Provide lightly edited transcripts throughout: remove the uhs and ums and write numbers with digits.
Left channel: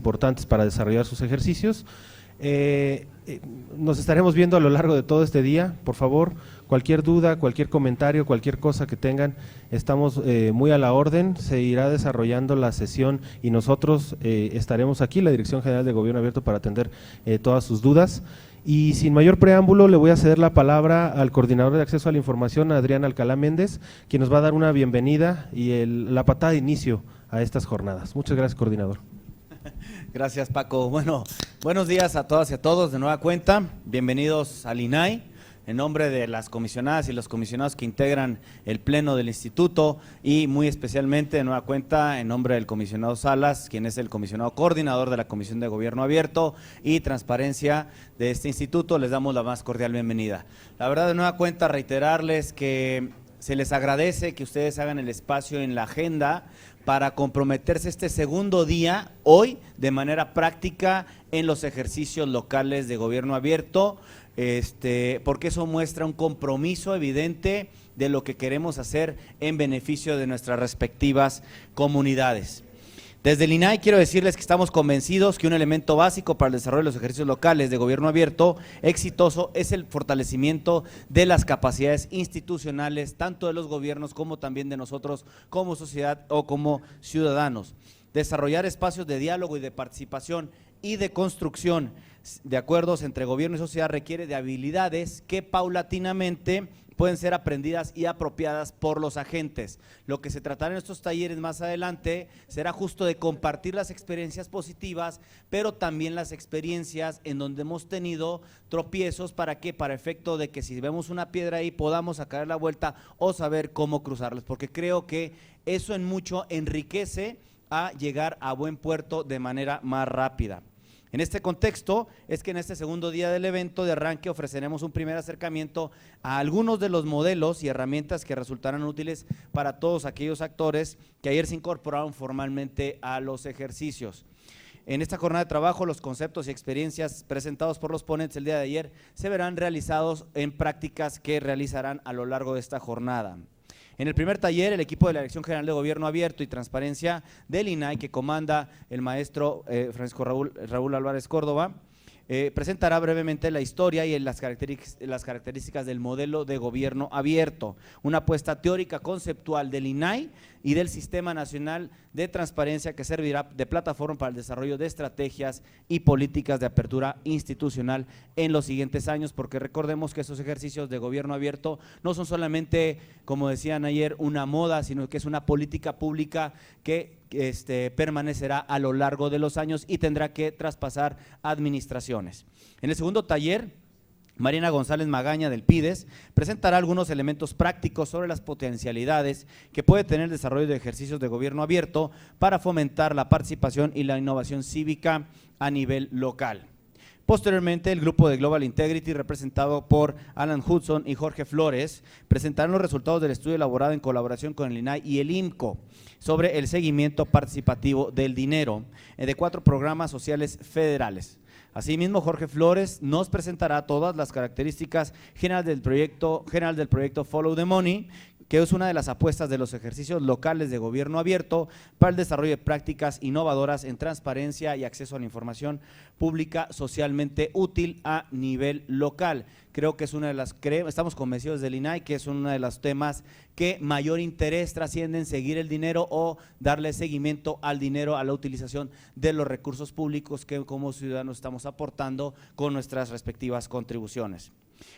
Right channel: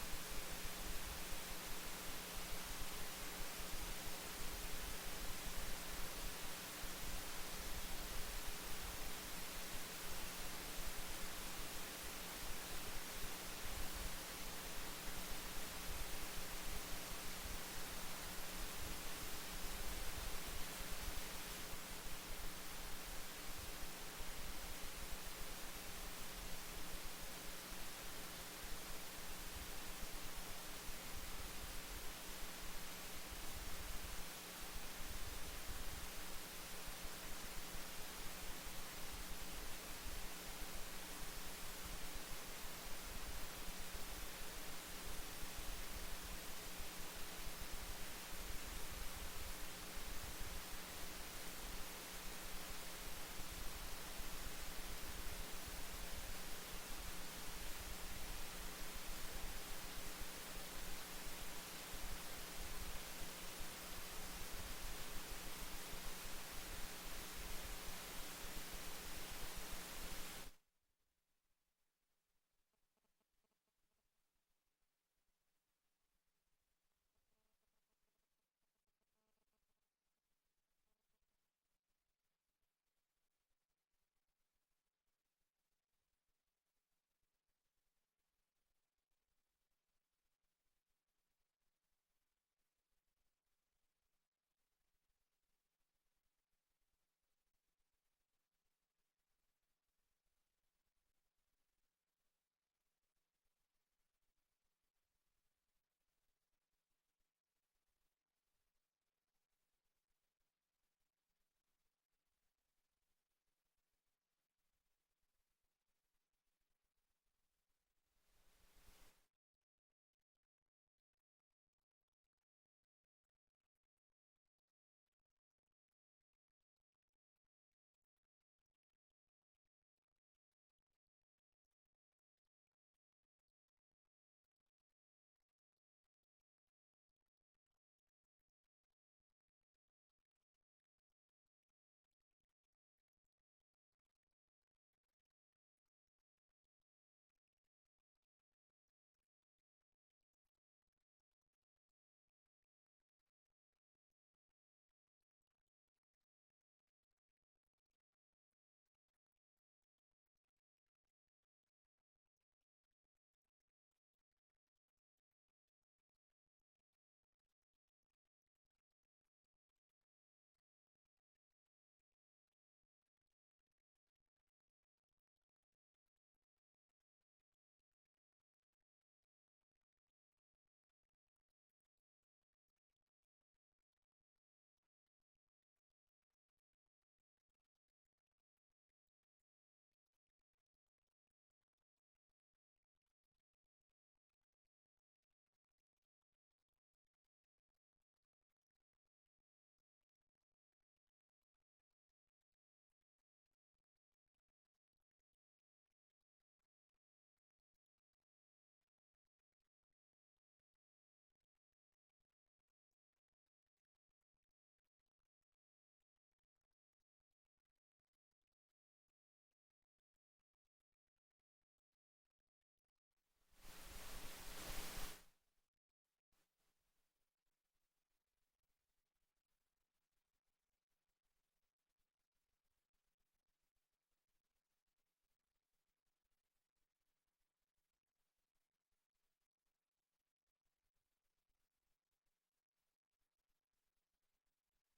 importantes para desarrollar sus ejercicios. Nos estaremos viendo a lo largo de todo este día. Por favor, cualquier duda, cualquier comentario, cualquier cosa que tengan, estamos muy a la orden. Se irá desarrollando la sesión y nosotros estaremos aquí, la Dirección General de Gobierno Abierto, para atender todas sus dudas. Y sin mayor preámbulo, le voy a ceder la palabra al coordinador de acceso a la información, Adrián Alcalá Méndez, quien nos va a dar una bienvenida y la patada de inicio a estas jornadas. Muchas gracias, coordinador. Gracias, Paco. Bueno, buenos días a todas y a todos de nueva cuenta. Bienvenidos al INAI. En nombre de las comisionadas y los comisionados que integran el pleno del instituto y muy especialmente de nueva cuenta en nombre del comisionado Salas, quien es el comisionado coordinador de la Comisión de Gobierno Abierto y Transparencia de este instituto, les damos la más cordial bienvenida. La verdad, de nueva cuenta, reiterarles que se les agradece que ustedes hagan el espacio en la agenda para comprometerse este segundo día, hoy, de manera práctica en los ejercicios locales de Gobierno Abierto, porque eso muestra un compromiso evidente de lo que queremos hacer en beneficio de nuestras respectivas comunidades. Desde el INAI quiero decirles que estamos convencidos que un elemento básico para el desarrollo de los ejercicios locales de gobierno abierto exitoso es el fortalecimiento de las capacidades institucionales, tanto de los gobiernos como también de nosotros como sociedad o como ciudadanos. Desarrollar espacios de diálogo y de participación y de construcción de acuerdos entre gobierno y sociedad requiere de habilidades que paulatinamente pueden ser aprendidas y apropiadas por los agentes. Lo que se tratará en estos talleres más adelante será justo de compartir las experiencias positivas, pero también las experiencias en donde hemos tenido tropiezos. ¿Para qué? Para efecto de que si vemos una piedra ahí podamos sacar la vuelta o saber cómo cruzarlas, porque creo que eso en mucho enriquece a llegar a buen puerto de manera más rápida. En este contexto es que en este segundo día del evento de arranque ofreceremos un primer acercamiento a algunos de los modelos y herramientas que resultarán útiles para todos aquellos actores que ayer se incorporaron formalmente a los ejercicios. En esta jornada de trabajo, los conceptos y experiencias presentados por los ponentes el día de ayer se verán realizados en prácticas que realizarán a lo largo de esta jornada. En el primer taller, el equipo de la Dirección General de Gobierno Abierto y Transparencia del INAI, que comanda el maestro Francisco Raúl Álvarez Córdoba, presentará brevemente la historia y las características del modelo de gobierno abierto, una apuesta teórica conceptual del INAI y del Sistema Nacional de Transparencia que servirá de plataforma para el desarrollo de estrategias y políticas de apertura institucional en los siguientes años, porque recordemos que esos ejercicios de gobierno abierto no son solamente, como decían ayer, una moda, sino que es una política pública que permanecerá a lo largo de los años y tendrá que traspasar administraciones. En el segundo taller, Mariana González Magaña del PIDES presentará algunos elementos prácticos sobre las potencialidades que puede tener el desarrollo de ejercicios de gobierno abierto para fomentar la participación y la innovación cívica a nivel local. Posteriormente, el grupo de Global Integrity, representado por Alan Hudson y Jorge Flores, presentarán los resultados del estudio elaborado en colaboración con el INAI y el IMCO sobre el seguimiento participativo del dinero de 4 programas sociales federales. Asimismo, Jorge Flores nos presentará todas las características generales del proyecto Follow the Money, que es una de las apuestas de los ejercicios locales de gobierno abierto para el desarrollo de prácticas innovadoras en transparencia y acceso a la información pública socialmente útil a nivel local. Creo que es una de las, estamos convencidos del INAI que es uno de los temas que mayor interés trasciende en seguir el dinero o darle seguimiento al dinero, a la utilización de los recursos públicos que como ciudadanos estamos aportando con nuestras respectivas contribuciones.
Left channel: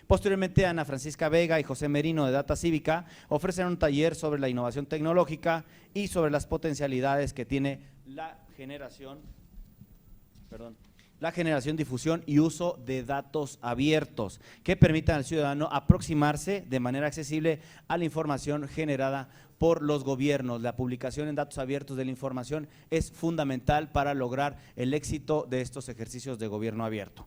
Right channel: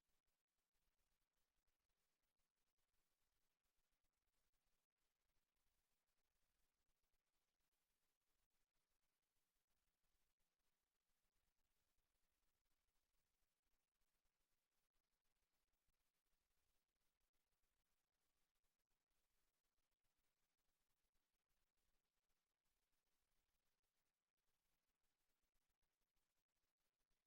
Posteriormente, Ana Francisca Vega y José Merino de Data Cívica ofrecen un taller sobre la innovación tecnológica y sobre las potencialidades que tiene la generación, difusión y uso de datos abiertos que permitan al ciudadano aproximarse de manera accesible a la información generada por los gobiernos. La publicación en datos abiertos de la información es fundamental para lograr el éxito de estos ejercicios de gobierno abierto.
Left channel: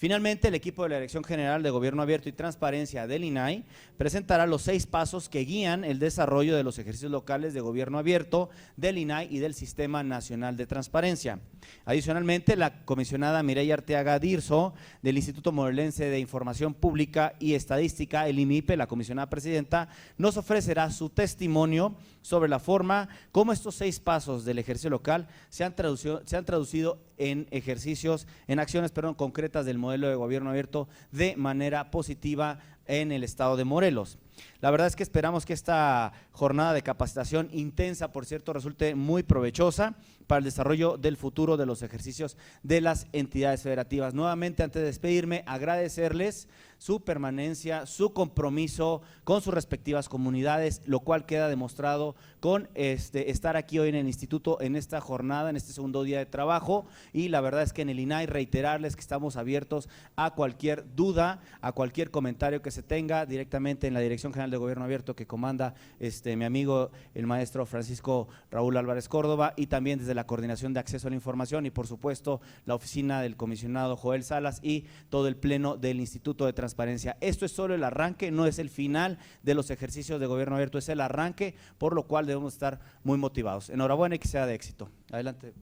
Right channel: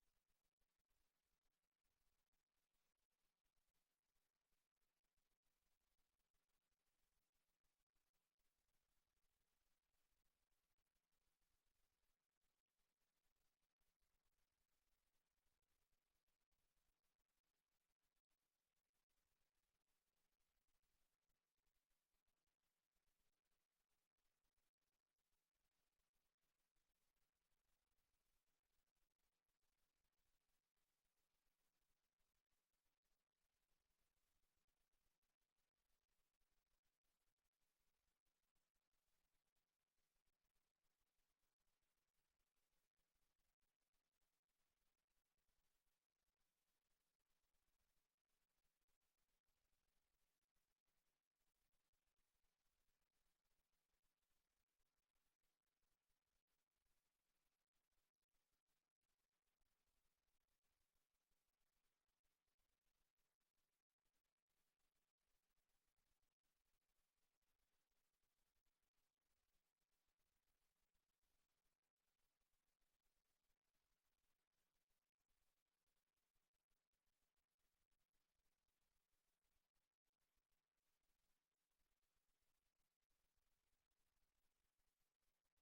Finalmente, el equipo de la Dirección General de Gobierno Abierto y Transparencia del INAI presentará los 6 pasos que guían el desarrollo de los ejercicios locales de gobierno abierto del INAI y del Sistema Nacional de Transparencia. Adicionalmente, la comisionada Mireya Arteaga Dirso del Instituto Morelense de Información Pública y Estadística, el IMIPE, la comisionada presidenta, nos ofrecerá su testimonio sobre la forma como estos 6 pasos del ejercicio local se han traducido en ejercicios, en acciones, perdón, concretas del modelo de gobierno abierto de manera positiva en el estado de Morelos. La verdad es que esperamos que esta jornada de capacitación intensa, por cierto, resulte muy provechosa para el desarrollo del futuro de los ejercicios de las entidades federativas. Nuevamente, antes de despedirme, agradecerles su permanencia, su compromiso con sus respectivas comunidades, lo cual queda demostrado con estar aquí hoy en el instituto en esta jornada, en este segundo día de trabajo. Y la verdad es que en el INAI reiterarles que estamos abiertos a cualquier duda, a cualquier comentario que se tenga directamente en la Dirección General de Gobierno Abierto que comanda mi amigo el maestro Francisco Raúl Álvarez Córdoba, y también desde la Coordinación de Acceso a la Información y por supuesto la oficina del comisionado Joel Salas y todo el pleno del Instituto de Transparencia. Esto es solo el arranque, no es el final de los ejercicios de gobierno abierto, es el arranque, por lo cual debemos estar muy motivados. Enhorabuena y que sea de éxito. Adelante.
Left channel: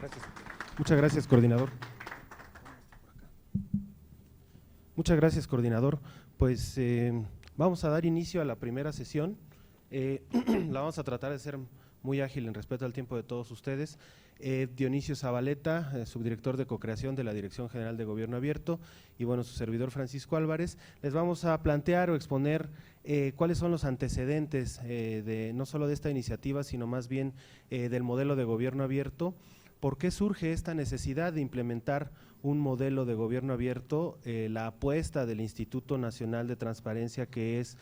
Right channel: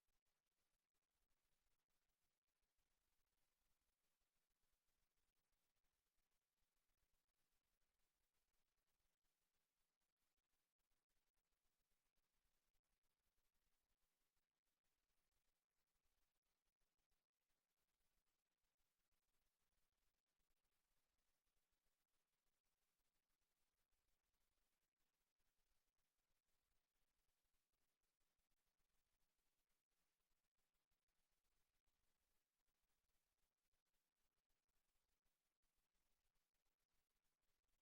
Gracias. Muchas gracias, coordinador. Muchas gracias, coordinador. Pues vamos a dar inicio a la primera sesión. La vamos a tratar de ser muy ágil en respeto al tiempo de todos ustedes. Dionisio Zabaleta, subdirector de co-creación de la Dirección General de Gobierno Abierto, y bueno, su servidor Francisco Álvarez, les vamos a plantear o exponer cuáles son los antecedentes no solo de esta iniciativa, sino más bien del modelo de gobierno abierto. ¿Por qué surge esta necesidad de implementar un modelo de gobierno abierto? La apuesta del Instituto Nacional de Transparencia, que es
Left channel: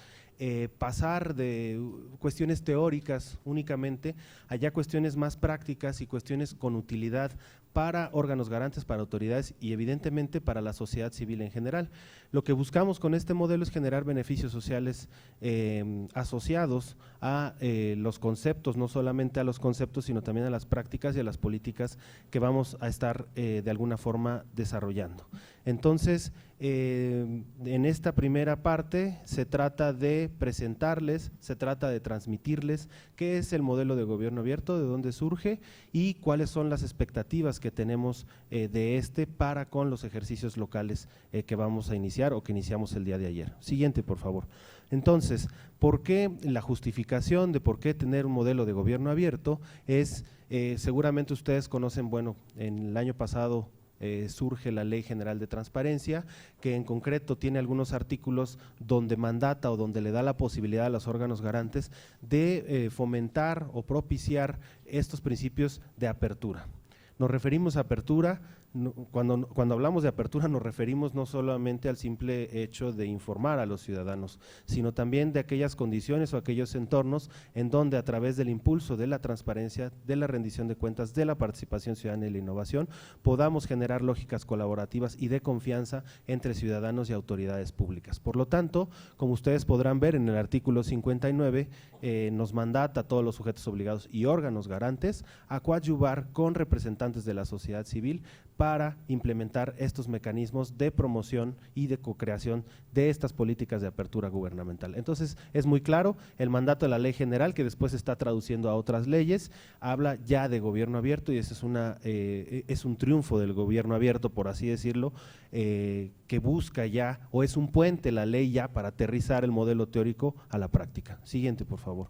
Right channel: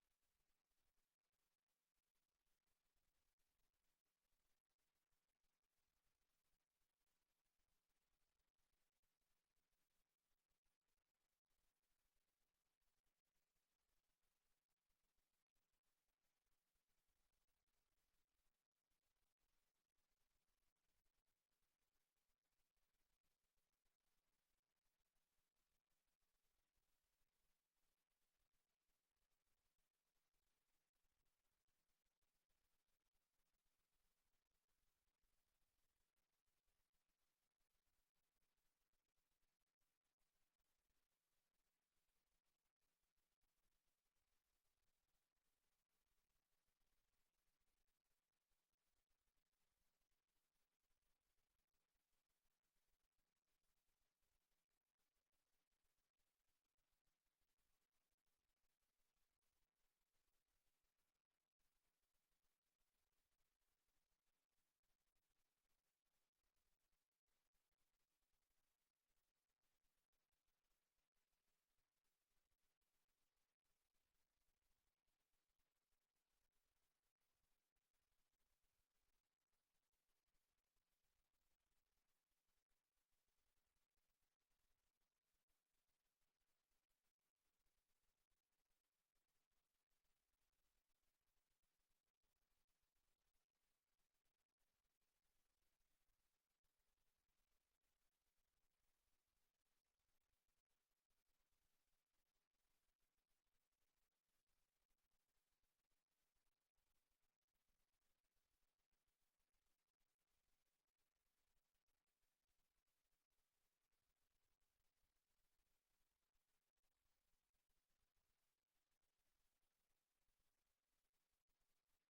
pasar de cuestiones teóricas únicamente a ya cuestiones más prácticas y cuestiones con utilidad para órganos garantes, para autoridades y evidentemente para la sociedad civil en general. Lo que buscamos con este modelo es generar beneficios sociales asociados a los conceptos, no solamente a los conceptos, sino también a las prácticas y a las políticas que vamos a estar de alguna forma desarrollando. Entonces, en esta primera parte se trata de presentarles, se trata de transmitirles qué es el modelo de gobierno abierto, de dónde surge y cuáles son las expectativas que tenemos de para con los ejercicios locales que vamos a iniciar o que iniciamos el día de ayer. Siguiente, por favor. Entonces, ¿por qué la justificación de por qué tener un modelo de gobierno abierto? Es, seguramente ustedes conocen, bueno, en el año pasado surge la Ley General de Transparencia, que en concreto tiene algunos artículos donde mandata o donde le da la posibilidad a los órganos garantes de fomentar o propiciar estos principios de apertura. Nos referimos a apertura, cuando hablamos de apertura nos referimos no solamente al simple hecho de informar a los ciudadanos, sino también de aquellas condiciones o aquellos entornos en donde a través del impulso de la transparencia, de la rendición de cuentas, de la participación ciudadana y la innovación, podamos generar lógicas colaborativas y de confianza entre ciudadanos y autoridades públicas. Por lo tanto, como ustedes podrán ver en el artículo 59, nos mandata a todos los sujetos obligados y órganos garantes a coadyuvar con representantes de la sociedad civil para implementar estos mecanismos de promoción y de co-creación de estas políticas de apertura gubernamental. Entonces, es muy claro, el mandato de la ley general, que después se está traduciendo a otras leyes, habla ya de gobierno abierto y ese es un triunfo del gobierno abierto, por así decirlo, que busca ya, o es un puente la ley ya para aterrizar el modelo teórico a la práctica. Siguiente, por favor.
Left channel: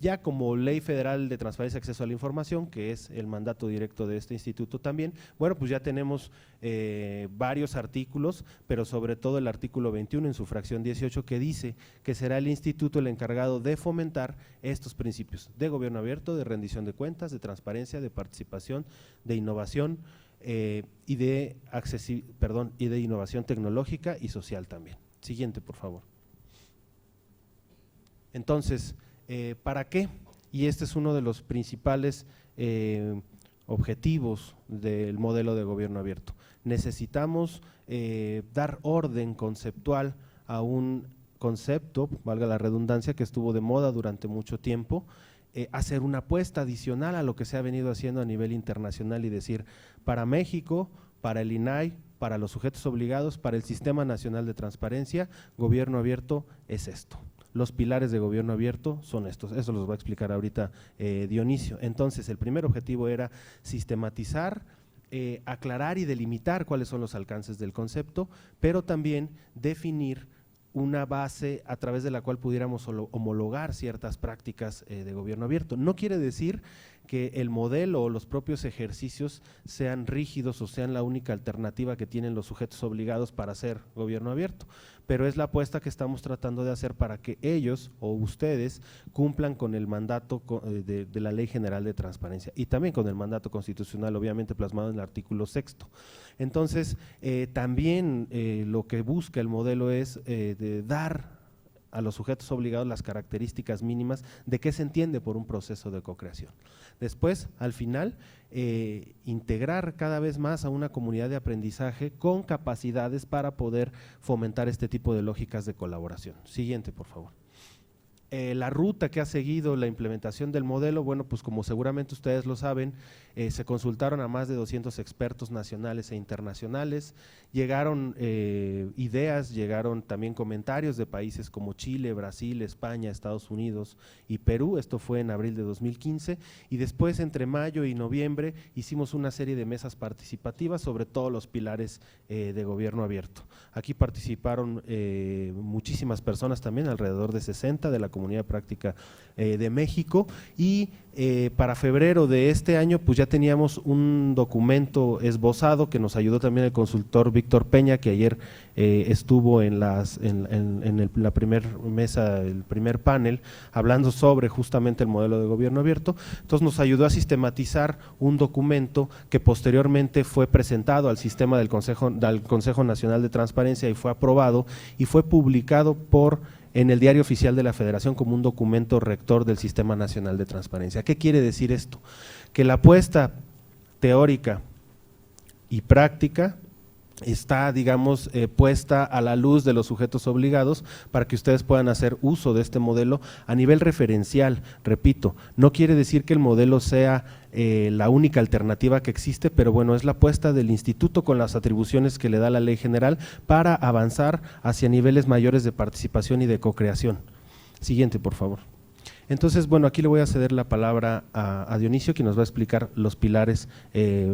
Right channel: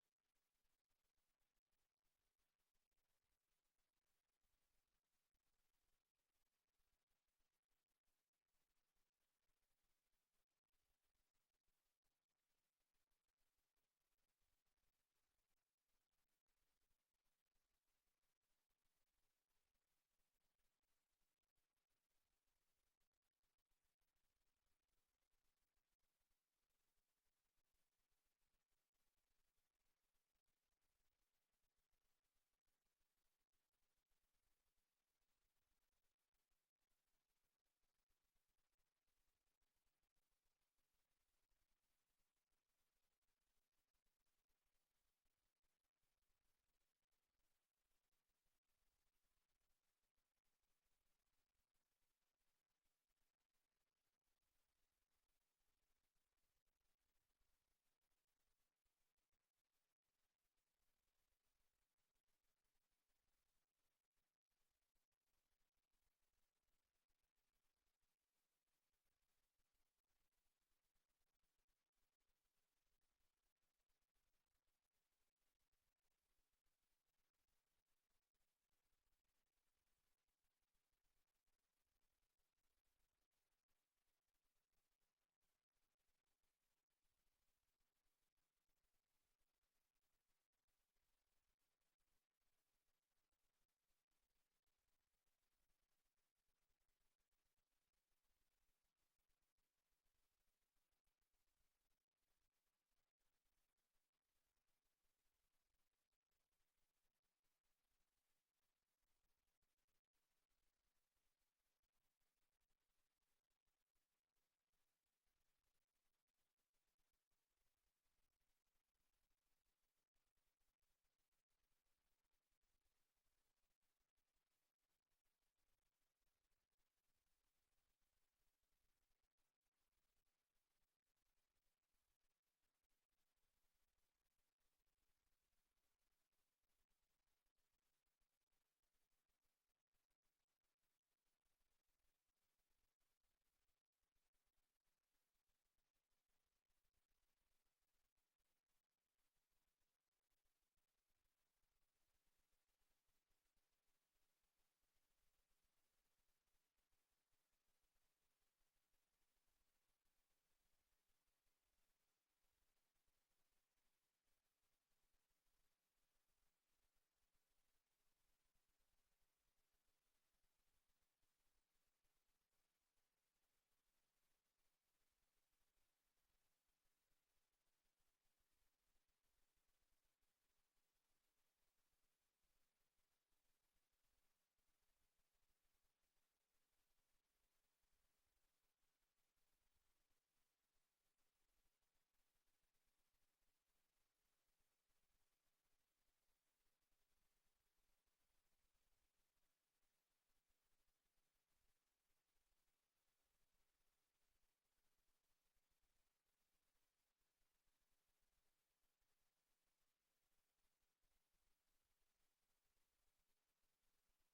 Ya como Ley Federal de Transparencia y Acceso a la Información, que es el mandato directo de este instituto también, bueno, pues ya tenemos varios artículos, pero sobre todo el artículo 21 en su fracción 18, que dice que será el instituto el encargado de fomentar estos principios de gobierno abierto, de rendición de cuentas, de transparencia, de participación, de innovación y de innovación tecnológica y social también. Siguiente, por favor. Entonces, ¿para qué? Y este es uno de los principales objetivos del modelo de gobierno abierto. Necesitamos dar orden conceptual a un concepto, valga la redundancia, que estuvo de moda durante mucho tiempo, hacer una apuesta adicional a lo que se ha venido haciendo a nivel internacional y decir, para México, para el INAI, para los sujetos obligados, para el Sistema Nacional de Transparencia, gobierno abierto es esto. Los pilares de gobierno abierto son estos, eso los va a explicar ahorita Dionisio. Entonces, el primer objetivo era sistematizar, aclarar y delimitar cuáles son los alcances del concepto, pero también definir una base a través de la cual pudiéramos homologar ciertas prácticas de gobierno abierto. No quiere decir que el modelo o los propios ejercicios sean rígidos o sean la única alternativa que tienen los sujetos obligados para hacer gobierno abierto, pero es la apuesta que estamos tratando de hacer para que ellos o ustedes cumplan con el mandato de la Ley General de Transparencia y también con el mandato constitucional, obviamente plasmado en el artículo 6º. Entonces, también lo que busca el modelo es de dar a los sujetos obligados las características mínimas de qué se entiende por un proceso de cocreación. Después, al final, integrar cada vez más a una comunidad de aprendizaje con capacidades para poder fomentar este tipo de lógicas de colaboración. Siguiente, por favor. La ruta que ha seguido la implementación del modelo, bueno, pues como seguramente ustedes lo saben, se consultaron a más de 200 expertos nacionales e internacionales, llegaron ideas, llegaron también comentarios de países como Chile, Brasil, España, Estados Unidos y Perú, esto fue en abril de 2015, y después entre mayo y noviembre hicimos una serie de mesas participativas sobre todos los pilares de gobierno abierto. Aquí participaron muchísimas personas también, alrededor de 60 de la Comunidad Práctica de México, y para febrero de este año pues ya teníamos un documento esbozado que nos ayudó también el consultor Víctor Peña, que ayer estuvo en la primera mesa, el primer panel, hablando sobre justamente el modelo de gobierno abierto. Entonces nos ayudó a sistematizar un documento que posteriormente fue presentado al sistema del Consejo Nacional de Transparencia y fue aprobado y fue publicado en el Diario Oficial de la Federación como un documento rector del Sistema Nacional de Transparencia. ¿Qué quiere decir esto? Que la apuesta teórica y práctica está, digamos, puesta a la luz de los sujetos obligados para que ustedes puedan hacer uso de este modelo a nivel referencial. Repito, no quiere decir que el modelo sea la única alternativa que existe, pero bueno, es la apuesta del instituto con las atribuciones que le da la ley general para avanzar hacia niveles mayores de participación y de cocreación. Siguiente, por favor. Entonces, bueno, aquí le voy a ceder la palabra a Dionisio, quien nos va a explicar los pilares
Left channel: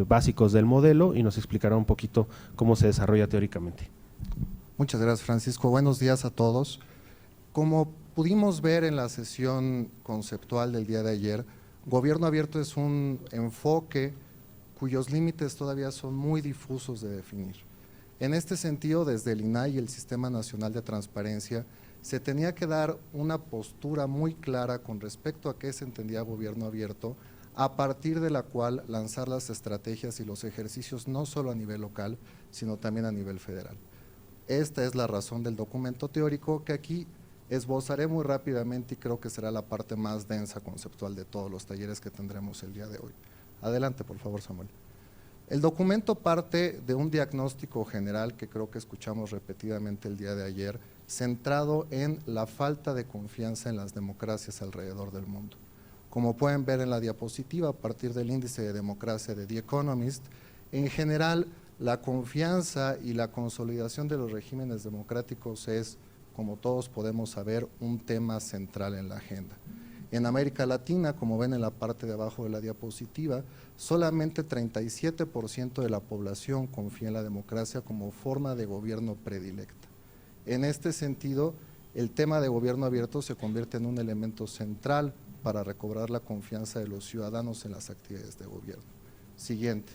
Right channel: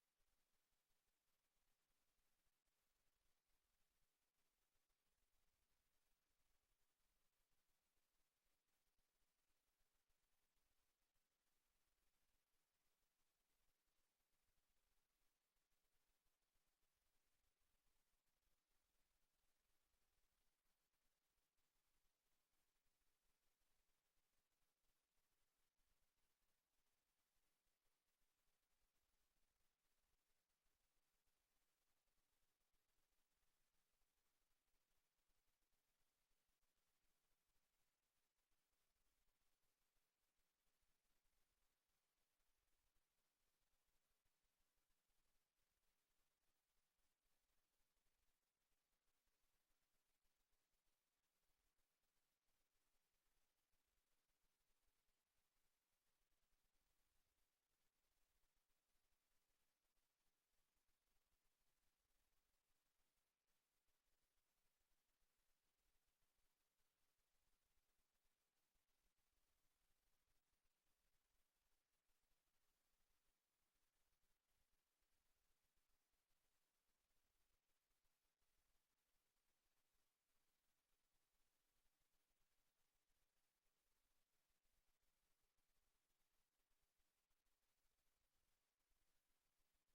básicos del modelo y nos explicará un poquito cómo se desarrolla teóricamente. Muchas gracias, Francisco. Buenos días a todos. Como pudimos ver en la sesión conceptual del día de ayer, gobierno abierto es un enfoque cuyos límites todavía son muy difusos de definir. En este sentido, desde el INAI y el Sistema Nacional de Transparencia, se tenía que dar una postura muy clara con respecto a qué se entendía gobierno abierto, a partir de la cual lanzar las estrategias y los ejercicios no solo a nivel local, sino también a nivel federal. Esta es la razón del documento teórico que aquí esbozaré muy rápidamente y creo que será la parte más densa conceptual de todos los talleres que tendremos el día de hoy. Adelante, por favor, Samuel. El documento parte de un diagnóstico general que creo que escuchamos repetidamente el día de ayer, centrado en la falta de confianza en las democracias alrededor del mundo. Como pueden ver en la diapositiva, a partir del índice de democracia de The Economist, en general la confianza y la consolidación de los regímenes democráticos es, como todos podemos saber, un tema central en la agenda. En América Latina, como ven en la parte de abajo de la diapositiva, solamente 37% de la población confía en la democracia como forma de gobierno predilecta. En este sentido, el tema de gobierno abierto se convierte en un elemento central para recobrar la confianza de los ciudadanos en las actividades de gobierno. Siguiente.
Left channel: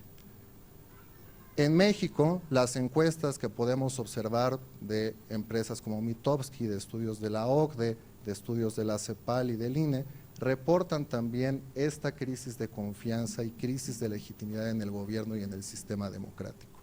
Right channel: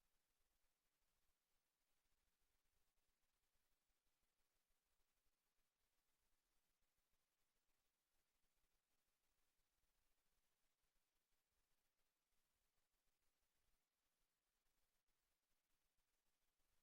En México, las encuestas que podemos observar de empresas como Mitofsky, de estudios de la OCDE, de estudios de la CEPAL y del INE, reportan también esta crisis de confianza y crisis de legitimidad en el gobierno y en el sistema democrático.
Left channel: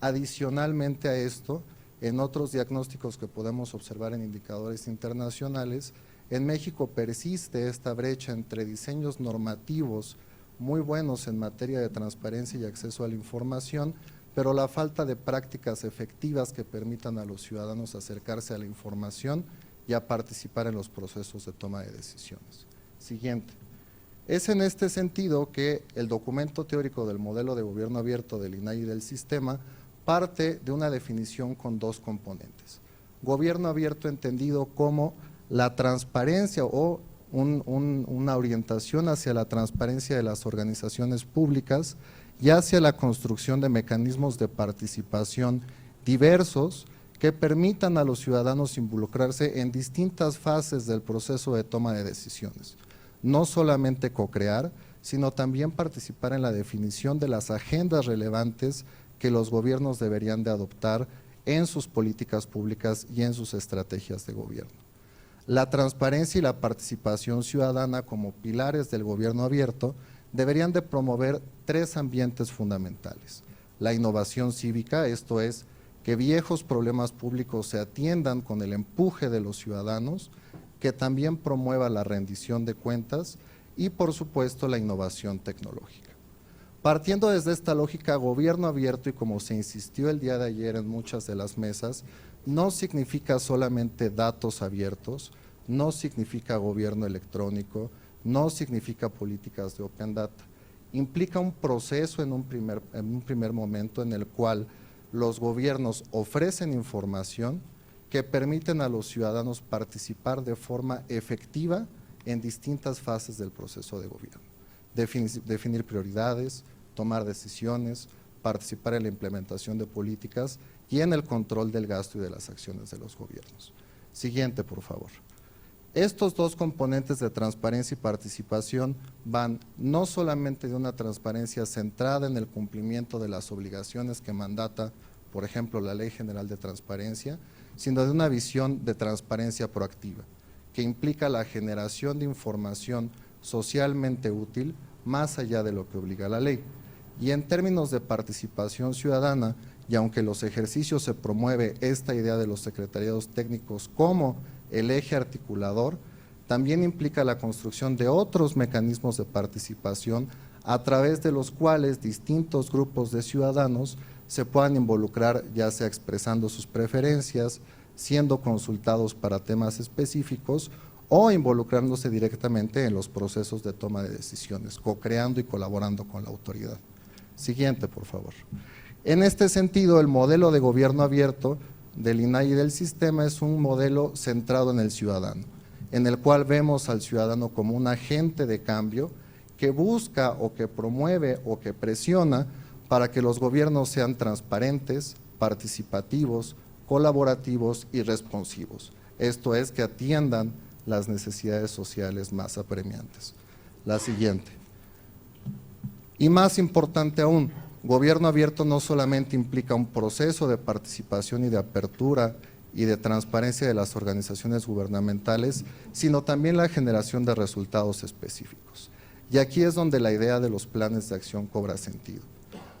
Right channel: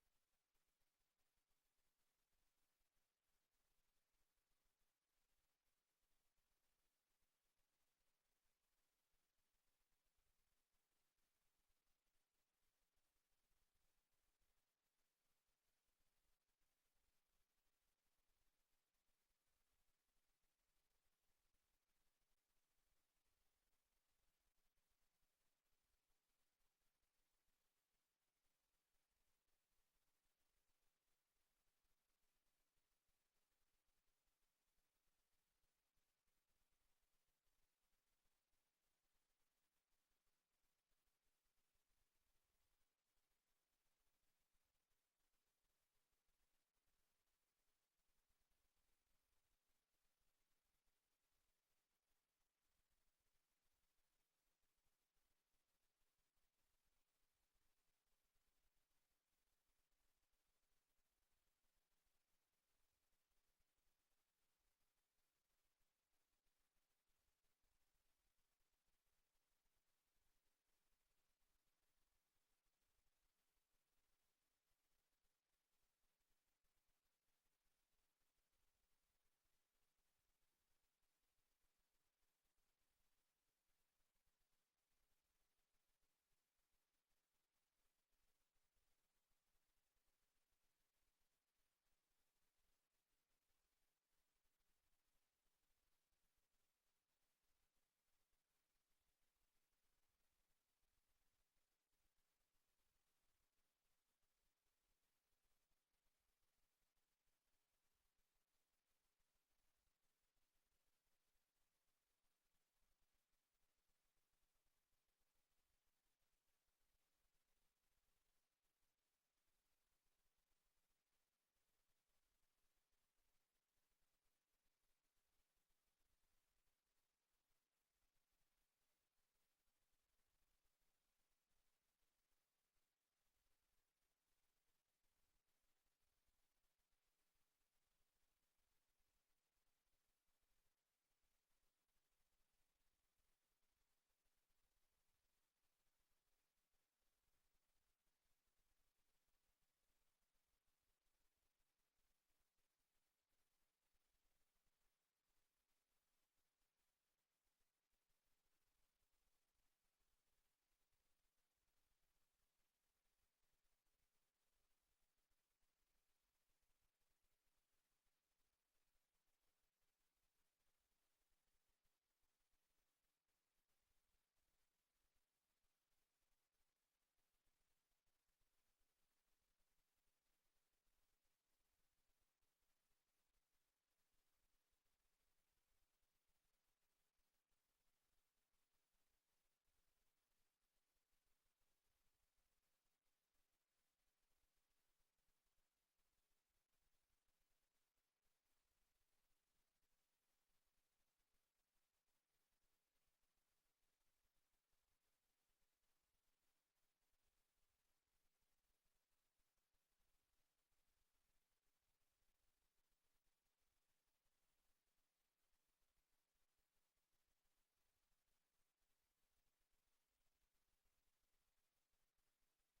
Adicionalmente a esto, en otros diagnósticos que podemos observar en indicadores internacionales, en México persiste esta brecha entre diseños normativos muy buenos en materia de transparencia y acceso a la información, pero la falta de prácticas efectivas que permitan a los ciudadanos acercarse a la información y a participar en los procesos de toma de decisiones. Siguiente. Es en este sentido que el documento teórico del modelo de gobierno abierto del INAI y del sistema parte de una definición con dos componentes. Gobierno abierto entendido como la transparencia o una orientación hacia la transparencia de las organizaciones públicas y hacia la construcción de mecanismos de participación diversos que permitan a los ciudadanos involucrarse en distintas fases del proceso de toma de decisiones. No solamente co-crear, sino también participar en la definición de las agendas relevantes que los gobiernos deberían de adoptar en sus políticas públicas y en sus estrategias de gobierno. La transparencia y la participación ciudadana como pilares del gobierno abierto deberían de promover 3 ambientes fundamentales: la innovación cívica, esto es, que viejos problemas públicos se atiendan con el empuje de los ciudadanos, que también promueva la rendición de cuentas y, por supuesto, la innovación tecnológica. Partiendo desde esta lógica, gobierno abierto, y como se insistió el día de ayer en muchas de las mesas, no significa solamente datos abiertos, no significa gobierno electrónico, no significa políticas de open data. Implica un proceso en un primer momento en el cual los gobiernos ofrecen información que permiten a los ciudadanos participar de forma efectiva en distintas fases del proceso de gobierno. Definir prioridades, tomar decisiones, participar en la implementación de políticas y en el control del gasto y de las acciones de los gobiernos. Siguiente, por favor. Estos 2 componentes de transparencia y participación van no solamente de una transparencia centrada en el cumplimiento de las obligaciones que mandata, por ejemplo, la Ley General de Transparencia, sino de una visión de transparencia proactiva, que implica la generación de información socialmente útil más allá de lo que obliga la ley. Y en términos de participación ciudadana, y aunque en los ejercicios se promueve esta idea de los secretariados técnicos como el eje articulador, también implica la construcción de otros mecanismos de participación a través de los cuales distintos grupos de ciudadanos se puedan involucrar, ya sea expresando sus preferencias, siendo consultados para temas específicos o involucrándose directamente en los procesos de toma de decisiones, co-creando y colaborando con la autoridad. Siguiente, por favor. En este sentido, el modelo de gobierno abierto del INAI y del sistema es un modelo centrado en el ciudadano, en el cual vemos al ciudadano como un agente de cambio que busca o que promueve o que presiona para que los gobiernos sean transparentes, participativos, colaborativos y responsivos. Esto es, que atiendan las necesidades sociales más apremiantes. La siguiente. Y más importante aún, gobierno abierto no solamente implica un proceso de participación y de apertura y de transparencia de las organizaciones gubernamentales, sino también la generación de resultados específicos. Y aquí es donde la idea de los planes de acción cobra sentido.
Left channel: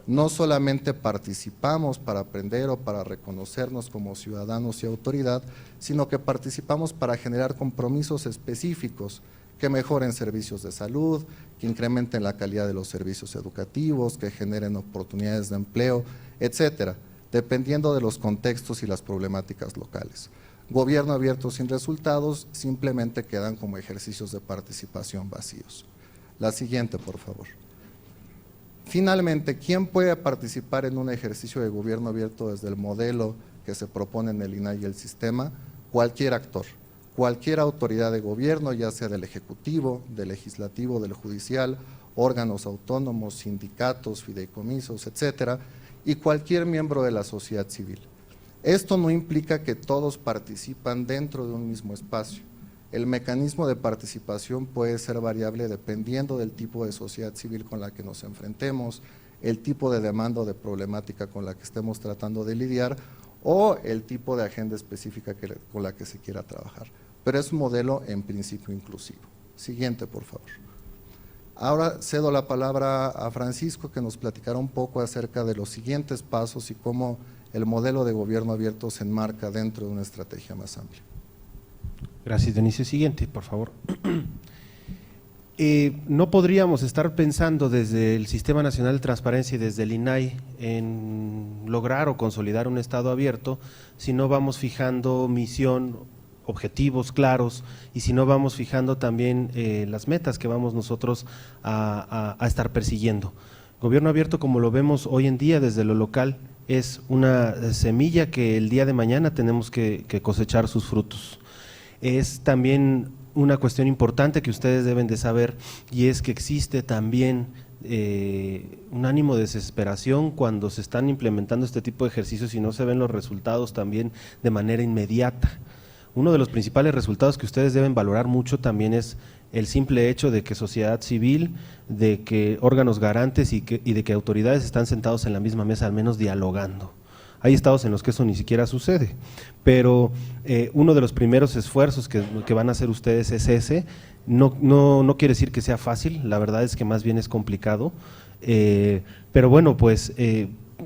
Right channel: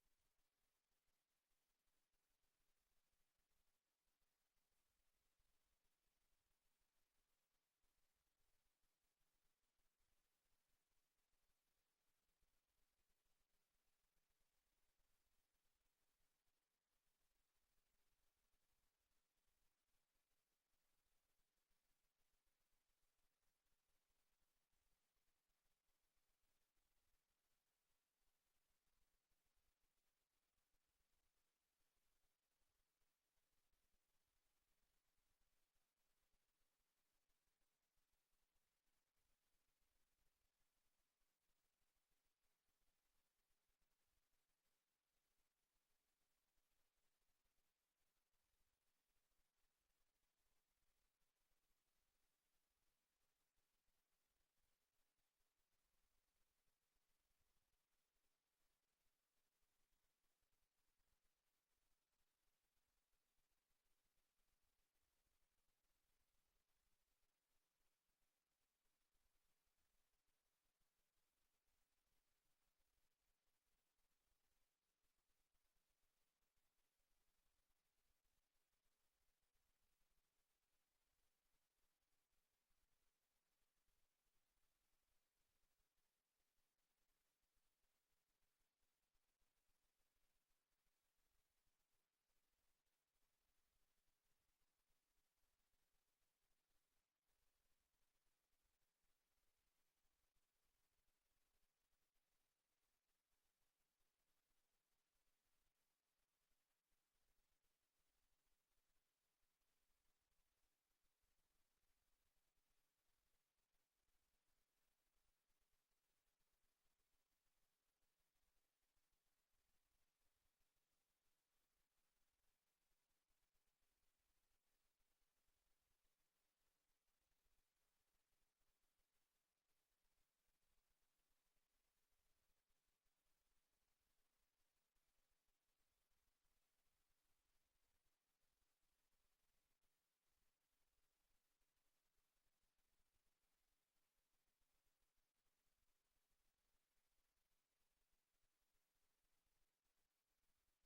No solamente participamos para aprender o para reconocernos como ciudadanos y autoridad, sino que participamos para generar compromisos específicos que mejoren servicios de salud, que incrementen la calidad de los servicios educativos, que generen oportunidades de empleo, etcétera, dependiendo de los contextos y las problemáticas locales. Gobierno abierto sin resultados simplemente quedan como ejercicios de participación vacíos. La siguiente, por favor. Finalmente, ¿quién puede participar en un ejercicio de gobierno abierto desde el modelo que se propone en el INAI y el sistema? Cualquier actor, cualquier autoridad de gobierno, ya sea del Ejecutivo, del Legislativo, del Judicial, órganos autónomos, sindicatos, fideicomisos, etcétera, y cualquier miembro de la sociedad civil. Esto no implica que todos participan dentro de un mismo espacio. El mecanismo de participación puede ser variable dependiendo del tipo de sociedad civil con la que nos enfrentemos, el tipo de demanda o de problemática con la que estemos tratando de lidiar o el tipo de agenda específica con la que se quiera trabajar. Pero es un modelo en principio inclusivo. Siguiente, por favor. Ahora cedo la palabra a Francisco, que nos platicará un poco acerca de los siguientes pasos y cómo el modelo de gobierno abierto se enmarca dentro de una estrategia más amplia. Gracias, Dionisio. Siguiente, por favor. No podríamos estar pensando desde el Sistema Nacional de Transparencia y desde el INAI en lograr o consolidar un Estado abierto si no vamos fijando misión, objetivos claros y si no vamos fijando también las metas que vamos nosotros a estar persiguiendo. Gobierno abierto, como lo vemos hoy en día desde lo local, es una semilla que el día de mañana tenemos que cosechar sus frutos. Es también una cuestión importante que ustedes deben de saber, y es que existe también un ánimo de desesperación cuando se están implementando este tipo de ejercicios y no se ven los resultados también de manera inmediata. Uno de los principales resultados que ustedes deben valorar mucho también es el simple hecho de que sociedad civil, de que órganos garantes y de que autoridades están sentados en la misma mesa, al menos dialogando. Hay estados en los que eso ni siquiera sucede, pero uno de los primeros esfuerzos que van a hacer ustedes es ese. No quiere decir que sea fácil, la verdad es que más bien es complicado, pero bueno, pues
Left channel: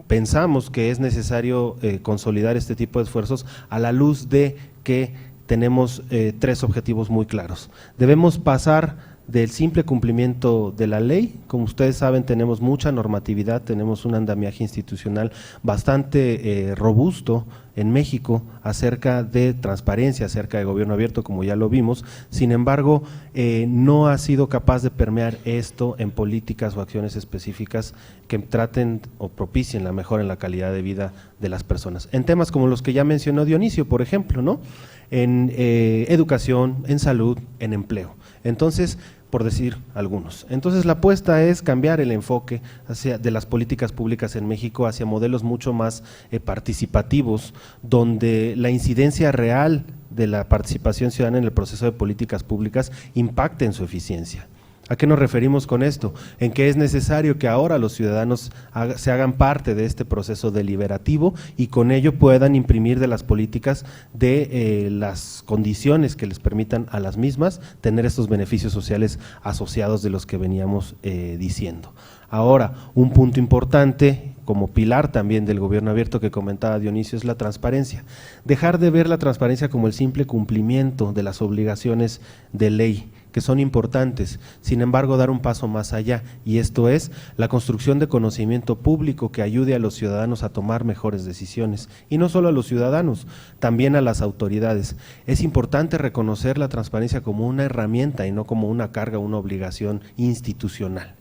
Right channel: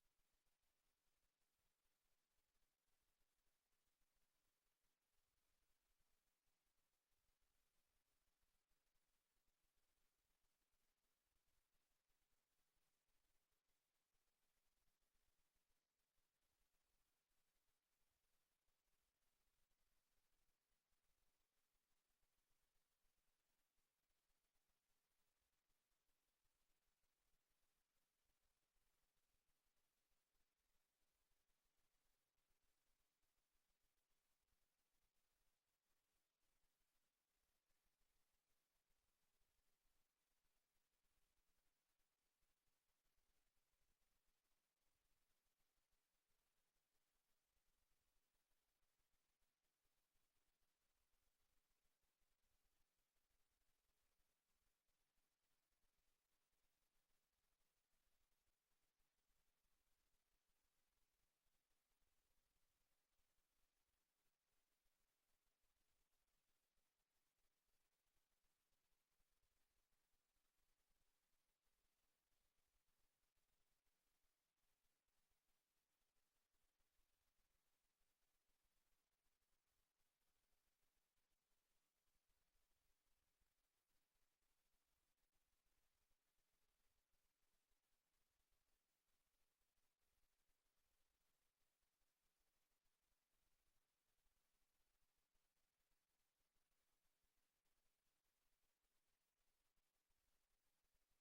pensamos que es necesario consolidar este tipo de esfuerzos a la luz de que tenemos 3 objetivos muy claros. Debemos pasar del simple cumplimiento de la ley. Como ustedes saben, tenemos mucha normatividad, tenemos un andamiaje institucional bastante robusto en México acerca de transparencia, acerca de gobierno abierto, como ya lo vimos. Sin embargo, no ha sido capaz de permear esto en políticas o acciones específicas que traten o propicien la mejora en la calidad de vida de las personas. En temas como los que ya mencionó Dionisio, por ejemplo, ¿no? En educación, en salud, en empleo. Entonces, por decir algunos. Entonces, la apuesta es cambiar el enfoque de las políticas públicas en México hacia modelos mucho más participativos, donde la incidencia real de la participación ciudadana en el proceso de políticas públicas impacte en su eficiencia. ¿A qué nos referimos con esto? En que es necesario que ahora los ciudadanos se hagan parte de este proceso deliberativo y con ello puedan imprimir de las políticas de las condiciones que les permitan a las mismas tener estos beneficios sociales asociados de los que veníamos diciendo. Ahora, un punto importante como pilar también del gobierno abierto que comentaba Dionisio es la transparencia. Dejar de ver la transparencia como el simple cumplimiento de las obligaciones de ley, que son importantes, sin embargo dar un paso más allá, y esto es la construcción de conocimiento público que ayude a los ciudadanos a tomar mejores decisiones, y no solo a los ciudadanos, también a las autoridades. Es importante reconocer la transparencia como una herramienta y no como una carga, una obligación institucional.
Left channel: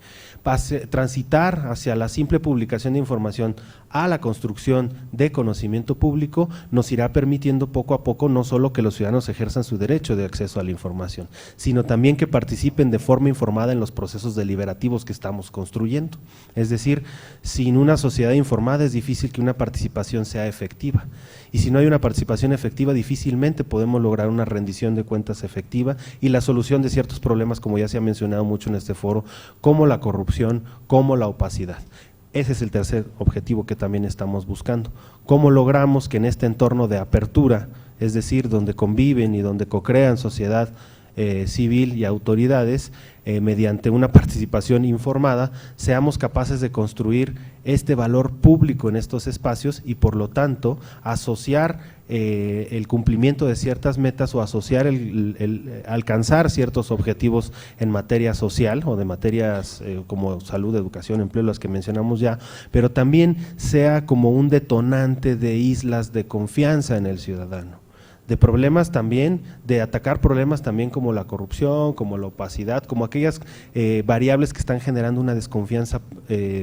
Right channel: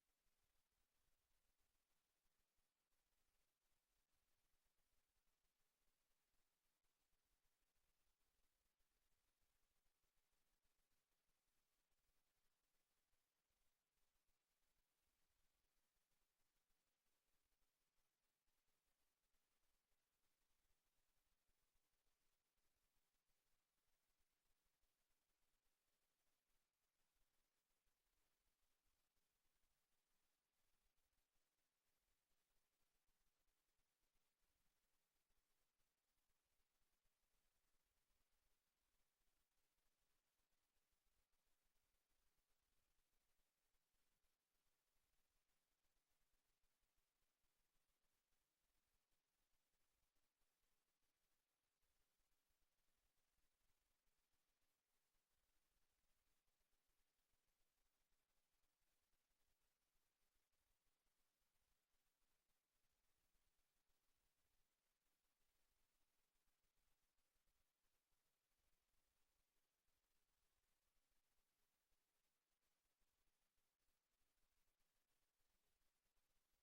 Transitar hacia la simple publicación de información a la construcción de conocimiento público nos irá permitiendo poco a poco no solo que los ciudadanos ejerzan su derecho de acceso a la información, sino también que participen de forma informada en los procesos deliberativos que estamos construyendo. Es decir, sin una sociedad informada es difícil que una participación sea efectiva, y si no hay una participación efectiva difícilmente podemos lograr una rendición de cuentas efectiva y la solución de ciertos problemas, como ya se ha mencionado mucho en este foro, como la corrupción, como la opacidad. Ese es el tercer objetivo que también estamos buscando. ¿Cómo logramos que en este entorno de apertura, es decir, donde conviven y donde co-crean sociedad civil y autoridades, mediante una participación informada, seamos capaces de construir este valor público en estos espacios y por lo tanto asociar el cumplimiento de ciertas metas o asociar alcanzar ciertos objetivos en materia social o de materias como salud, educación, empleo, las que mencionamos ya, pero también sea como un detonante de islas de confianza en el ciudadano, de problemas también, de atacar problemas también como la corrupción, como la opacidad, como aquellas variables que están generando una desconfianza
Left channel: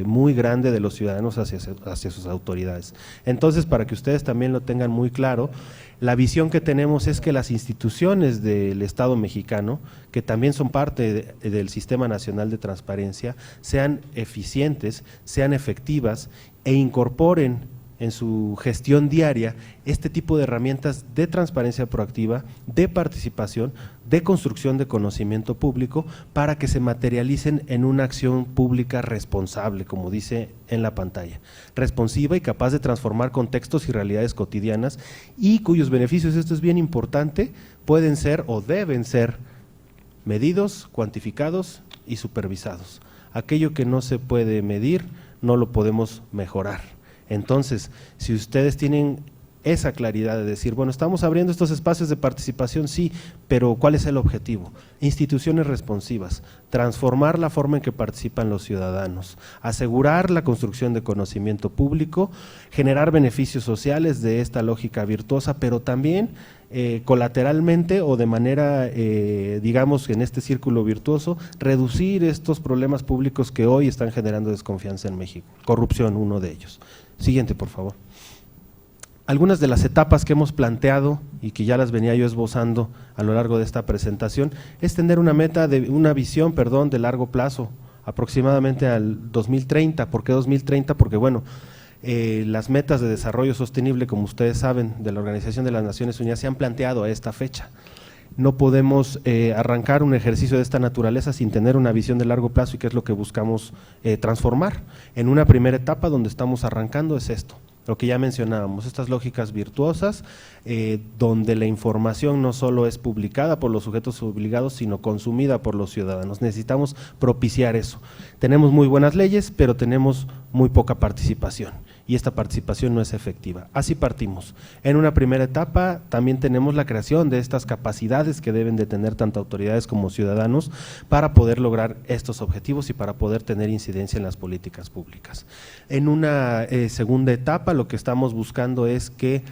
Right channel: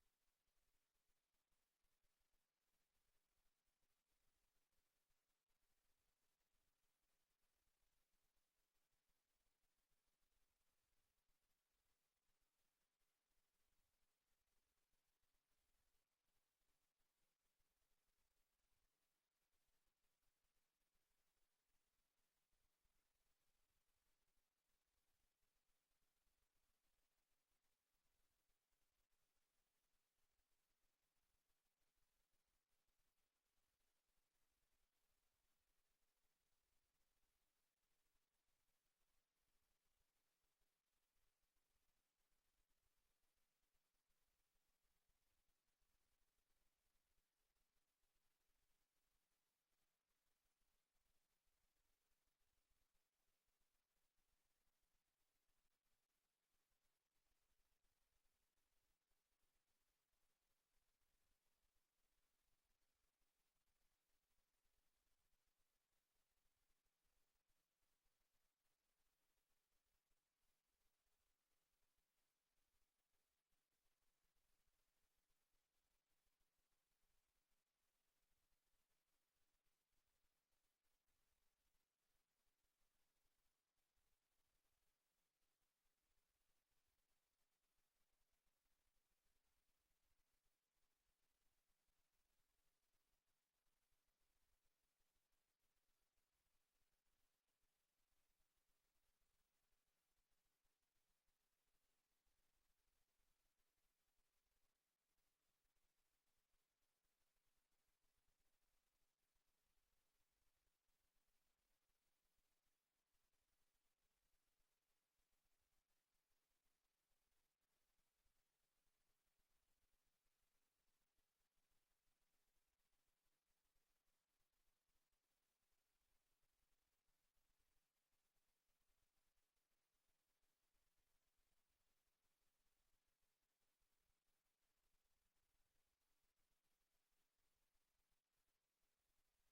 muy grande de los ciudadanos hacia sus autoridades. Entonces, para que ustedes también lo tengan muy claro, la visión que tenemos es que las instituciones del Estado mexicano, que también son parte del Sistema Nacional de Transparencia, sean eficientes, sean efectivas e incorporen en su gestión diaria este tipo de herramientas de transparencia proactiva, de participación, de construcción de conocimiento público para que se materialicen en una acción pública responsable, como dice en la pantalla, responsiva y capaz de transformar contextos y realidades cotidianas y cuyos beneficios, esto es bien importante, pueden ser o deben ser medidos, cuantificados y supervisados. Aquello que no se puede medir no lo podemos mejorar. Entonces, si ustedes tienen esa claridad de decir, bueno, estamos abriendo estos espacios de participación, sí, pero ¿cuál es el objetivo? Instituciones responsivas, transformar la forma en que participan los ciudadanos, asegurar la construcción de conocimiento público, generar beneficios sociales de esta lógica virtuosa, pero también colateralmente o de manera, digamos, en este círculo virtuoso, reducir estos problemas públicos que hoy están generando desconfianza en México. Corrupción, uno de ellos. Siguiente, por favor. Algunas de las etapas que hemos planteado y que ya las venía yo esbozando a lo largo de esta presentación es tener una visión de largo plazo, aproximadamente al 2030. ¿Por qué 2030? Porque bueno, las metas de desarrollo sostenible, como ustedes saben, de la Organización de las Naciones Unidas se han planteado a esta fecha. no podemos arrancar un ejercicio de esta naturaleza sin tener una visión de largo plazo y qué es lo que buscamos transformar. En una primera etapa donde estamos arrancando es esto, lo que ya mencionábamos, estas lógicas virtuosas, donde la información no solo es publicada por los sujetos obligados, sino consumida por los ciudadanos. Necesitamos propiciar eso. Tenemos muy buenas leyes, pero tenemos muy poca participación, y esta participación no es efectiva. Así partimos. En una primera etapa también tenemos la creación de estas capacidades que deben de tener tanto autoridades como ciudadanos para poder lograr estos objetivos y para poder tener incidencia en las políticas públicas. En una segunda etapa lo que estamos buscando es que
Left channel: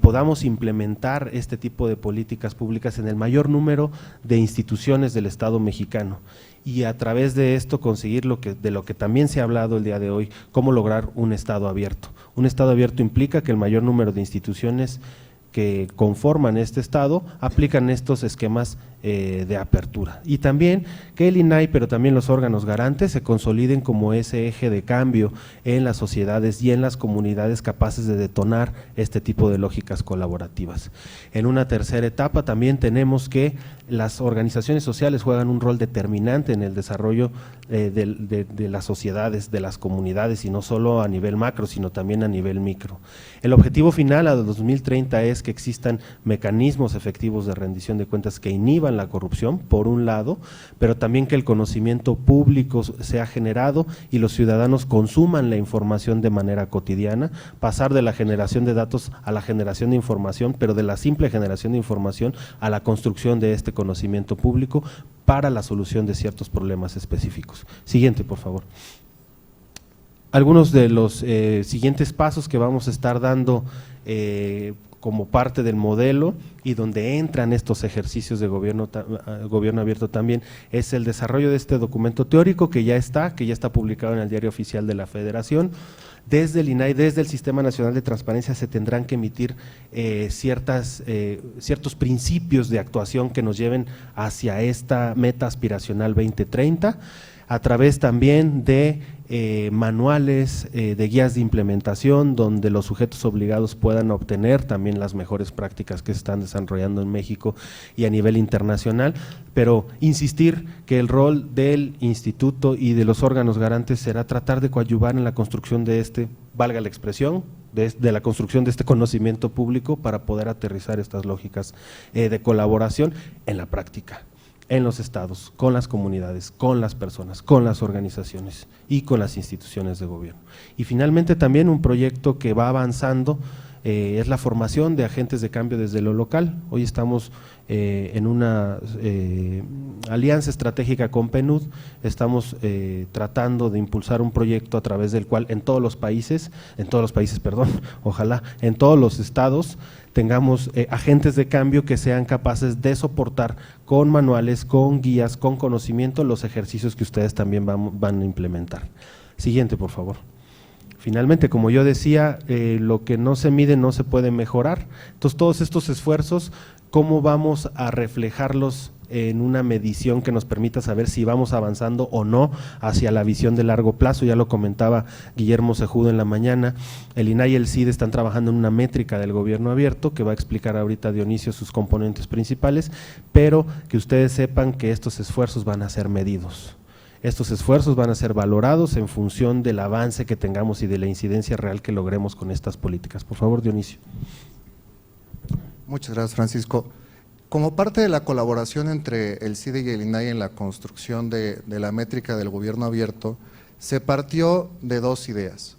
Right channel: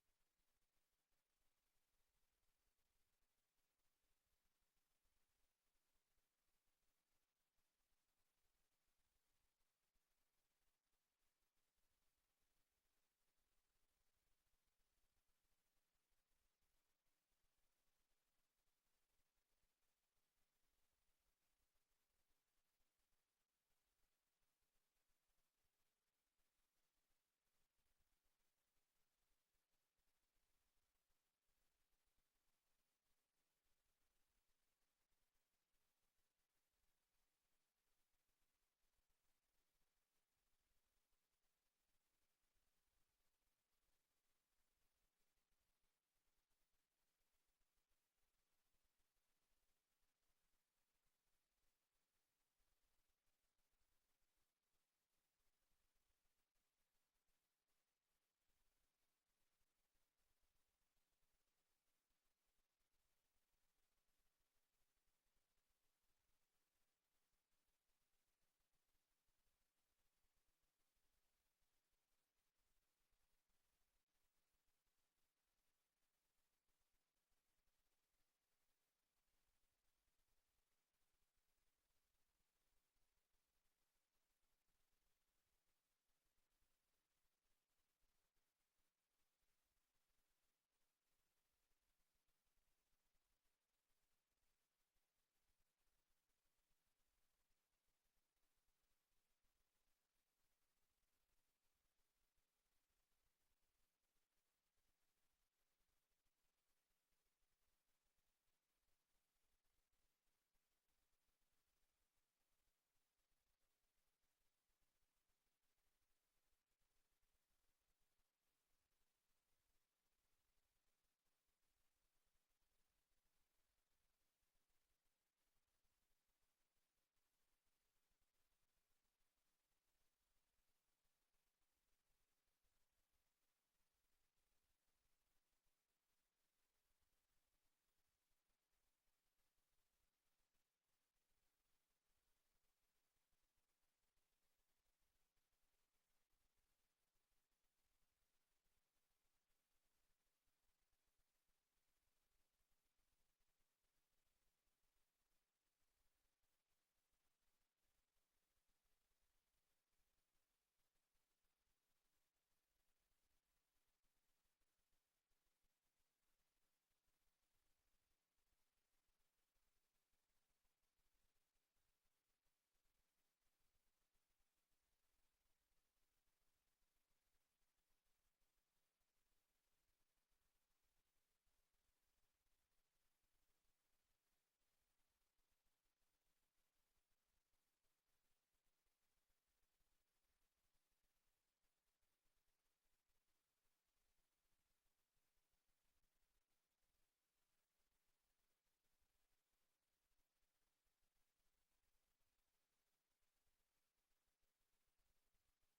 podamos implementar este tipo de políticas públicas en el mayor número de instituciones del Estado mexicano, y a través de esto conseguir de lo que también se ha hablado el día de hoy, cómo lograr un Estado abierto. Un Estado abierto implica que el mayor número de instituciones que conforman este Estado aplican estos esquemas de apertura, y también que el INAI, pero también los órganos garantes se consoliden como ese eje de cambio en las sociedades y en las comunidades capaces de detonar este tipo de lógicas colaborativas. En una tercera etapa también tenemos que las organizaciones sociales juegan un rol determinante en el desarrollo de las sociedades, de las comunidades, y no solo a nivel macro, sino también a nivel micro. El objetivo final a 2030 es que existan mecanismos efectivos de rendición de cuentas que inhiban la corrupción, por un lado, pero también que el conocimiento público sea generado y los ciudadanos consuman la información de manera cotidiana, pasar de la generación de datos a la generación de información, pero de la simple generación de información a la construcción de este conocimiento público para la solución de ciertos problemas específicos. Siguiente, por favor. Algunos de los siguientes pasos que vamos a estar dando como parte del modelo y donde entran estos ejercicios de gobierno abierto también es el desarrollo de este documento teórico que ya está publicado en el Diario Oficial de la Federación. Desde el INAI, desde el Sistema Nacional de Transparencia se tendrán que emitir ciertos principios de actuación que nos lleven hacia esta meta aspiracional 2030, a través también de manuales, de guías de implementación, donde los sujetos obligados puedan obtener también las mejores prácticas que se están desarrollando en México y a nivel internacional, pero insistir que el rol del instituto y de los órganos garantes será tratar de coadyuvar en la construcción de valga la expresión, de la construcción de este conocimiento público para poder aterrizar estas lógicas de colaboración en la práctica, en los estados, con las comunidades, con las personas, con las organizaciones y con las instituciones de gobierno. Y finalmente también un proyecto que va avanzando es la formación de agentes de cambio desde lo local. Hoy estamos en una alianza estratégica con PNUD, estamos tratando de impulsar un proyecto a través del cual en todos los países, ojalá en todos los estados tengamos agentes de cambio que sean capaces de soportar con manuales, con guías, con conocimiento los ejercicios que ustedes también van a implementar. Siguiente, por favor. Finalmente, como yo decía, lo que no se mide no se puede mejorar. Entonces, todos estos esfuerzos, ¿cómo vamos a reflejarlos en una medición que nos permita saber si vamos avanzando o no hacia la visión de largo plazo? Ya lo comentaba Guillermo Sejudo en la mañana, el INAI y el CID están trabajando en una métrica del gobierno abierto que va a explicar ahorita Dionisio sus componentes principales, pero que ustedes sepan que estos esfuerzos van a ser medidos. Estos esfuerzos van a ser valorados en función del avance que tengamos y de la incidencia real que logremos con estas políticas. Por favor, Dionisio. Muchas gracias, Francisco. Como parte de la colaboración entre el CIDE y el INAI en la construcción de la métrica del gobierno abierto, se partió de dos ideas.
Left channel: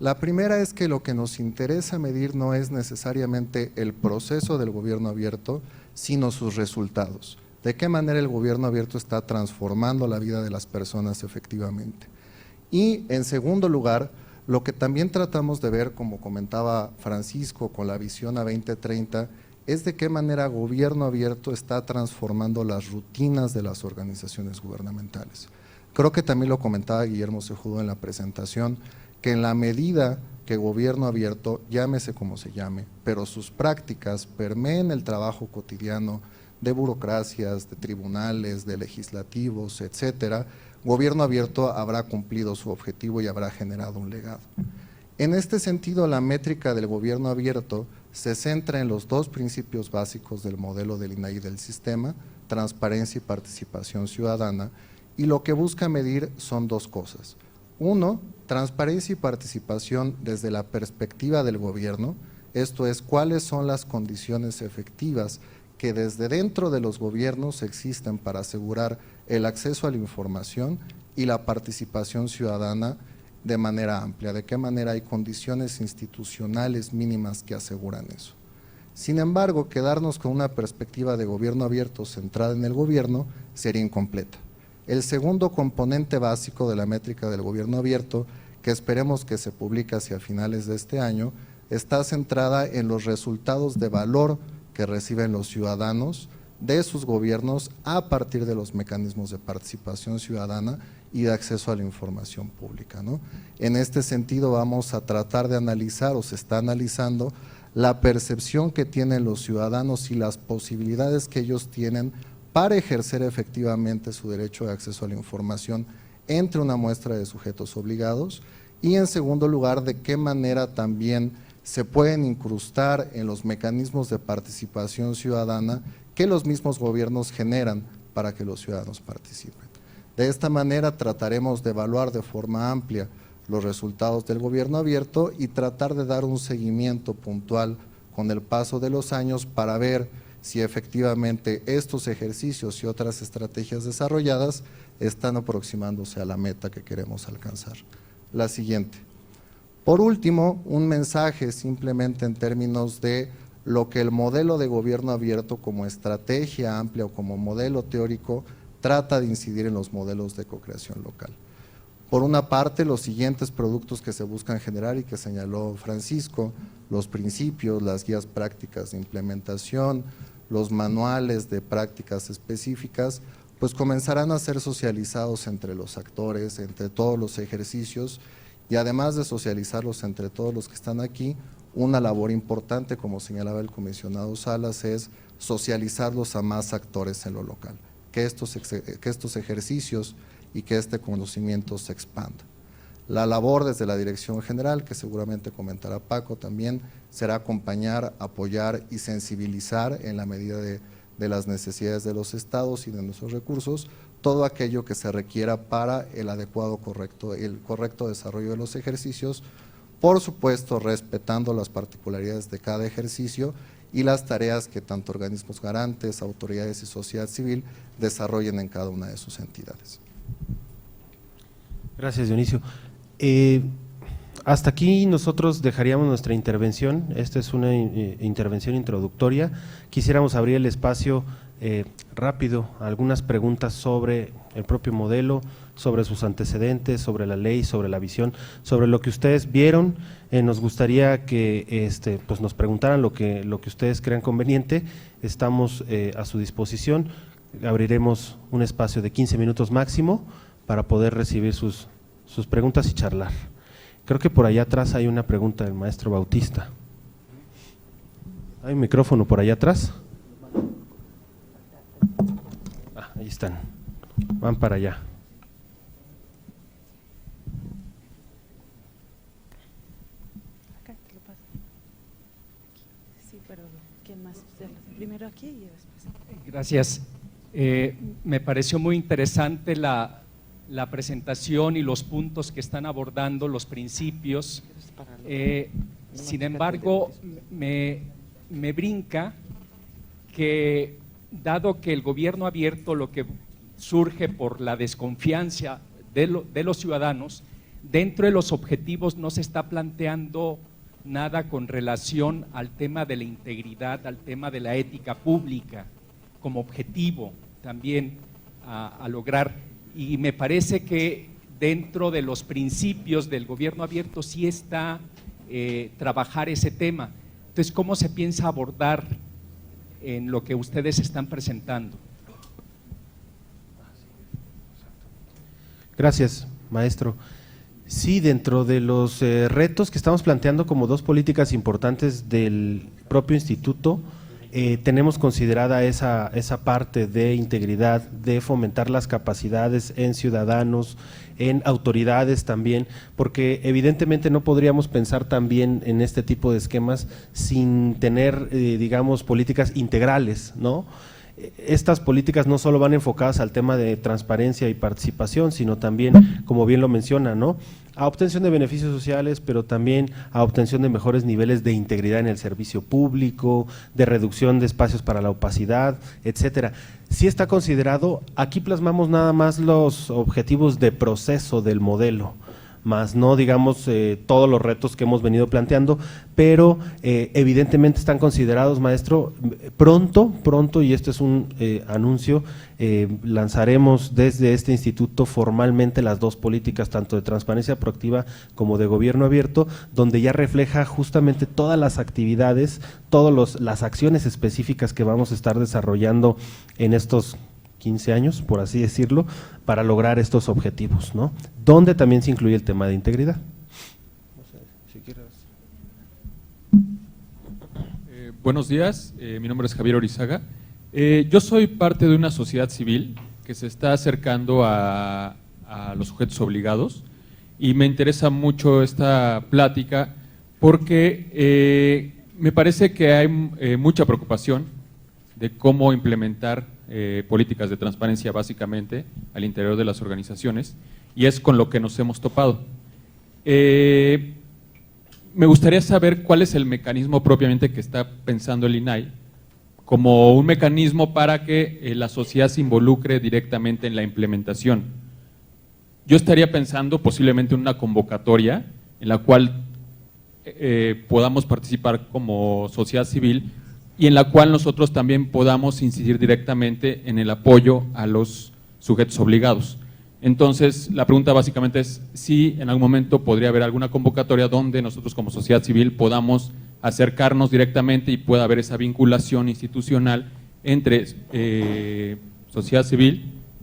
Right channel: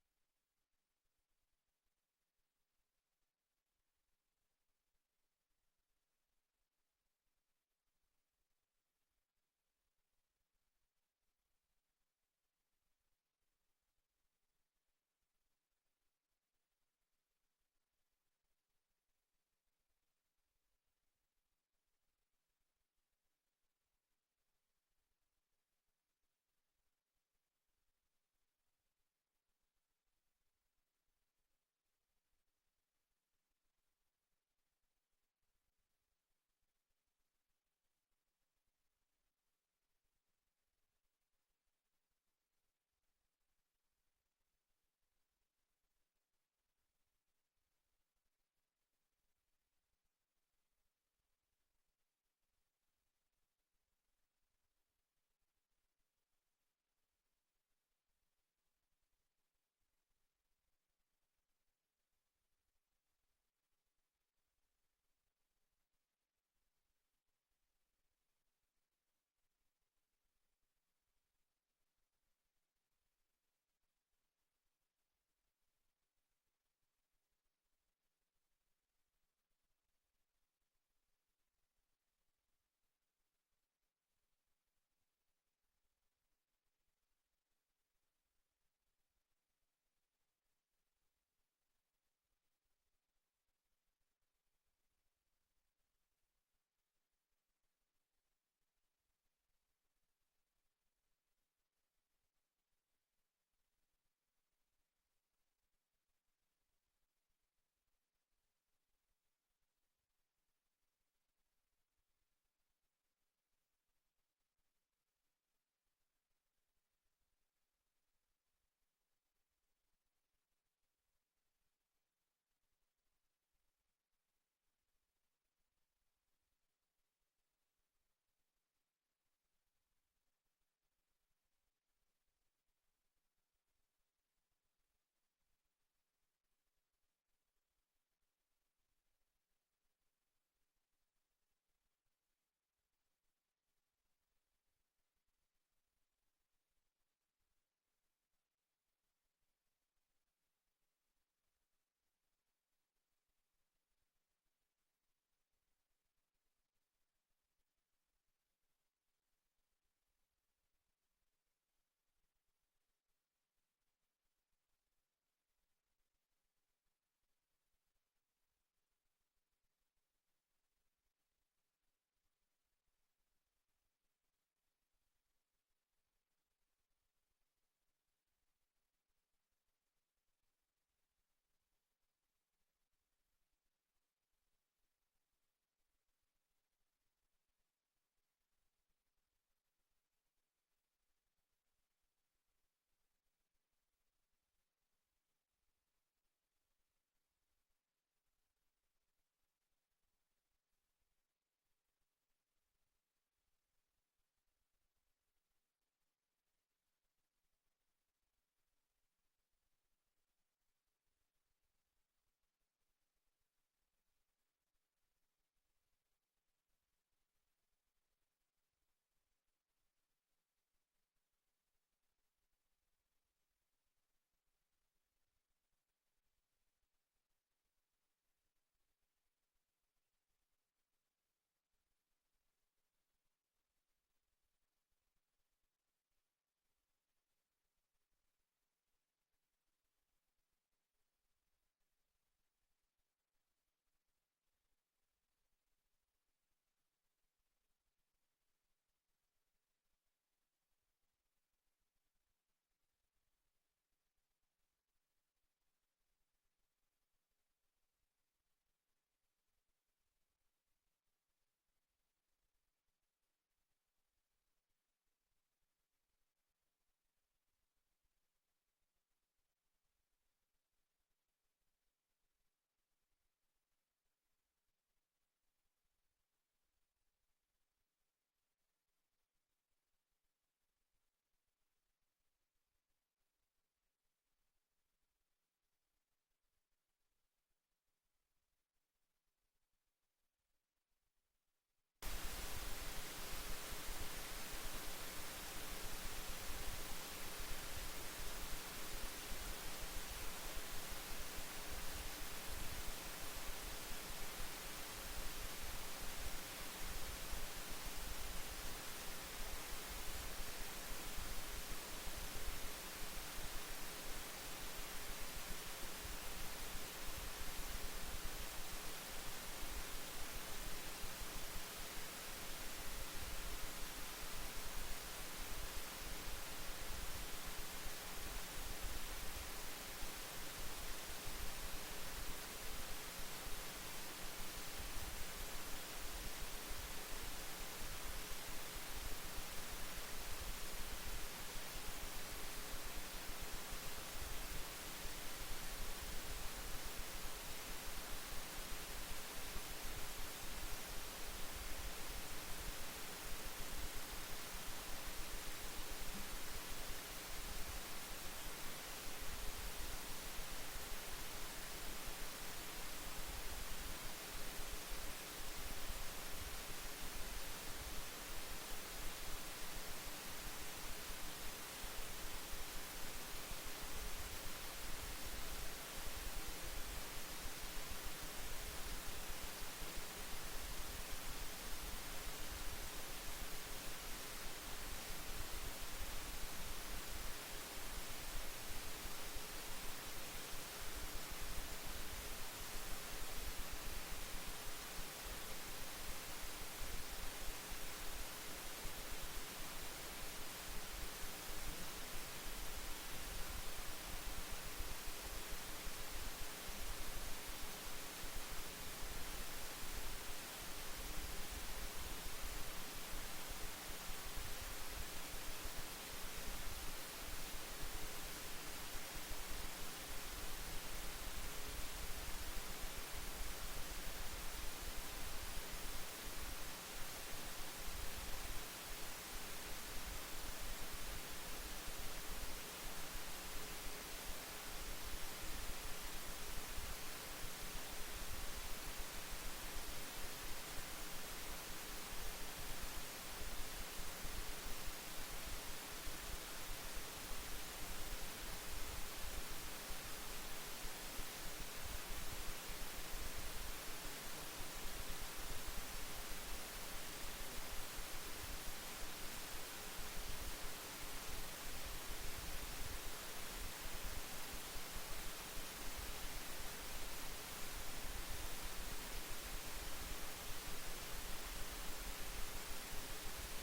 La primera es que lo que nos interesa medir no es necesariamente el proceso del gobierno abierto, sino sus resultados. De qué manera el gobierno abierto está transformando la vida de las personas efectivamente. Y en segundo lugar, lo que también tratamos de ver, como comentaba Francisco, con la visión a 2030, es de qué manera gobierno abierto está transformando las rutinas de las organizaciones gubernamentales. Creo que también lo comentaba Guillermo Sejudo en la presentación, que en la medida que gobierno abierto, llámese como se llame, pero sus prácticas permeen el trabajo cotidiano de burocracias, de tribunales, de legislativos, etcétera, gobierno abierto habrá cumplido su objetivo y habrá generado un legado. En este sentido, la métrica del gobierno abierto se centra en los dos principios básicos del modelo del INAI y del sistema, transparencia y participación ciudadana, y lo que busca medir son dos cosas. Uno, transparencia y participación desde la perspectiva del gobierno, esto es, cuáles son las condiciones efectivas que desde dentro de los gobiernos existen para asegurar el acceso a la información y la participación ciudadana de manera amplia, de qué manera hay condiciones institucionales mínimas que aseguran eso. Sin embargo, quedarnos con una perspectiva de gobierno abierto centrada en el gobierno sería incompleta. El segundo componente básico de la métrica del gobierno abierto, que esperemos que se publique hacia finales de este año, está centrada en los resultados de valor que reciben los ciudadanos de sus gobiernos a partir de los mecanismos de participación ciudadana y de acceso a la información pública, ¿no? En este sentido vamos a tratar de analizar, o se está analizando, la percepción que tienen los ciudadanos y las posibilidades que ellos tienen para ejercer efectivamente su derecho de acceso a la información entre una muestra de sujetos obligados, y en segundo lugar, de qué manera también se pueden incrustar en los mecanismos de participación ciudadana que los mismos gobiernos generan para que los ciudadanos participen. De esta manera trataremos de evaluar de forma amplia los resultados del gobierno abierto y tratar de dar un seguimiento puntual con el paso de los años para ver si efectivamente estos ejercicios y otras estrategias desarrolladas están aproximándose a la meta que queremos alcanzar. La siguiente. Por último, un mensaje simplemente en términos de lo que el modelo de gobierno abierto como estrategia amplia o como modelo teórico trata de incidir en los modelos de cocreación local. Por una parte, los siguientes productos que se buscan generar y que señaló Francisco, los principios, las guías prácticas de implementación, los manuales de prácticas específicas, pues comenzarán a ser socializados entre los actores, entre todos los ejercicios, y además de socializarlos entre todos los que están aquí, una labor importante, como señalaba el comisionado Salas, es socializarlos a más actores en lo local, que estos ejercicios y que este conocimiento se expanda. La labor desde la Dirección General, que seguramente comentará Paco también, será acompañar, apoyar y sensibilizar en la medida de las necesidades de los estados y de nuestros recursos, todo aquello que se requiera para el correcto desarrollo de los ejercicios, por supuesto respetando las particularidades de cada ejercicio y las tareas que tanto organismos garantes, autoridades y sociedad civil desarrollen en cada una de sus entidades. Gracias, Dionisio. Hasta aquí nosotros dejaríamos nuestra intervención. Esta es una intervención introductoria. Quisiéramos abrir el espacio rápido a algunas preguntas sobre el propio modelo, sobre sus antecedentes, sobre la ley, sobre la visión, sobre lo que ustedes vieron. Nos gustaría que pues nos preguntaran lo que ustedes crean conveniente. Estamos a su disposición. Abriremos un espacio de 15 minutos máximo para poder recibir sus preguntas y charlar. Creo que por allá atrás hay una pregunta del maestro Bautista. ¿Hay un micrófono por allá atrás? Ahí están, van para allá. Acá te lo paso. Sí, pero ¿quién más? Primero aquí y después. Gracias. Me pareció muy interesante la presentación y los puntos que están abordando, los principios. Sin embargo, me brinca que, dado que el gobierno abierto, lo que surge por la desconfianza de los ciudadanos, dentro de los objetivos no se está planteando nada con relación al tema de la integridad, al tema de la ética pública, como objetivo también a lograr. Y me parece que dentro de los principios del gobierno abierto sí está trabajar ese tema. Entonces, ¿cómo se piensa abordar en lo que ustedes están presentando? Gracias, maestro. Sí, dentro de los retos que estamos planteando como dos políticas importantes del propio instituto, tenemos considerada esa parte de integridad, de fomentar las capacidades en ciudadanos, en autoridades también, porque evidentemente no podríamos pensar también en este tipo de esquemas sin tener, digamos, políticas integrales, ¿no? Estas políticas no solo van enfocadas al tema de transparencia y participación, sino también, como bien lo menciona, ¿no?, a obtención de beneficios sociales, pero también a obtención de mejores niveles de integridad en el servicio público, de reducción de espacios para la opacidad, etcétera. Sí está considerado, aquí plasmamos nada más los objetivos de proceso del modelo, más no digamos todos los retos que hemos venido planteando, pero evidentemente están considerados, maestro, pronto, y esto es un anuncio, lanzaremos desde este instituto formalmente las dos políticas, tanto de transparencia proactiva como de gobierno abierto, donde ya refleja justamente todas las actividades, todas las acciones específicas que vamos a estar desarrollando en estos 15 años, por así decirlo, para lograr estos objetivos, ¿no? Donde también se incluye el tema de integridad. Buenos días, mi nombre es Javier Orizaga. Yo soy parte de una sociedad civil que se está acercando a los sujetos obligados y me interesa mucho esta plática porque me parece que hay mucha preocupación de cómo implementar políticas de transparencia básicamente al interior de las organizaciones y es con lo que nos hemos topado. Me gustaría saber cuál es el mecanismo propiamente que está pensando el INAI como un mecanismo para que la sociedad se involucre directamente en la implementación. Yo estaría pensando posiblemente en una convocatoria en la cual podamos participar como sociedad civil y en la cual nosotros también podamos incidir directamente en el apoyo a los sujetos obligados. Entonces, la pregunta básicamente es si en algún momento podría haber alguna convocatoria donde nosotros como sociedad civil podamos acercarnos directamente y pueda haber esa vinculación institucional entre sociedad civil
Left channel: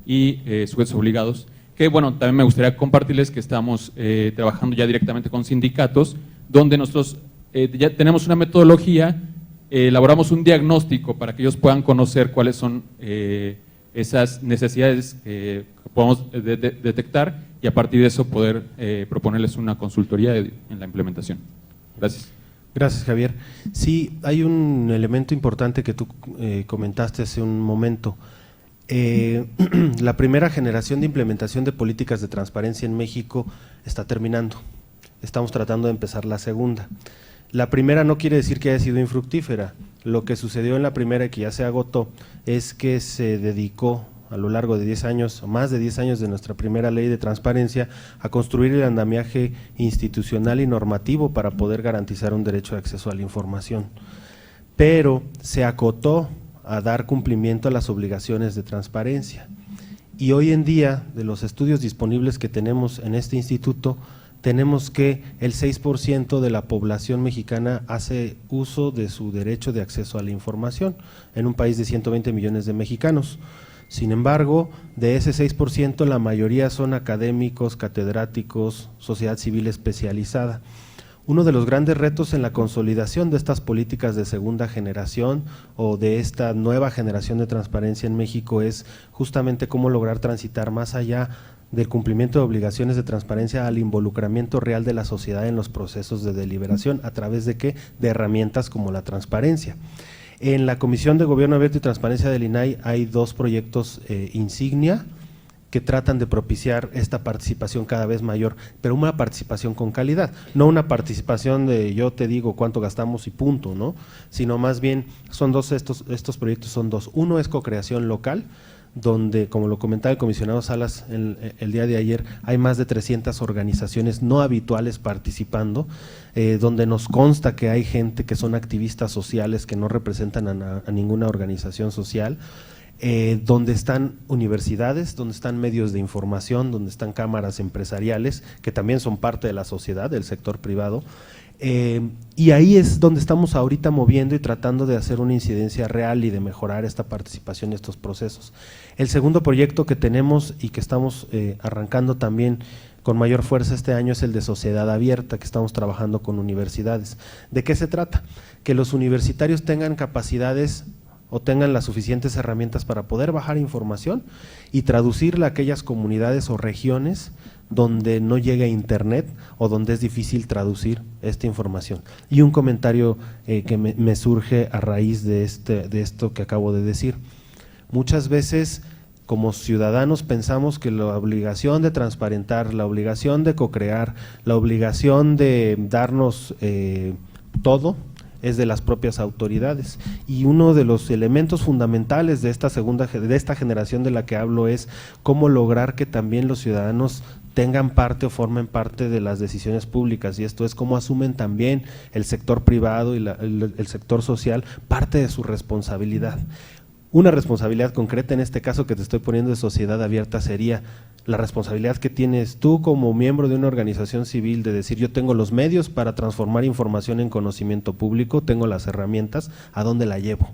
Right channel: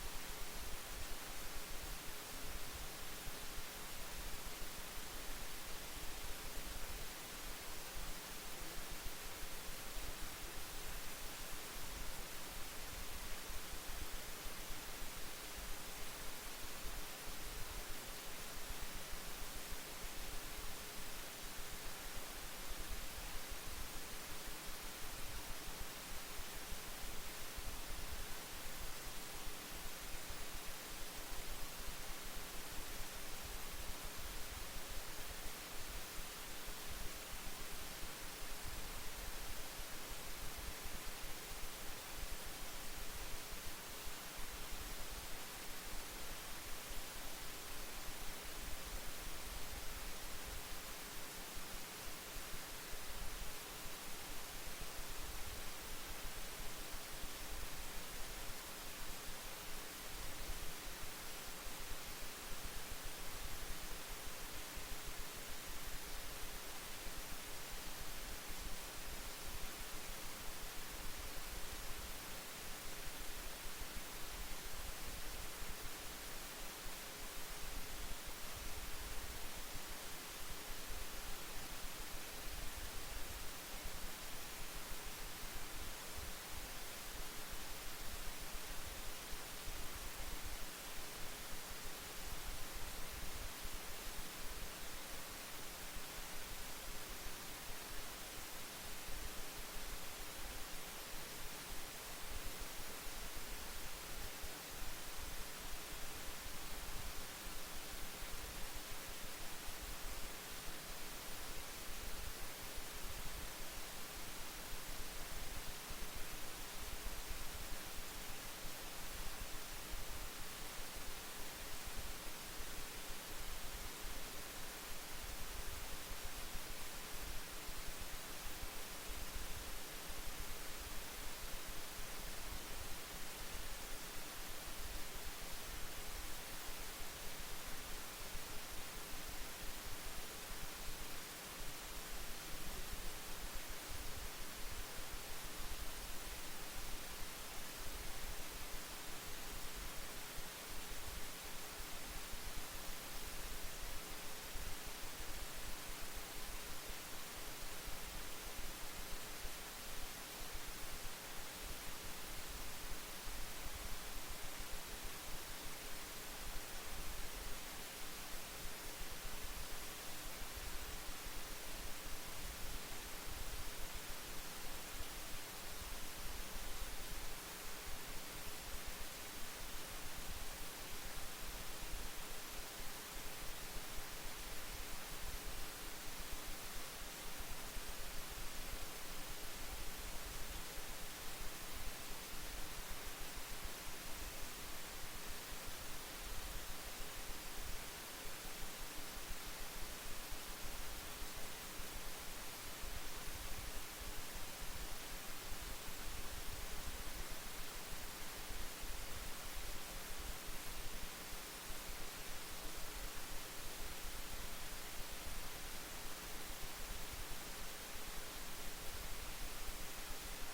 y sujetos obligados, que bueno, también me gustaría compartirles que estamos trabajando ya directamente con sindicatos, donde nosotros ya tenemos una metodología, elaboramos un diagnóstico para que ellos puedan conocer cuáles son esas necesidades que podemos detectar y a partir de eso poder proponerles una consultoría en la implementación. Gracias. Gracias, Javier. Sí, hay un elemento importante que tú comentaste hace un momento. La primera generación de implementación de políticas de transparencia en México está terminando. Estamos tratando de empezar la segunda. La primera no quiere decir que haya sido infructífera. Lo que sucedió en la primera y que ya se agotó es que se dedicó a lo largo de 10 años, más de 10 años de nuestra primera ley de transparencia, a construir el andamiaje institucional y normativo para poder garantizar un derecho de acceso a la información. Pero se acotó a dar cumplimiento a las obligaciones de transparencia. Y hoy en día, de los estudios disponibles que tenemos en este instituto, tenemos que el 6% de la población mexicana hace uso de su derecho de acceso a la información, en un país de 120 millones de mexicanos. Sin embargo, de ese 6%, la mayoría son académicos, catedráticos, sociedad civil especializada. Uno de los grandes retos en la consolidación de estas políticas de segunda generación o de esta nueva generación de transparencia en México es justamente cómo lograr transitar más allá del cumplimiento de obligaciones de transparencia al involucramiento real de la sociedad en los procesos de deliberación, ¿a través de qué? De herramientas como la transparencia. En la Comisión de Gobierno Abierto y Transparencia del INAI hay dos proyectos insignia que tratan de propiciar esta participación cada vez mayor, pero una participación con calidad, no una participación de yo te digo cuánto gastamos y punto, ¿no? Sino más bien son dos, estos proyectos son dos. Uno es cocreación local, donde, como lo comentaba el comisionado Salas el día de ayer, hay más de 300 organizaciones no habituales participando, donde nos consta que hay gente que son activistas sociales que no representan a ninguna organización social, donde están universidades, donde están medios de información, donde están cámaras empresariales que también son parte de la sociedad, del sector privado, y ahí es donde estamos ahorita moviendo y tratando de hacer una incidencia real y de mejorar esta participación en estos procesos. El segundo proyecto que tenemos y que estamos arrancando también con mayor fuerza este año es el de sociedad abierta, que estamos trabajando con universidades. ¿De qué se trata? Que los universitarios tengan capacidades o tengan las suficientes herramientas para poder bajar información y traducirla a aquellas comunidades o regiones donde no llega internet o donde es difícil traducir esta información. Y un comentario que me surge a raíz de esto que acabo de decir. Muchas veces como ciudadanos pensamos que la obligación de transparentar, la obligación de cocrear, la obligación de darnos todo es de las propias autoridades, y uno de los elementos fundamentales de esta generación de la que hablo es cómo lograr que también los ciudadanos tengan parte o formen parte de las decisiones públicas, y esto es cómo asumen también el sector privado y el sector social parte de su responsabilidad. Una responsabilidad concreta en este caso que te estoy poniendo de sociedad abierta sería la responsabilidad que tienes tú como miembro de una organización civil de decir yo tengo los medios para transformar información en conocimiento público, tengo las herramientas, ¿a dónde la llevo?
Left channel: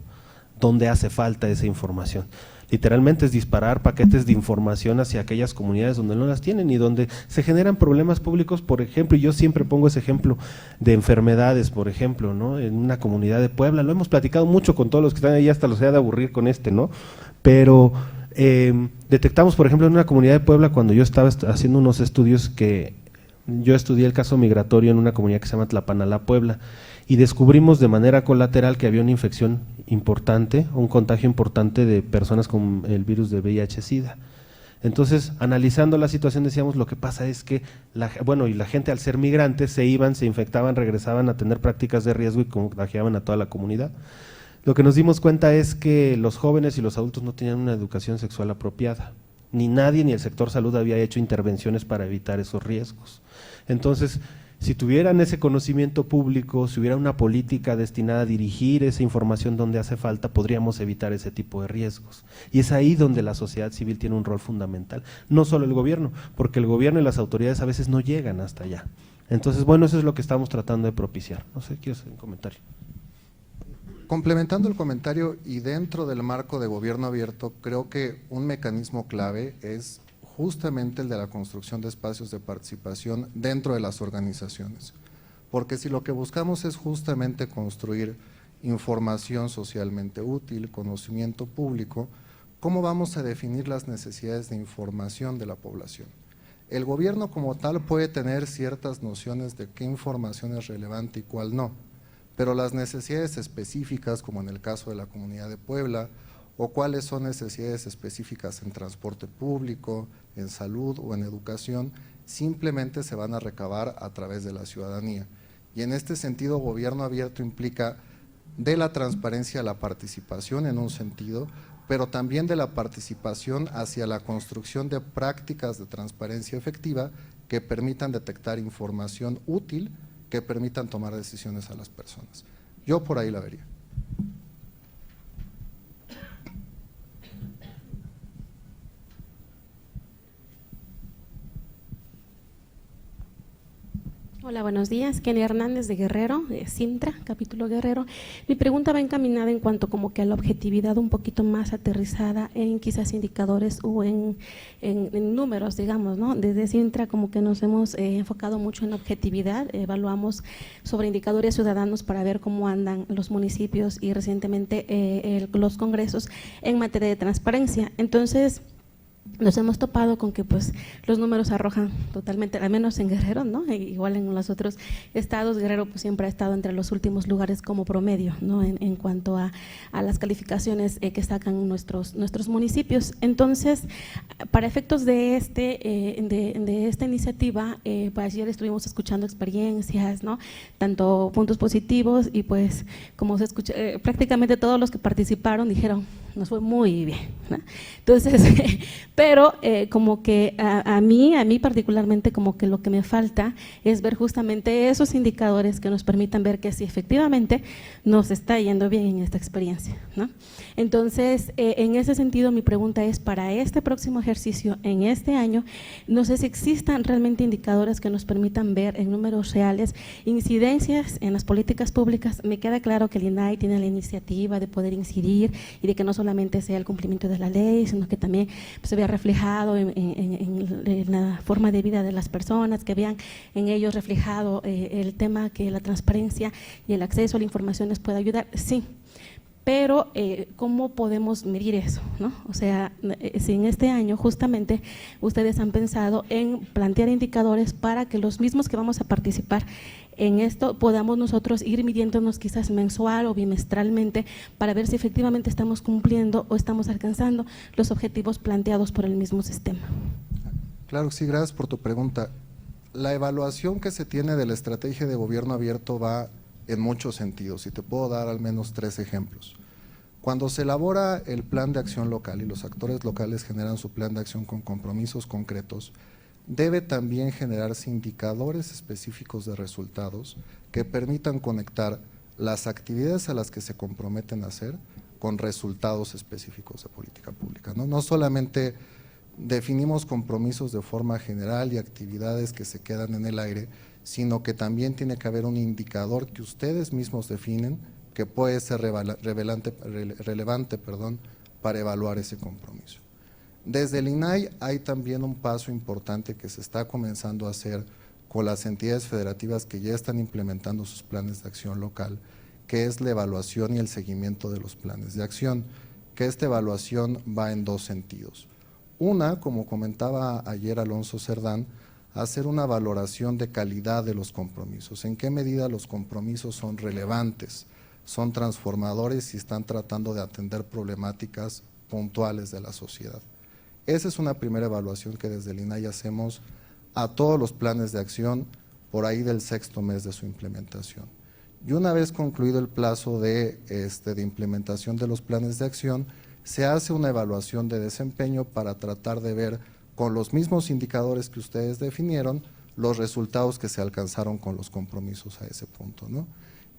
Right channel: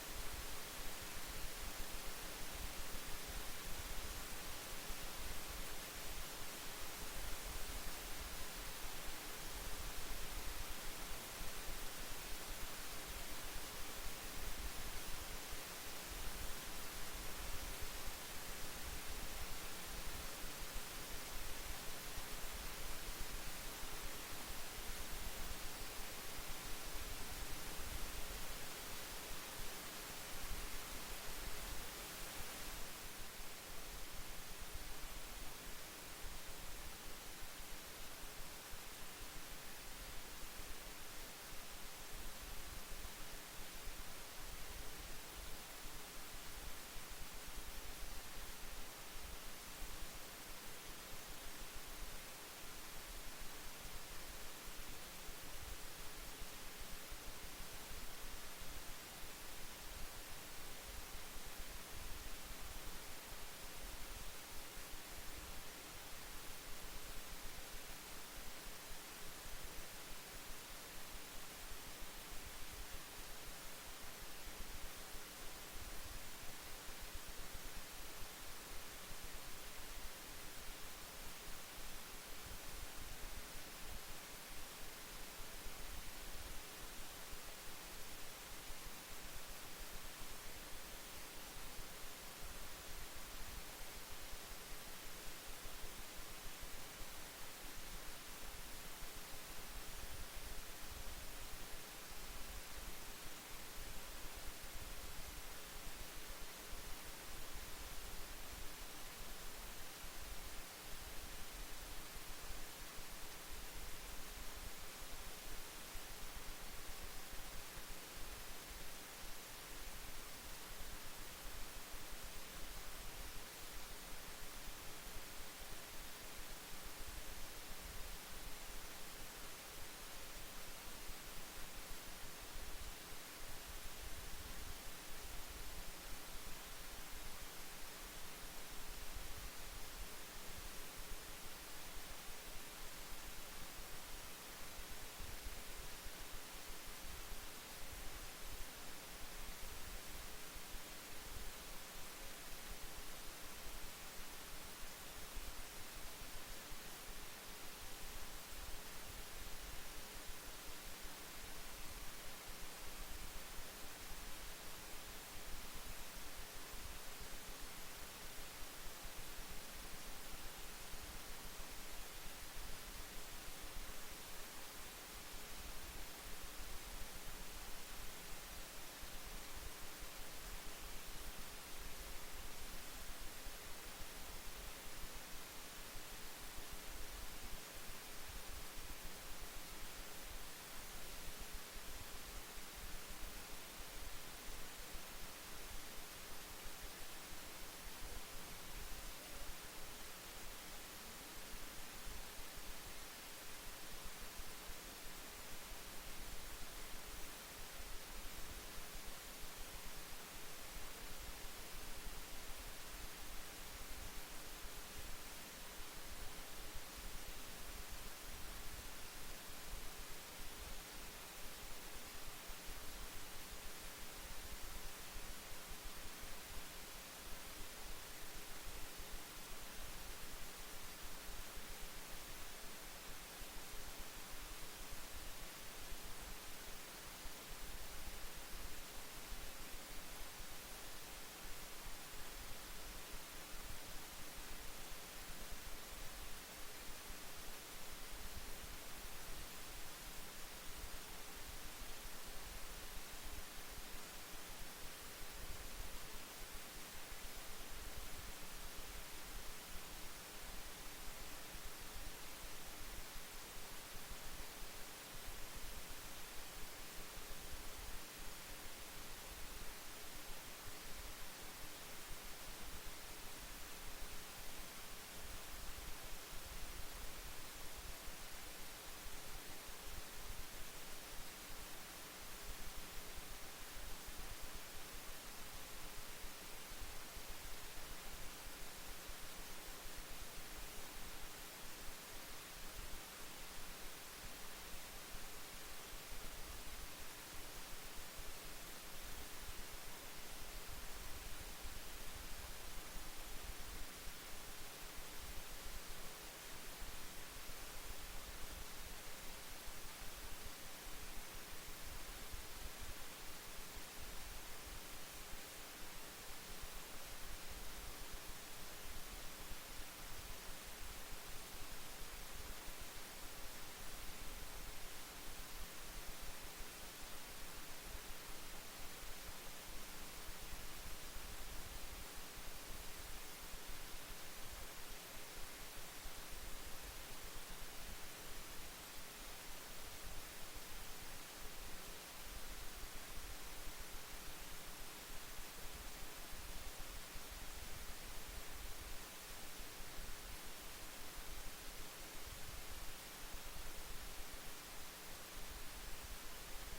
¿Dónde hace falta esa información? Literalmente es disparar paquetes de información hacia aquellas comunidades donde no las tienen y donde se generan problemas públicos, por ejemplo, y yo siempre pongo ese ejemplo de enfermedades, por ejemplo, ¿no? En una comunidad de Puebla, lo hemos platicado mucho con todos los que están ahí, hasta los he de aburrir con ¿no? Pero detectamos, por ejemplo, en una comunidad de Puebla, cuando yo estaba haciendo unos estudios que yo estudié el caso migratorio en una comunidad que se llama Tlapanalá, Puebla, y descubrimos de manera colateral que había una infección importante, un contagio importante de personas con el virus de VIH-Sida. Entonces, analizando la situación decíamos, lo que pasa es que, la gente al ser migrantes se iban, se infectaban, regresaban a tener prácticas de riesgo y contagiaban a toda la comunidad. Lo que nos dimos cuenta es que los jóvenes y los adultos no tenían una educación sexual apropiada, ni nadie ni el sector salud había hecho intervenciones para evitar esos riesgos. Entonces, si tuvieran ese conocimiento público, si hubiera una política destinada a dirigir esa información donde hace falta, podríamos evitar ese tipo de riesgos. Y es ahí donde la sociedad civil tiene un rol fundamental, no solo el gobierno, porque el gobierno y las autoridades a veces no llegan hasta allá. Entonces, bueno, eso es lo que estamos tratando de propiciar. No sé, ¿quieres hacer un comentario? Complementando el comentario y dentro del marco de gobierno abierto, creo que un mecanismo clave es justamente el de la construcción de espacios de participación dentro de las organizaciones, porque si lo que buscamos es justamente construir información socialmente útil, conocimiento público, ¿cómo vamos a definir las necesidades de información de la población? El gobierno como tal puede tener ciertas nociones de qué información es relevante y cuál no, pero las necesidades específicas, como en el caso de la comunidad de Puebla, o cuáles son necesidades específicas en transporte público, en salud o en educación, simplemente se van a recabar a través de la ciudadanía. Y en este sentido, gobierno abierto implica de la transparencia a la participación en un sentido, pero también de la participación hacia la construcción de prácticas de transparencia efectiva que permitan detectar información útil, que permitan tomar decisiones a las personas. Yo por ahí la vería. Hola, buenos días. Kenny Hernández de Guerrero, de Sintra, capítulo Guerrero. Mi pregunta va encaminada en cuanto como que a la objetividad un poquito más aterrizada en quizás indicadores o en números, digamos, ¿no? Desde Sintra como que nos hemos enfocado mucho en objetividad, evaluamos sobre indicadores ciudadanos para ver cómo andan los municipios y recientemente los congresos en materia de transparencia. Entonces, nos hemos topado con que pues los números arrojan totalmente, al menos en Guerrero, ¿no? Igual en los otros estados, Guerrero pues siempre ha estado entre los últimos lugares como promedio, ¿no? En cuanto a las calificaciones que sacan nuestros municipios. Entonces, para efectos de esta iniciativa, pues ayer estuvimos escuchando experiencias, ¿no? Tanto puntos positivos y pues como se escucha, prácticamente todos los que participaron dijeron, nos fue muy bien, ¿no? Entonces, pero como que a mí particularmente como que lo que me falta es ver justamente esos indicadores que nos permitan ver que si efectivamente nos está yendo bien en esta experiencia, ¿no? Entonces, en ese sentido mi pregunta es para este próximo ejercicio, en este año, no sé si existan realmente indicadores que nos permitan ver en números reales incidencias en las políticas públicas. Me queda claro que el INAI tiene la iniciativa de poder incidir y de que no solamente sea el cumplimiento de la ley, sino que también pues, se vea reflejado en la forma de vida de las personas, que vean en ellos reflejado el tema que la transparencia y el acceso a la información les pueda ayudar, sí. pero ¿cómo podemos medir eso, ¿no? O sea, si en este año justamente ustedes han pensado en plantear indicadores para que los mismos que vamos a participar en esto podamos nosotros ir midiéndonos quizás mensual o bimestralmente para ver si efectivamente estamos cumpliendo o estamos alcanzando los objetivos planteados por el mismo sistema. Claro, sí, gracias por tu pregunta. La evaluación que se tiene de la estrategia de gobierno abierto va en muchos sentidos y te puedo dar al menos 3 ejemplos. Cuando se elabora el plan de acción local y los actores locales generan su plan de acción con compromisos concretos, debe también generarse indicadores específicos de resultados que permitan conectar las actividades a las que se comprometen a hacer con resultados específicos de política pública, ¿no? No solamente definimos compromisos de forma general y actividades que se quedan en el aire, sino que también tiene que haber un indicador que ustedes mismos definen que puede ser relevante para evaluar ese compromiso. Desde el INAI hay también un paso importante que se está comenzando a hacer con las entidades federativas que ya están implementando sus planes de acción local, que es la evaluación y el seguimiento de los planes de acción, que esta evaluación va en 2 sentidos. Una, como comentaba ayer Alonso Cerdán, hacer una valoración de calidad de los compromisos, en qué medida los compromisos son relevantes, son transformadores y están tratando de atender problemáticas puntuales de la sociedad. Esa es una primera evaluación que desde el INAI hacemos a todos los planes de acción por ahí del 6º mes de su implementación. Y una vez concluido el plazo de implementación de los planes de acción, se hace una evaluación de desempeño para tratar de ver con los mismos indicadores que ustedes definieron los resultados que se alcanzaron con los compromisos a ese punto, ¿no?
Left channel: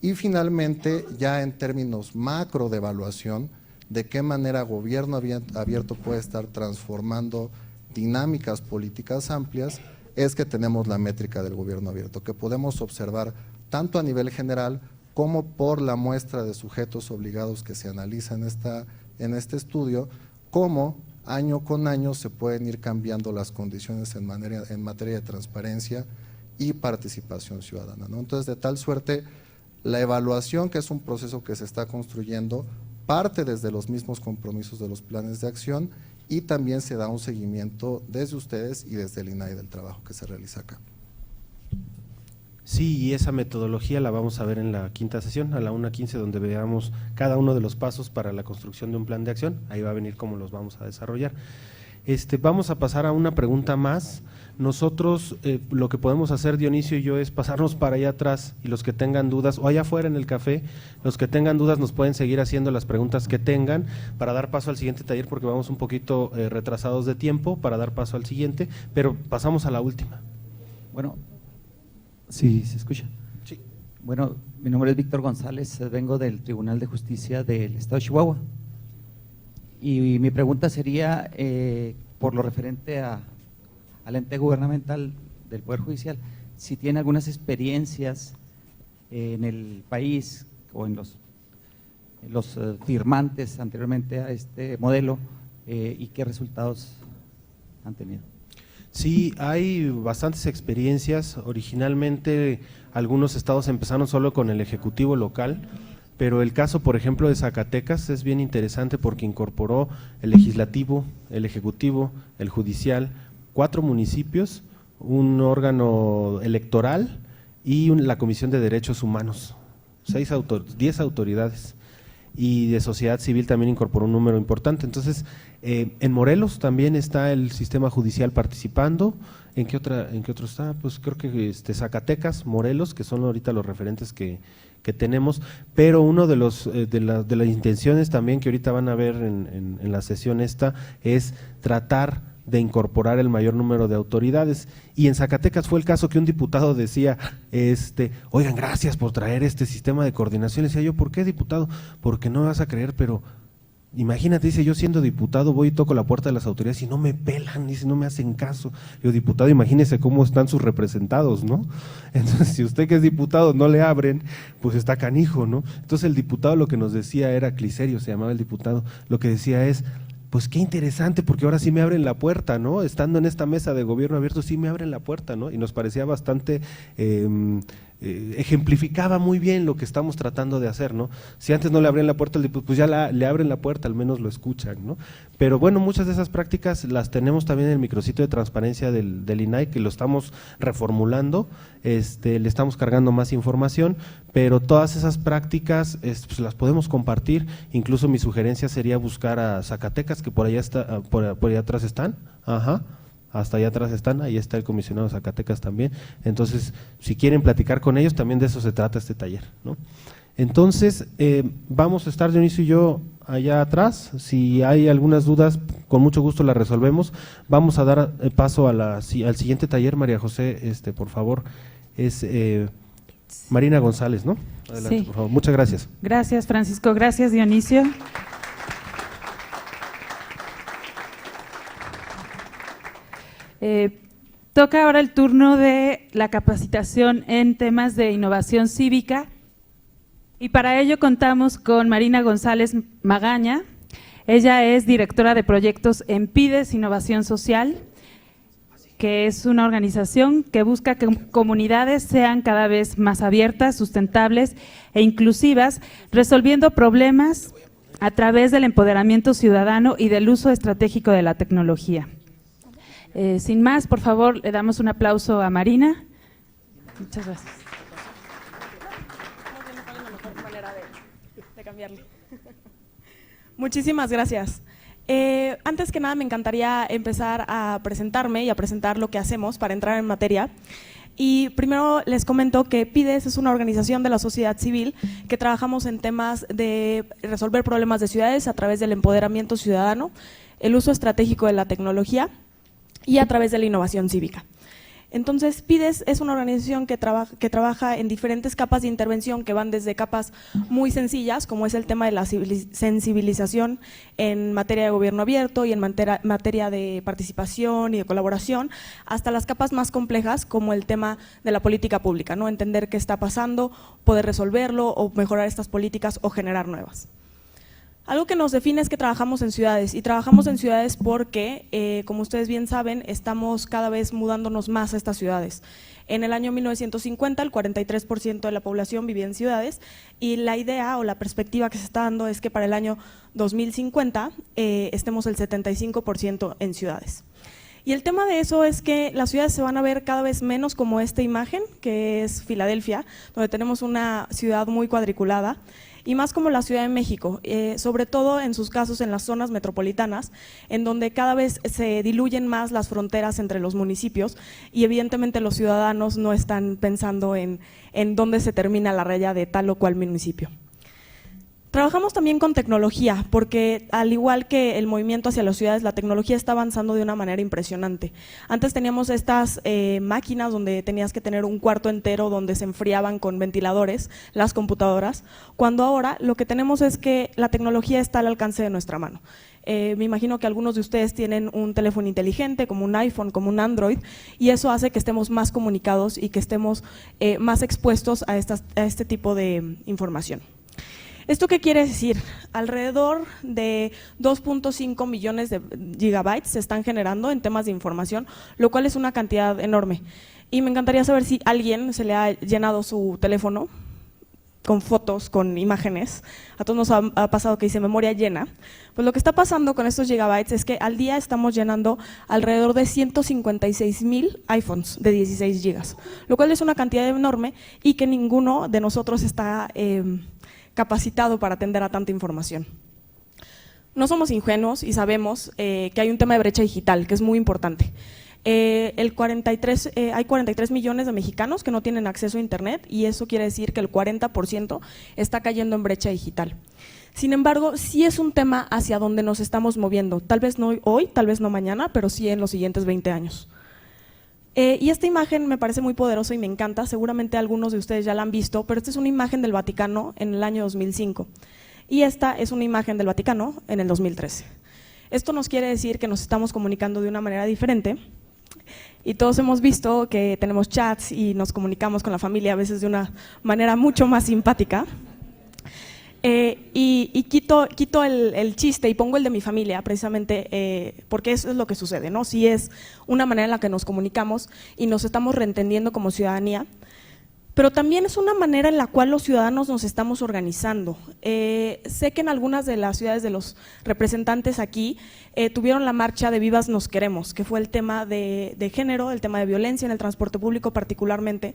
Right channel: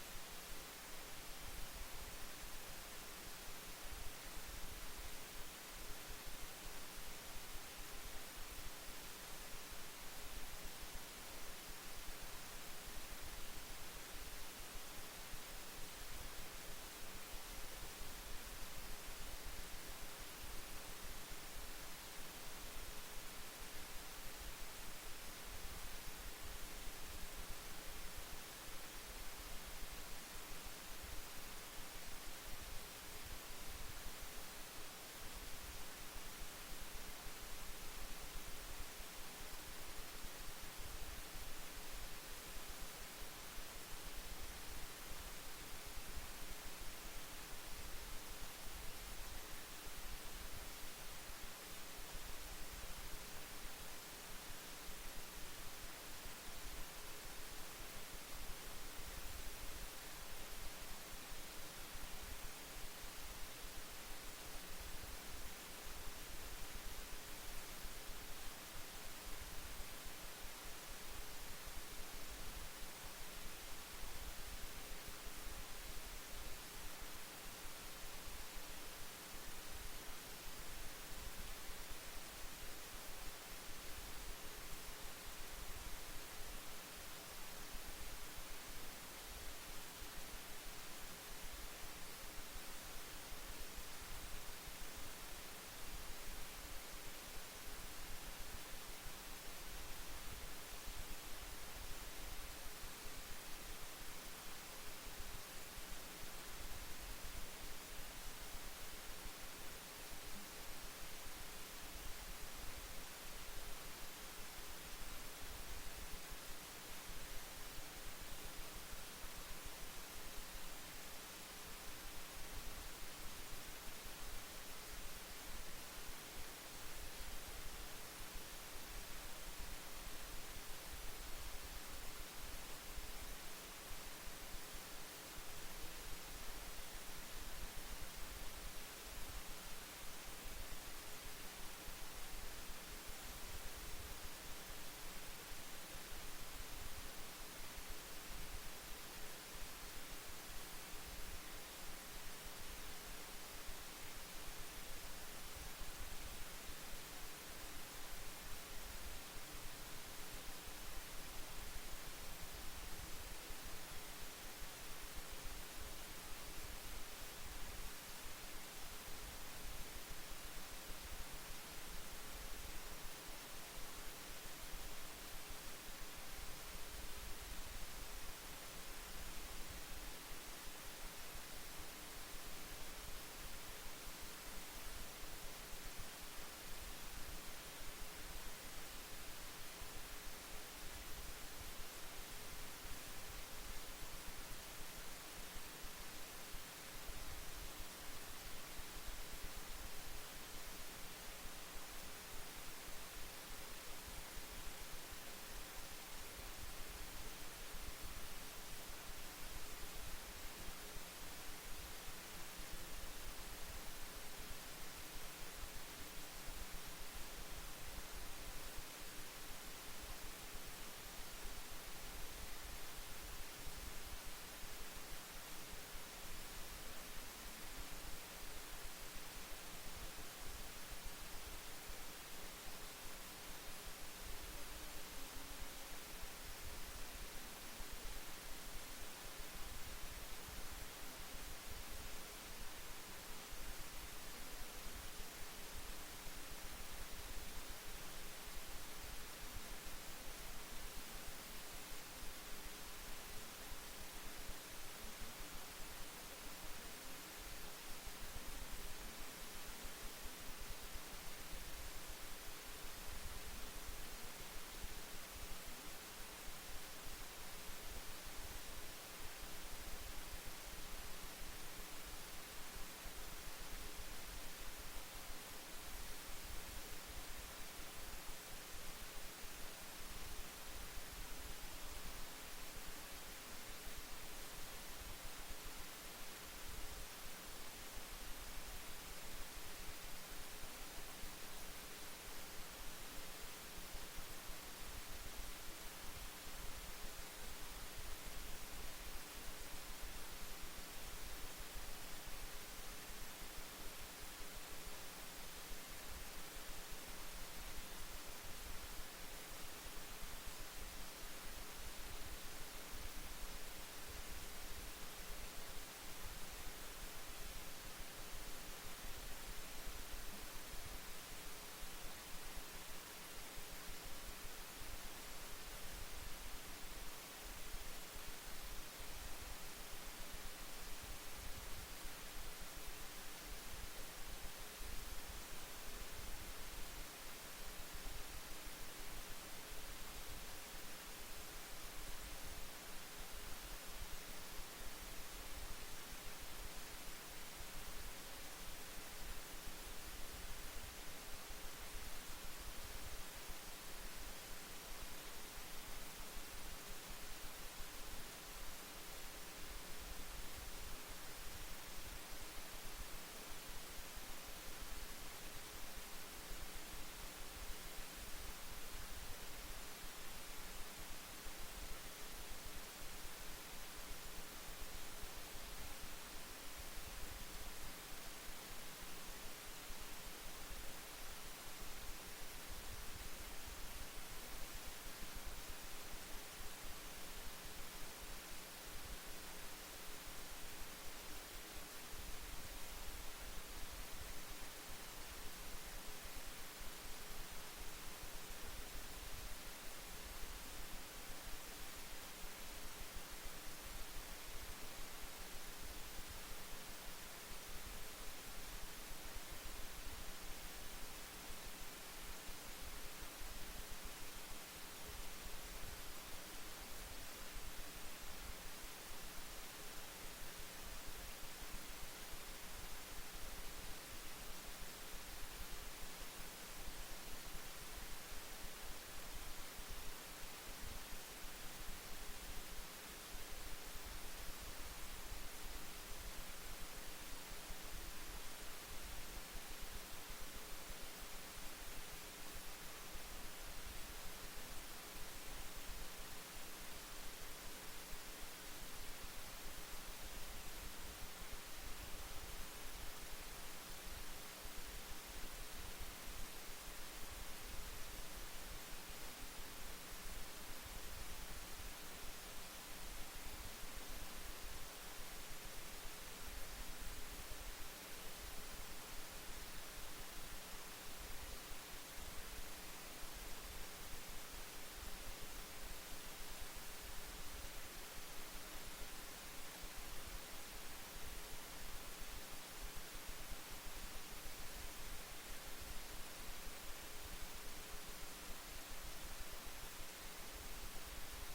Y finalmente, ya en términos macro de evaluación, de qué manera gobierno abierto puede estar transformando dinámicas políticas amplias, es que tenemos la métrica del gobierno abierto, que podemos observar tanto a nivel general como por la muestra de sujetos obligados que se analiza en este estudio, cómo año con año se pueden ir cambiando las condiciones en materia de transparencia y participación ciudadana, ¿no? Entonces, de tal suerte, la evaluación, que es un proceso que se está construyendo, parte desde los mismos compromisos de los planes de acción y también se da un seguimiento desde ustedes y desde el INAI del trabajo que se realiza acá. Sí, y esa metodología la vamos a ver en la 5ª sesión, a la 1:15, donde veamos cada uno de los pasos para la construcción de un plan de acción. Ahí va a venir cómo los vamos a desarrollar. Vamos a pasar a una pregunta más. Nosotros lo que podemos hacer, Dionisio y yo, es pasarnos para allá atrás, y los que tengan dudas, o allá afuera en el café, los que tengan dudas nos pueden seguir haciendo las preguntas que tengan para dar paso al siguiente taller, porque vamos un poquito retrasados de tiempo para dar paso al siguiente, pero pasamos a la última. Bueno, sí, ¿se escucha? Sí. Bueno, mi nombre es Víctor González, vengo del Tribunal de Justicia del Estado de Chihuahua. Y mi pregunta sería, por lo referente al ente gubernamental del Poder Judicial, si tiene algunas experiencias en el país o en los firmantes anteriormente a este modelo y qué resultados han tenido. Sí, hay bastantes experiencias. Originalmente algunos estados empezaron solo con el ejecutivo local, pero el caso, por ejemplo, de Zacatecas es bien interesante porque incorporó el legislativo, el ejecutivo, el judicial, 4 municipios, un órgano electoral y la Comisión de Derechos Humanos, 10 autoridades, y de sociedad civil también incorporó un número importante. Entonces, en Morelos también está el sistema judicial participando. ¿En qué otro está? Pues creo que Zacatecas, Morelos, que son ahorita los referentes que tenemos, pero uno de las intenciones también que ahorita van a ver en la sesión esta es tratar de incorporar el mayor número de autoridades. Y en Zacatecas fue el caso que un diputado decía, oigan, gracias por traer este sistema de coordinación. Decía yo, ¿por qué, diputado? Porque no me vas a creer, pero imagínate, dice, yo siendo diputado voy y toco la puerta de las autoridades y no me pelan, dice, no me hacen caso. Yo, diputado, imagínese cómo están sus representados, ¿no? Entonces, si usted que es diputado no le abren, pues está canijo, ¿no? Entonces el diputado lo que nos decía era, Cliserio se llamaba el diputado, lo que decía es, pues qué interesante, porque ahora sí me abren la puerta, ¿no? Estando en esta mesa de gobierno abierto, sí me abren la puerta, ¿no? Y nos parecía bastante ejemplificaba muy bien lo que estamos tratando de hacer, ¿no? Si antes no le abrían la puerta al diputado, pues ya le abren la puerta, al menos lo escuchan, ¿no? Pero bueno, muchas de esas prácticas las tenemos también en el micrositio de transparencia del INAI, que lo estamos reformulando, le estamos cargando más información, pero todas esas prácticas pues las podemos compartir. Incluso mi sugerencia sería buscar a Zacatecas, que por allá está, por allá atrás están, ajá, hasta allá atrás están, ahí está el comisionado de Zacatecas también. Entonces, si quieren platicar con ellos, también de eso se trata este taller, ¿no? Entonces, vamos a estar Dionisio y yo allá atrás. Si hay algunas dudas, con mucho gusto las resolvemos. Vamos a dar paso al siguiente taller. María José, por favor, es Marina González, ¿no? Adelante, Sí. por favor. Muchas gracias. Gracias, Francisco. Gracias, Dionisio. Toca ahora el turno de la capacitación en temas de innovación cívica, y para ello contamos con Marina González Magaña. Ella es directora de proyectos en PIDES Innovación Social, que es una organización que busca que comunidades sean cada vez más abiertas, sustentables e inclusivas, resolviendo problemas a través del empoderamiento ciudadano y del uso estratégico de la tecnología. Sin más, por favor, le damos un aplauso a Marina. Muchas gracias. Muchísimas gracias. Antes que nada me encantaría empezar a presentarme y a presentar lo que hacemos para entrar en materia. Y primero les comento que PIDES es una organización de la sociedad civil que trabajamos en temas de resolver problemas de ciudades a través del empoderamiento ciudadano, el uso estratégico de la tecnología y a través de la innovación cívica. Entonces, PIDES es una organización que trabaja en diferentes capas de intervención, que van desde capas muy sencillas, como es el tema de la sensibilización en materia de gobierno abierto y en materia de participación y de colaboración, hasta las capas más complejas, como el tema de la política pública, ¿no? Entender qué está pasando, poder resolverlo o mejorar estas políticas o generar nuevas. Algo que nos define es que trabajamos en ciudades, y trabajamos en ciudades porque, como ustedes bien saben, estamos cada vez mudándonos más a estas ciudades. En el año 1950 el 43% de la población vivía en ciudades, y la idea o la perspectiva que se está dando es que para el año 2050 estemos el 75% en ciudades. Y el tema de eso es que las ciudades se van a ver cada vez menos como esta imagen, que es Filadelfia, donde tenemos una ciudad muy cuadriculada, y más como la Ciudad de México, sobre todo en sus casos en las zonas metropolitanas, en donde cada vez se diluyen más las fronteras entre los municipios, y evidentemente los ciudadanos no están pensando en dónde se termina la raya de tal o cual municipio. Trabajamos también con tecnología, porque al igual que el movimiento hacia las ciudades, la tecnología está avanzando de una manera impresionante. Antes teníamos estas máquinas donde tenías que tener un cuarto entero donde se enfriaban con ventiladores las computadoras, cuando ahora lo que tenemos es que la tecnología está al alcance de nuestra mano. Me imagino que algunos de ustedes tienen un teléfono inteligente, como un iPhone, como un Android, y eso hace que estemos más comunicados y que estemos más expuestos a este tipo de información. ¿Esto qué quiere decir? Alrededor de 2.5 millones de gigabytes se están generando en temas de información, lo cual es una cantidad enorme. Y me encantaría saber si a alguien se le ha llenado su teléfono con fotos, con imágenes. A todos nos ha pasado que dice memoria llena. Pues lo que está pasando con estos gigabytes es que al día estamos llenando alrededor de 156,000 iPhones de 16 gigas, lo cual es una cantidad enorme y que ninguno de nosotros está capacitado para atender a tanta información. No somos ingenuos y sabemos que hay un tema de brecha digital que es muy importante. Hay 43 millones de mexicanos que no tienen acceso a internet, y eso quiere decir que el 40% está cayendo en brecha digital. Sin embargo, sí es un tema hacia donde nos estamos moviendo, tal vez no hoy, tal vez no mañana, pero sí en los siguientes 20 años. Y esta imagen me parece muy poderosa y me encanta, seguramente algunos de ustedes ya la han visto, pero esta es una imagen del Vaticano en el año 2005, y esta es una imagen del Vaticano en el 2013. Esto nos quiere decir que nos estamos comunicando de una manera diferente, y todos hemos visto que tenemos chats y nos comunicamos con la familia a veces de una manera mucho más simpática. Y quito el chiste y pongo el de mi familia, precisamente porque eso es lo que sucede, ¿no? Si es una manera en la que nos comunicamos y nos estamos reentendiendo como ciudadanía, pero también es una manera en la cual los ciudadanos nos estamos organizando. Sé que en algunas de las ciudades de los representantes aquí tuvieron la marcha de Vivas Nos Queremos, que fue el tema de género, el tema de violencia en el transporte público particularmente,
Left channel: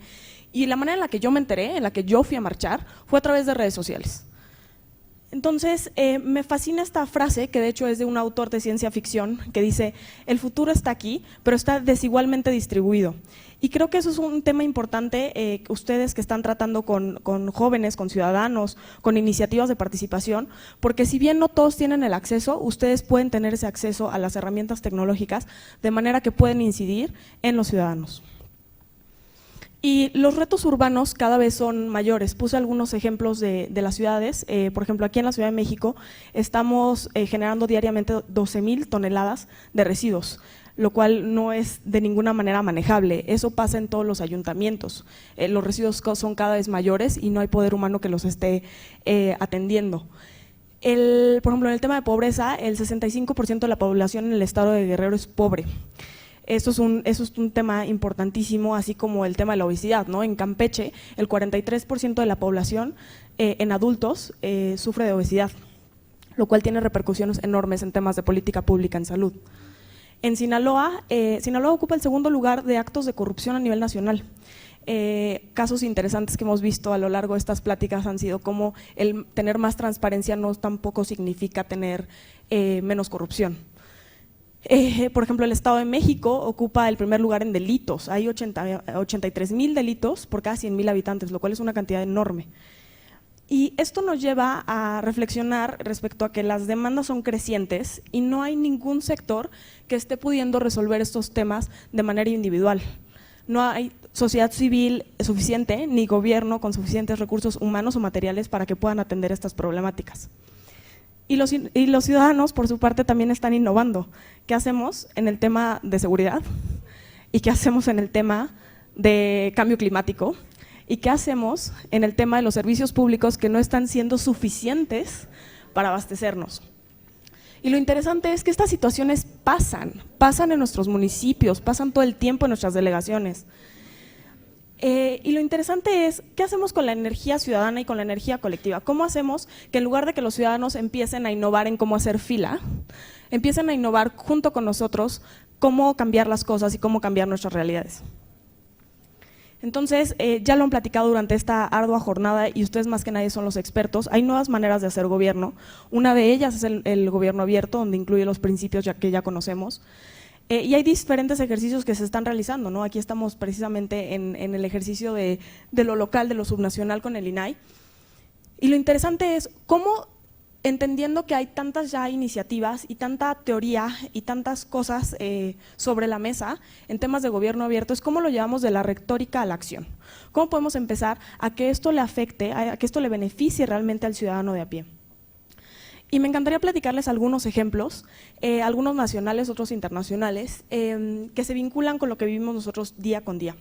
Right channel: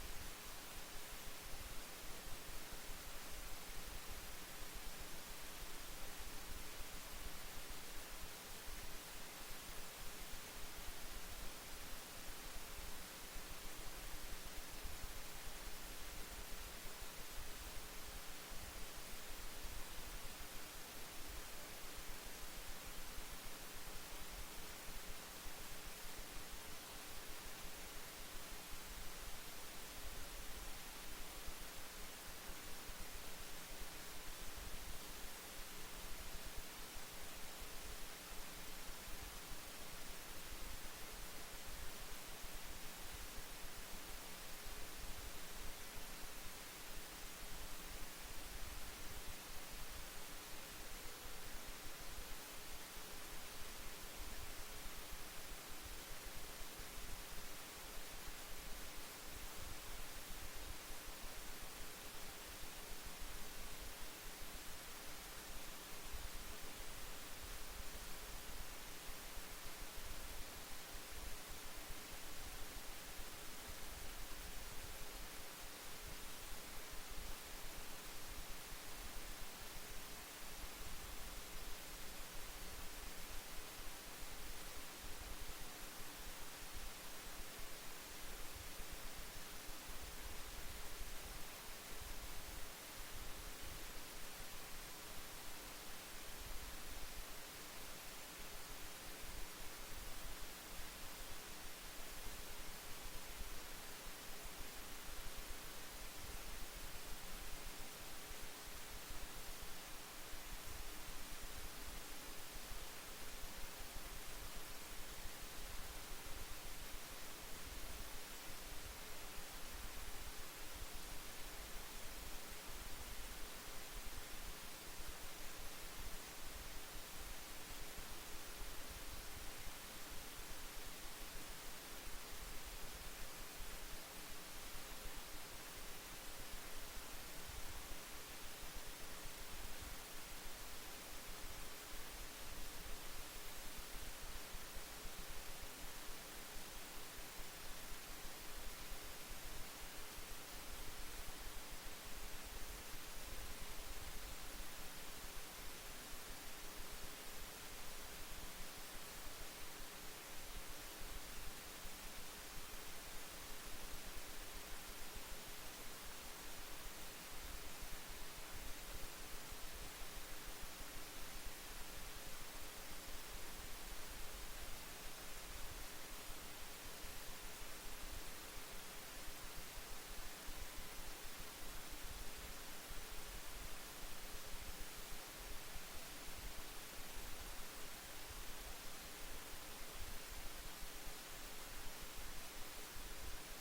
y la manera en la que yo me enteré, en la que yo fui a marchar, fue a través de redes sociales. Entonces, me fascina esta frase, que de hecho es de un autor de ciencia ficción, que dice: el futuro está aquí, pero está desigualmente distribuido. Y creo que eso es un tema importante, ustedes que están tratando con jóvenes, con ciudadanos, con iniciativas de participación, porque si bien no todos tienen el acceso, ustedes pueden tener ese acceso a las herramientas tecnológicas de manera que pueden incidir en los ciudadanos. Y los retos urbanos cada vez son mayores. Puse algunos ejemplos de las ciudades. Por ejemplo, aquí en la Ciudad de México estamos generando diariamente 12,000 toneladas de residuos, lo cual no es de ninguna manera manejable. Eso pasa en todos los ayuntamientos. Los residuos son cada vez mayores y no hay poder humano que los esté atendiendo. Por ejemplo, en el tema de pobreza, el 65% de la población en el estado de Guerrero es pobre. Eso es un tema importantísimo, así como el tema de la obesidad, ¿no? En Campeche, el 43% de la población en adultos sufre de obesidad, lo cual tiene repercusiones enormes en temas de política pública en salud. En Sinaloa, Sinaloa ocupa el segundo lugar de actos de corrupción a nivel nacional. Casos interesantes que hemos visto a lo largo de estas pláticas han sido como el tener más transparencia no tampoco significa tener menos corrupción. Por ejemplo, el Estado de México ocupa el primer lugar en delitos. Hay 83,000 delitos por cada 100,000 habitantes, lo cual es una cantidad enorme. Y esto nos lleva a reflexionar respecto a que las demandas son crecientes y no hay ningún sector que esté pudiendo resolver estos temas de manera individual. No hay sociedad civil suficiente ni gobierno con suficientes recursos humanos o materiales para que puedan atender estas problemáticas. Y los ciudadanos, por su parte, también están innovando. ¿Qué hacemos en el tema de seguridad? ¿Y qué hacemos en el tema de cambio climático? ¿Y qué hacemos en el tema de los servicios públicos que no están siendo suficientes para abastecernos? Y lo interesante es que estas situaciones pasan en nuestros municipios, pasan todo el tiempo en nuestras delegaciones. Y lo interesante es, ¿qué hacemos con la energía ciudadana y con la energía colectiva? ¿Cómo hacemos que en lugar de que los ciudadanos empiecen a innovar en cómo hacer fila, empiecen a innovar junto con nosotros cómo cambiar las cosas y cómo cambiar nuestras realidades? Entonces, ya lo han platicado durante esta ardua jornada y ustedes más que nadie son los expertos. Hay nuevas maneras de hacer gobierno. Una de ellas es el gobierno abierto, donde incluye los principios que ya conocemos. Y hay diferentes ejercicios que se están realizando, ¿no? Aquí estamos precisamente en el ejercicio de lo local, de lo subnacional con el INAI. Y lo interesante es cómo, entendiendo que hay tantas ya iniciativas y tanta teoría y tantas cosas sobre la mesa en temas de gobierno abierto, es cómo lo llevamos de la retórica a la acción. ¿Cómo podemos empezar a que esto le afecte, a que esto le beneficie realmente al ciudadano de a pie? Y me encantaría platicarles algunos ejemplos, algunos nacionales, otros internacionales, que se vinculan con lo que vivimos nosotros día con día.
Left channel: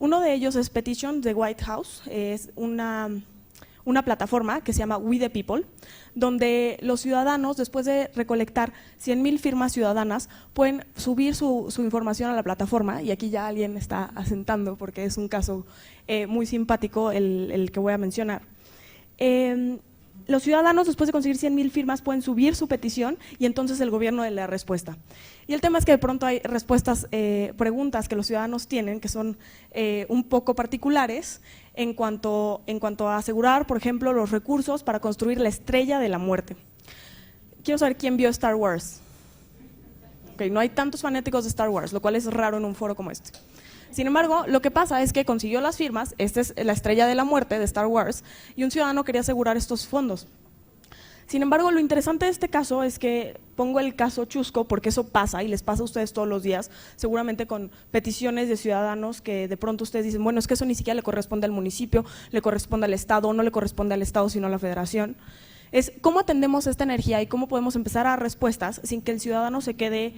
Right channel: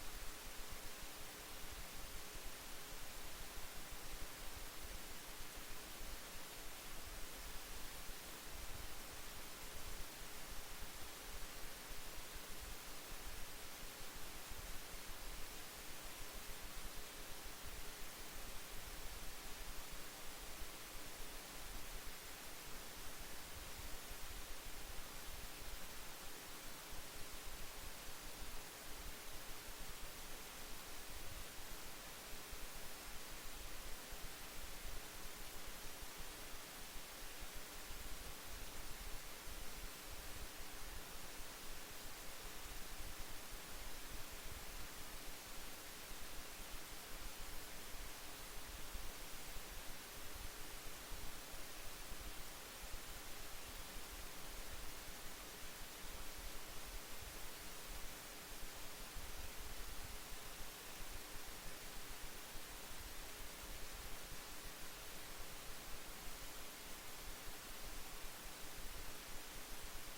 Uno de ellos es Petition de White House, es una plataforma que se llama We the People, donde los ciudadanos, después de recolectar 100,000 firmas ciudadanas, pueden subir su información a la plataforma, y aquí ya alguien está asentando porque es un caso muy simpático el que voy a mencionar. Los ciudadanos, después de conseguir 100,000 firmas, pueden subir su petición y entonces el gobierno le da respuesta. Y el tema es que de pronto hay respuestas, preguntas que los ciudadanos tienen que son un poco particulares en cuanto a asegurar, por ejemplo, los recursos para construir la estrella de la muerte. Quiero saber quién vio Star Wars. Okay, no hay tantos fanáticos de Star Wars, lo cual es raro en un foro como este. Sin embargo, lo que pasa es que consiguió las firmas, esta es la estrella de la muerte de Star Wars, y un ciudadano quería asegurar estos fondos. Sin embargo, lo interesante de este caso es que pongo el caso chusco porque eso pasa y les pasa a ustedes todos los días, seguramente con peticiones de ciudadanos que de pronto ustedes dicen, bueno, es que eso ni siquiera le corresponde al municipio, le corresponde al Estado, no le corresponde al Estado sino a la Federación. Es cómo atendemos esta energía y cómo podemos empezar a dar respuestas sin que el ciudadano se quede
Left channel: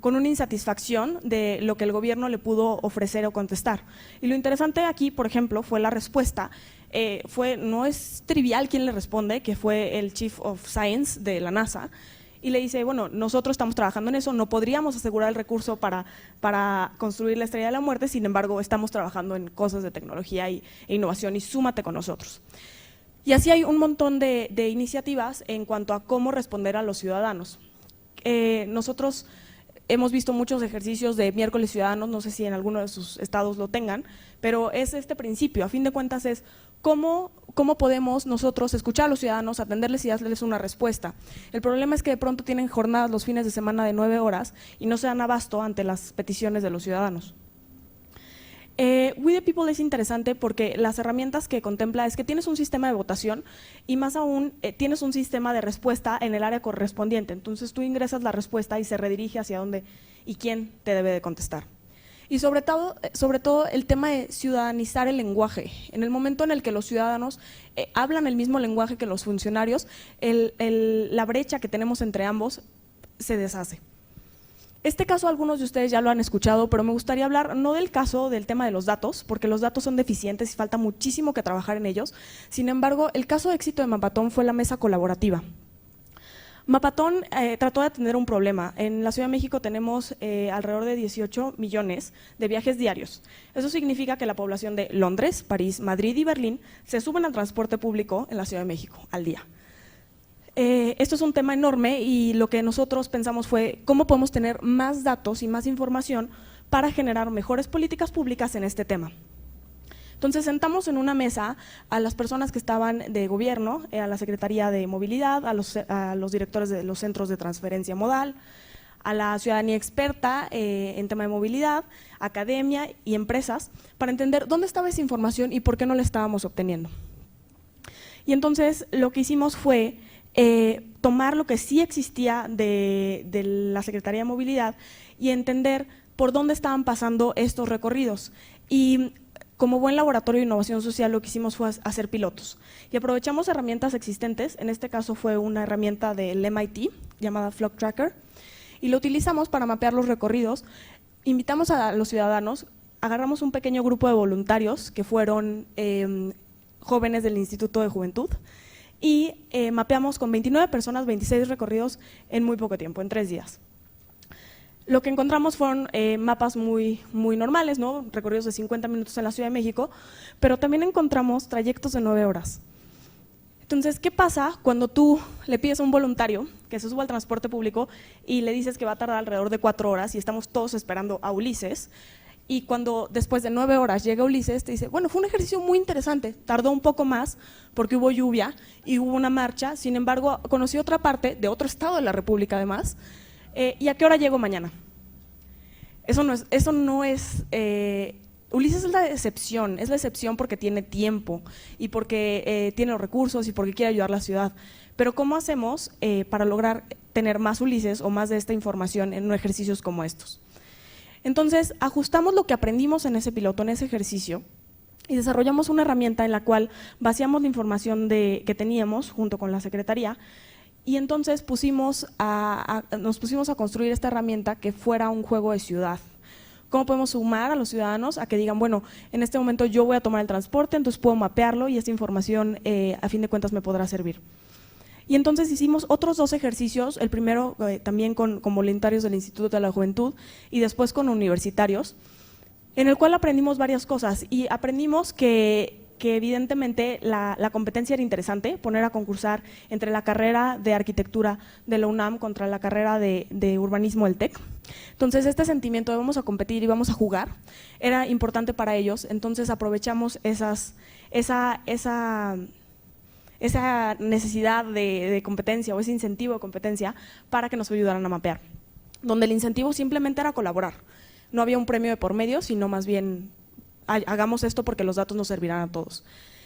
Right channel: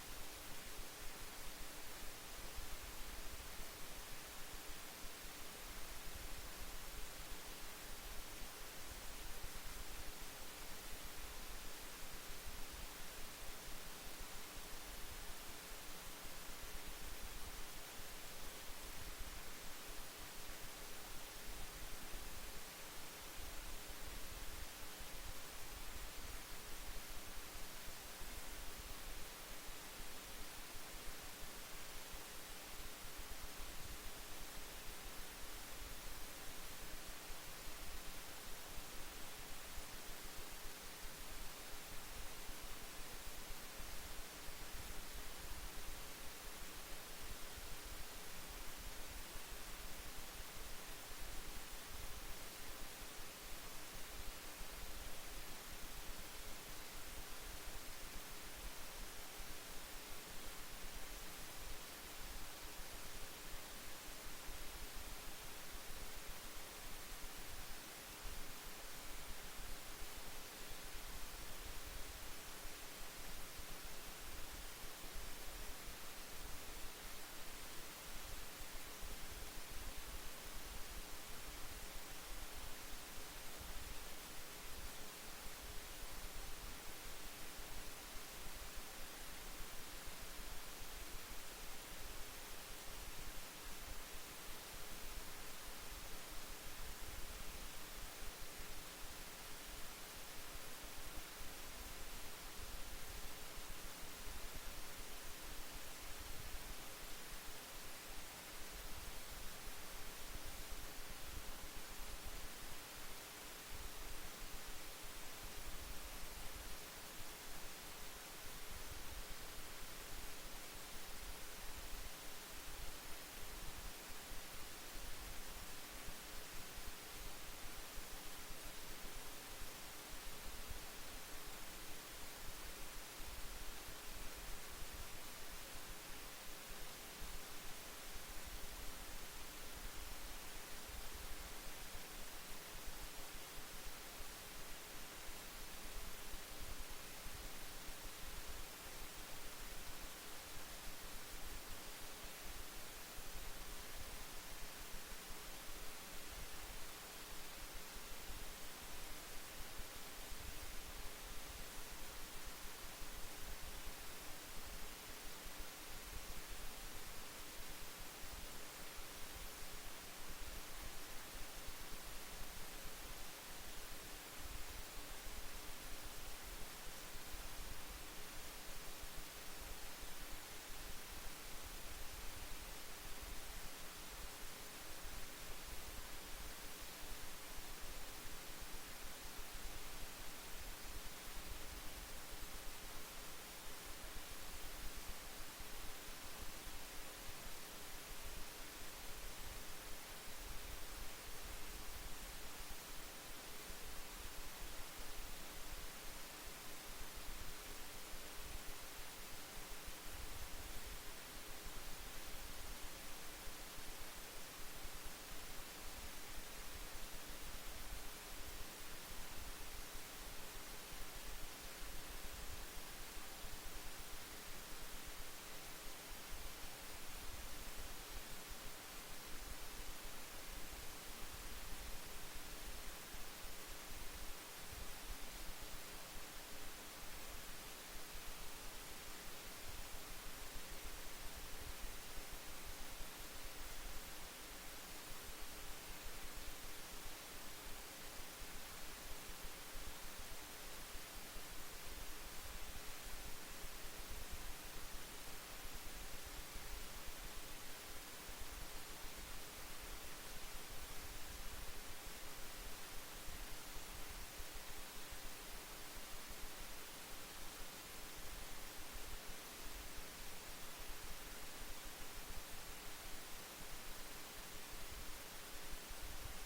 con una insatisfacción de lo que el gobierno le pudo ofrecer o contestar. Y lo interesante aquí, por ejemplo, fue la respuesta. No es trivial quién le responde, que fue el Chief of Science de la NASA, y le dice, bueno, nosotros estamos trabajando en eso, no podríamos asegurar el recurso para construir la Estrella de la Muerte, sin embargo, estamos trabajando en cosas de tecnología e innovación y súmate con nosotros. Y así hay un montón de iniciativas en cuanto a cómo responder a los ciudadanos. Nosotros hemos visto muchos ejercicios de miércoles ciudadanos, no sé si en alguno de sus estados lo tengan, pero es este principio, a fin de cuentas es cómo podemos nosotros escuchar a los ciudadanos, atenderles y darles una respuesta. El problema es que de pronto tienen jornadas los fines de semana de 9 horas y no se dan abasto ante las peticiones de los ciudadanos. We the People es interesante porque las herramientas que contempla es que tienes un sistema de votación y más aún tienes un sistema de respuesta en el área correspondiente. Entonces tú ingresas la respuesta y se redirige hacia dónde y quién te debe de contestar. Y sobre todo el tema de ciudadanizar el lenguaje. En el momento en el que los ciudadanos hablan el mismo lenguaje que los funcionarios, la brecha que tenemos entre ambos se deshace. Este caso algunos de ustedes ya lo han escuchado, pero me gustaría hablar no del caso del tema de los datos, porque los datos son deficientes y falta muchísimo que trabajar en ellos. Sin embargo, el caso de éxito de Mapatón fue la mesa colaborativa. Mapatón trató de atender un problema. En la Ciudad de México tenemos alrededor de 18 millones de viajes diarios. Eso significa que la población de Londres, París, Madrid y Berlín se suben al transporte público en la Ciudad de México al día. Esto es un tema enorme y lo que nosotros pensamos fue cómo podemos tener más datos y más información para generar mejores políticas públicas en este tema. Entonces sentamos en una mesa a las personas que estaban de gobierno, a la Secretaría de Movilidad, a los directores de los centros de transferencia modal, a la ciudadanía experta en tema de movilidad, academia y empresas, para entender dónde estaba esa información y por qué no la estábamos obteniendo. Y entonces lo que hicimos fue tomar lo que sí existía de la Secretaría de Movilidad y entender por dónde estaban pasando estos recorridos. Y como buen laboratorio de innovación social lo que hicimos fue hacer pilotos. Y aprovechamos herramientas existentes, en este caso fue una herramienta del MIT llamada Flock Tracker, y lo utilizamos para mapear los recorridos. Invitamos a los ciudadanos, agarramos un pequeño grupo de voluntarios que fueron jóvenes del Instituto de Juventud, y mapeamos con 29 personas 26 recorridos en muy poco tiempo, en 3 días. Lo que encontramos fueron mapas muy normales, ¿no? Recorridos de 50 minutos en la Ciudad de México, pero también encontramos trayectos de 9 horas. Entonces, ¿qué pasa cuando tú le pides a un voluntario que se suba al transporte público y le dices que va a tardar alrededor de 4 horas y estamos todos esperando a Ulises? Y cuando después de 9 horas llega Ulises, te dice, bueno, fue un ejercicio muy interesante, tardó un poco más porque hubo lluvia y hubo una marcha, sin embargo, conocí otra parte de otro estado de la República además, ¿y a qué hora llego mañana? Eso no es Ulises es la excepción porque tiene tiempo y porque tiene los recursos y porque quiere ayudar a la ciudad. Pero ¿cómo hacemos para lograr tener más Ulises o más de esta información en ejercicios como estos? Entonces, ajustamos lo que aprendimos en ese piloto, en ese ejercicio, y desarrollamos una herramienta en la cual vaciamos la información que teníamos junto con la Secretaría, y entonces nos pusimos a construir esta herramienta que fuera un juego de ciudad. ¿Cómo podemos sumar a los ciudadanos a que digan, bueno, en este momento yo voy a tomar el transporte, entonces puedo mapearlo y esta información a fin de cuentas me podrá servir? Y entonces hicimos otros 2 ejercicios, el primero también con voluntarios del Instituto de la Juventud y después con universitarios, en el cual aprendimos varias cosas y aprendimos que evidentemente la competencia era interesante, poner a concursar entre la carrera de arquitectura de la UNAM contra la carrera de urbanismo del TEC. Entonces este sentimiento de vamos a competir y vamos a jugar era importante para ellos, entonces aprovechamos esa necesidad de competencia o ese incentivo de competencia para que nos ayudaran a mapear, donde el incentivo simplemente era colaborar. No había un premio de por medio, sino más bien hagamos esto porque los datos nos servirán a todos.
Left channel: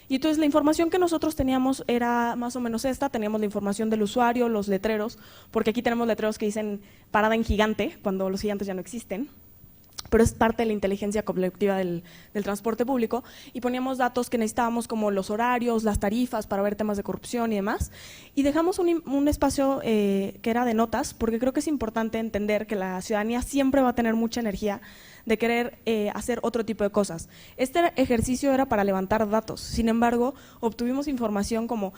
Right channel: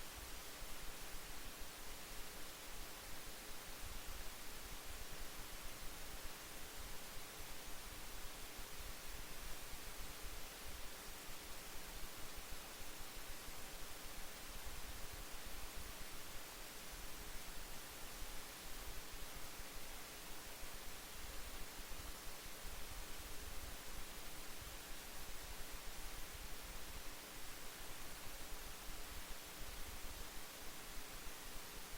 Y entonces la información que nosotros teníamos era más o menos esta, teníamos la información del usuario, los letreros, porque aquí tenemos letreros que dicen parada en gigante, cuando los gigantes ya no existen, pero es parte de la inteligencia colectiva del transporte público, y poníamos datos que necesitábamos como los horarios, las tarifas para ver temas de corrupción y demás, y dejamos un espacio que era de notas, porque creo que es importante entender que la ciudadanía siempre va a tener mucha energía de querer hacer otro tipo de cosas. Este ejercicio era para levantar datos, sin embargo, obtuvimos información como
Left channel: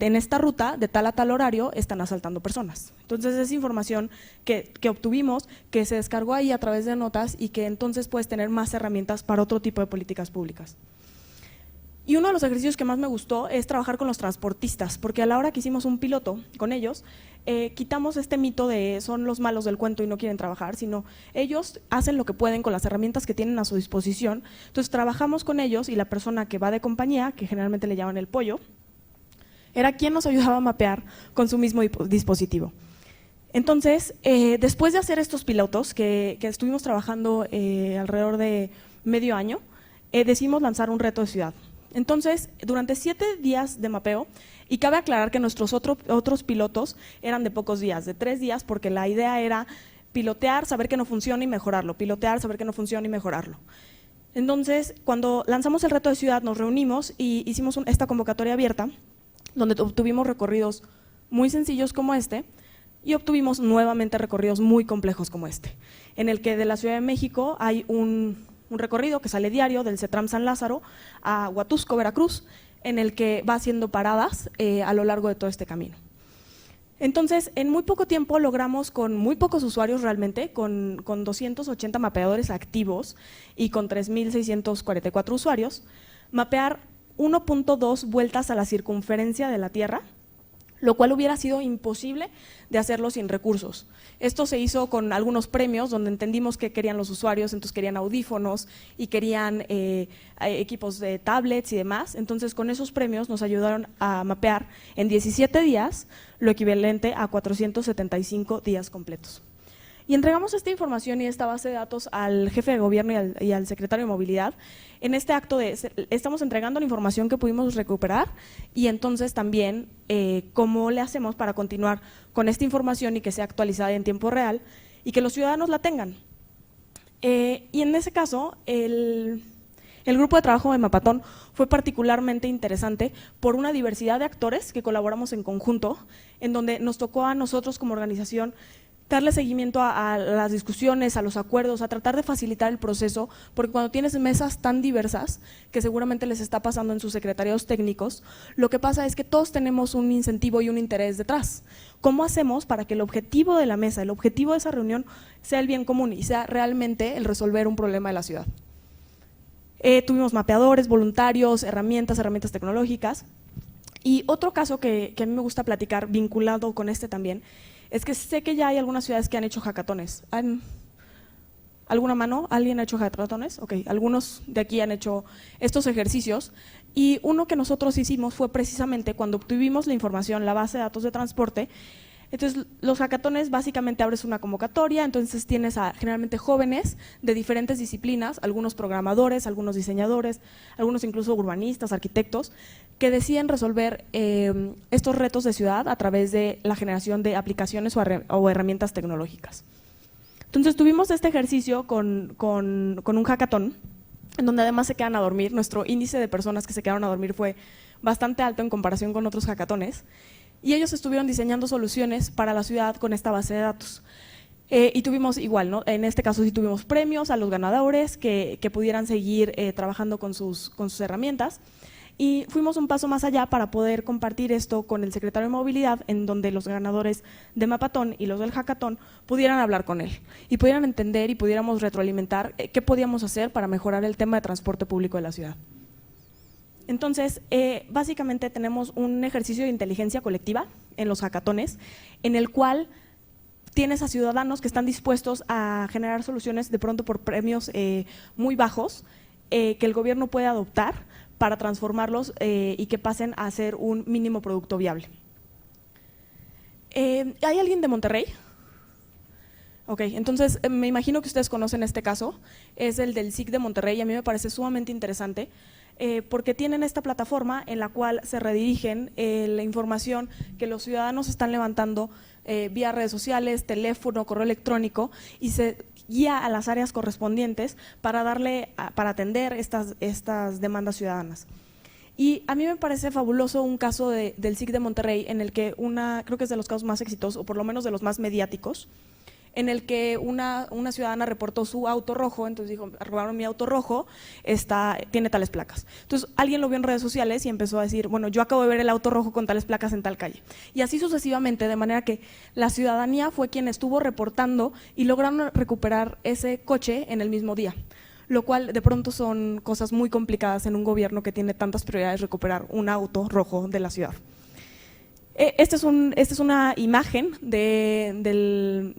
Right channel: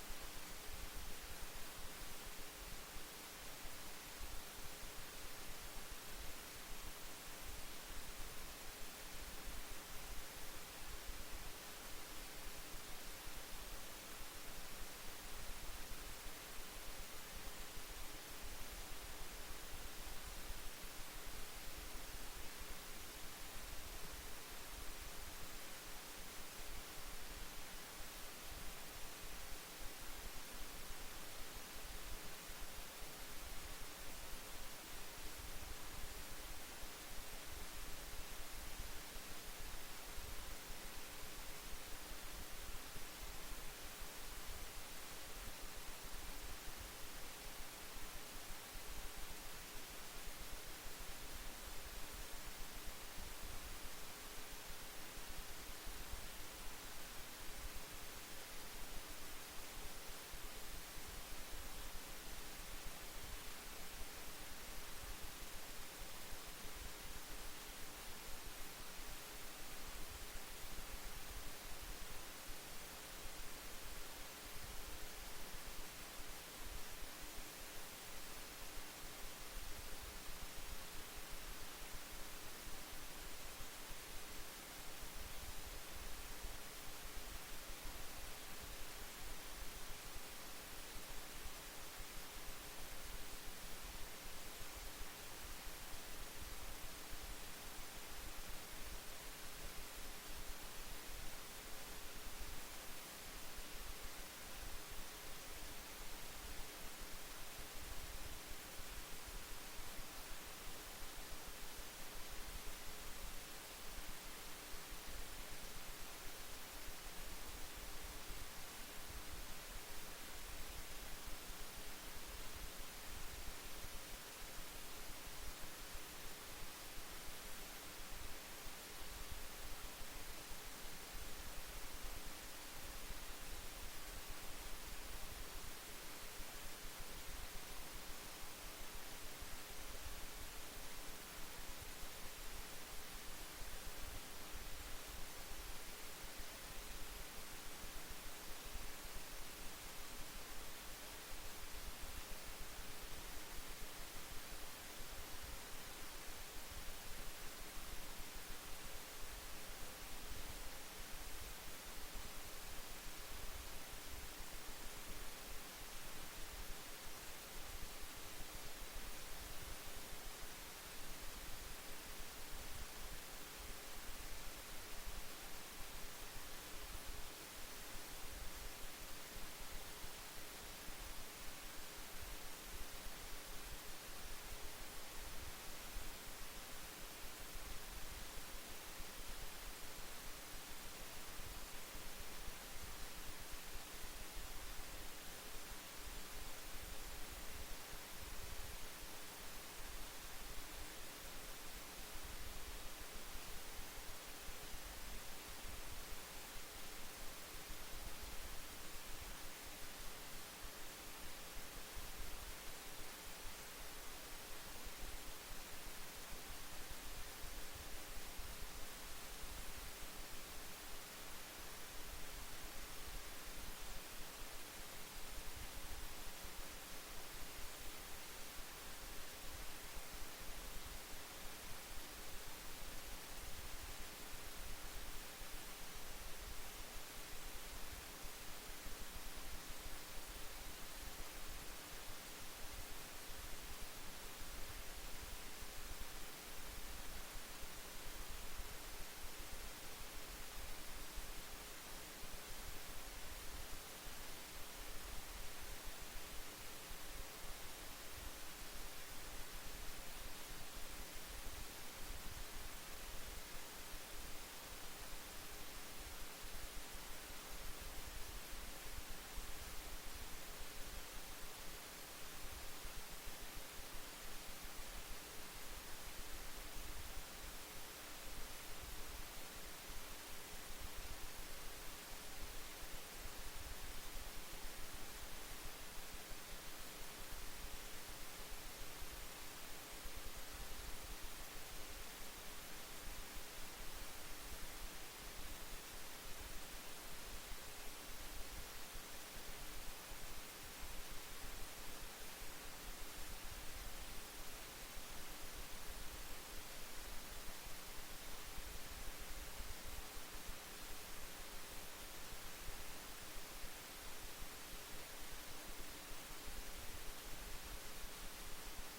en esta ruta, de tal a tal horario, están asaltando personas. Entonces es información que obtuvimos, que se descargó ahí a través de notas y que entonces puedes tener más herramientas para otro tipo de políticas públicas. Y uno de los ejercicios que más me gustó es trabajar con los transportistas, porque a la hora que hicimos un piloto con ellos, quitamos este mito de son los malos del cuento y no quieren trabajar, sino ellos hacen lo que pueden con las herramientas que tienen a su disposición. Entonces trabajamos con ellos y la persona que va de compañía, que generalmente le llaman el pollo, era quien nos ayudaba a mapear con su mismo dispositivo. Entonces, después de hacer estos pilotos, que estuvimos trabajando alrededor de medio año, decidimos lanzar un reto de ciudad. Entonces, durante 7 días de mapeo, y cabe aclarar que nuestros otros pilotos eran de pocos días, de 3 días, porque la idea era pilotear, saber que no funciona y mejorarlo, pilotear, saber que no funciona y mejorarlo. Entonces, cuando lanzamos el reto de ciudad, nos reunimos y hicimos esta convocatoria abierta, donde obtuvimos recorridos muy sencillos como este, y obtuvimos nuevamente recorridos muy complejos como este, en el que de la Ciudad de México hay un recorrido que sale diario del CETRAM San Lázaro a Huatusco, Veracruz, en el que va haciendo paradas a lo largo de todo este camino. Entonces, en muy poco tiempo logramos, con muy pocos usuarios realmente, con 280 mapeadores activos y con 3.644 usuarios, mapear 1.2 vueltas a la circunferencia de la Tierra, lo cual hubiera sido imposible de hacerlo sin recursos. Esto se hizo con algunos premios donde entendimos que querían los usuarios, entonces querían audífonos y querían equipos de tablets y demás. Entonces con esos premios nos ayudaron a mapear en 17 días lo equivalente a 475 días completos. Y entregamos esta información y esta base de datos al jefe de gobierno y al secretario de Movilidad. En este acto estamos entregando la información que pudimos recuperar y entonces también cómo le hacemos para continuar con esta información y que sea actualizada en tiempo real y que los ciudadanos la tengan. Y en ese caso, el grupo de trabajo de Mapatón fue particularmente interesante por una diversidad de actores que colaboramos en conjunto, en donde nos tocó a nosotros como organización darle seguimiento a las discusiones, a los acuerdos, a tratar de facilitar el proceso, porque cuando tienes mesas tan diversas, que seguramente les está pasando en sus secretariados técnicos, lo que pasa es que todos tenemos un incentivo y un interés detrás. ¿Cómo hacemos para que el objetivo de la mesa, el objetivo de esa reunión sea el bien común y sea realmente el resolver un problema de la ciudad? Tuvimos mapeadores, voluntarios, herramientas tecnológicas. Y otro caso que a mí me gusta platicar, vinculado con este también, es que sé que ya hay algunas ciudades que han hecho hackatones. ¿Alguna mano? ¿Alguien ha hecho hackatones? Ok, algunos de aquí han hecho estos ejercicios. Y uno que nosotros hicimos fue precisamente cuando obtuvimos la información, la base de datos de transporte. Entonces, los hackatones básicamente abres una convocatoria, entonces tienes a generalmente jóvenes de diferentes disciplinas, algunos programadores, algunos diseñadores, algunos incluso urbanistas, arquitectos, que deciden resolver estos retos de ciudad a través de la generación de aplicaciones o herramientas tecnológicas. Entonces tuvimos este ejercicio con un hackatón, en donde además se quedan a dormir. Nuestro índice de personas que se quedaron a dormir fue bastante alto en comparación con otros hackatones, y ellos estuvieron diseñando soluciones para la ciudad con esta base de datos. Y tuvimos igual, ¿no? En este caso sí tuvimos premios a los ganadores que pudieran seguir trabajando con sus herramientas. Y fuimos un paso más allá para poder compartir esto con el secretario de Movilidad, en donde los ganadores de Mapatón y los del Hackatón pudieran hablar con él y pudieran entender y pudiéramos retroalimentar qué podíamos hacer para mejorar el tema de transporte público de la ciudad. Entonces, básicamente tenemos un ejercicio de inteligencia colectiva en los hackatones, en el cual tienes a ciudadanos que están dispuestos a generar soluciones de pronto por premios muy bajos que el gobierno puede adoptar para transformarlos y que pasen a ser un mínimo producto viable. ¿Hay alguien de Monterrey? Ok, entonces me imagino que ustedes conocen este caso, es el del SIC de Monterrey, y a mí me parece sumamente interesante porque tienen esta plataforma en la cual se redirigen la información que los ciudadanos están levantando vía redes sociales, teléfono, correo electrónico, y se guía a las áreas correspondientes para atender estas demandas ciudadanas. Y a mí me parece fabuloso un caso del SIC de Monterrey en el que creo que es de los casos más exitosos, o por lo menos de los más mediáticos, en el que una ciudadana reportó su auto rojo, entonces dijo, robaron mi auto rojo, tiene tales placas. Entonces alguien lo vio en redes sociales y empezó a decir, bueno, yo acabo de ver el auto rojo con tales placas en tal calle. Y así sucesivamente, de manera que la ciudadanía fue quien estuvo reportando y lograron recuperar ese coche en el mismo día, lo cual de pronto son cosas muy complicadas en un gobierno que tiene tantas prioridades, recuperar un auto rojo de la ciudad. Esta es una imagen del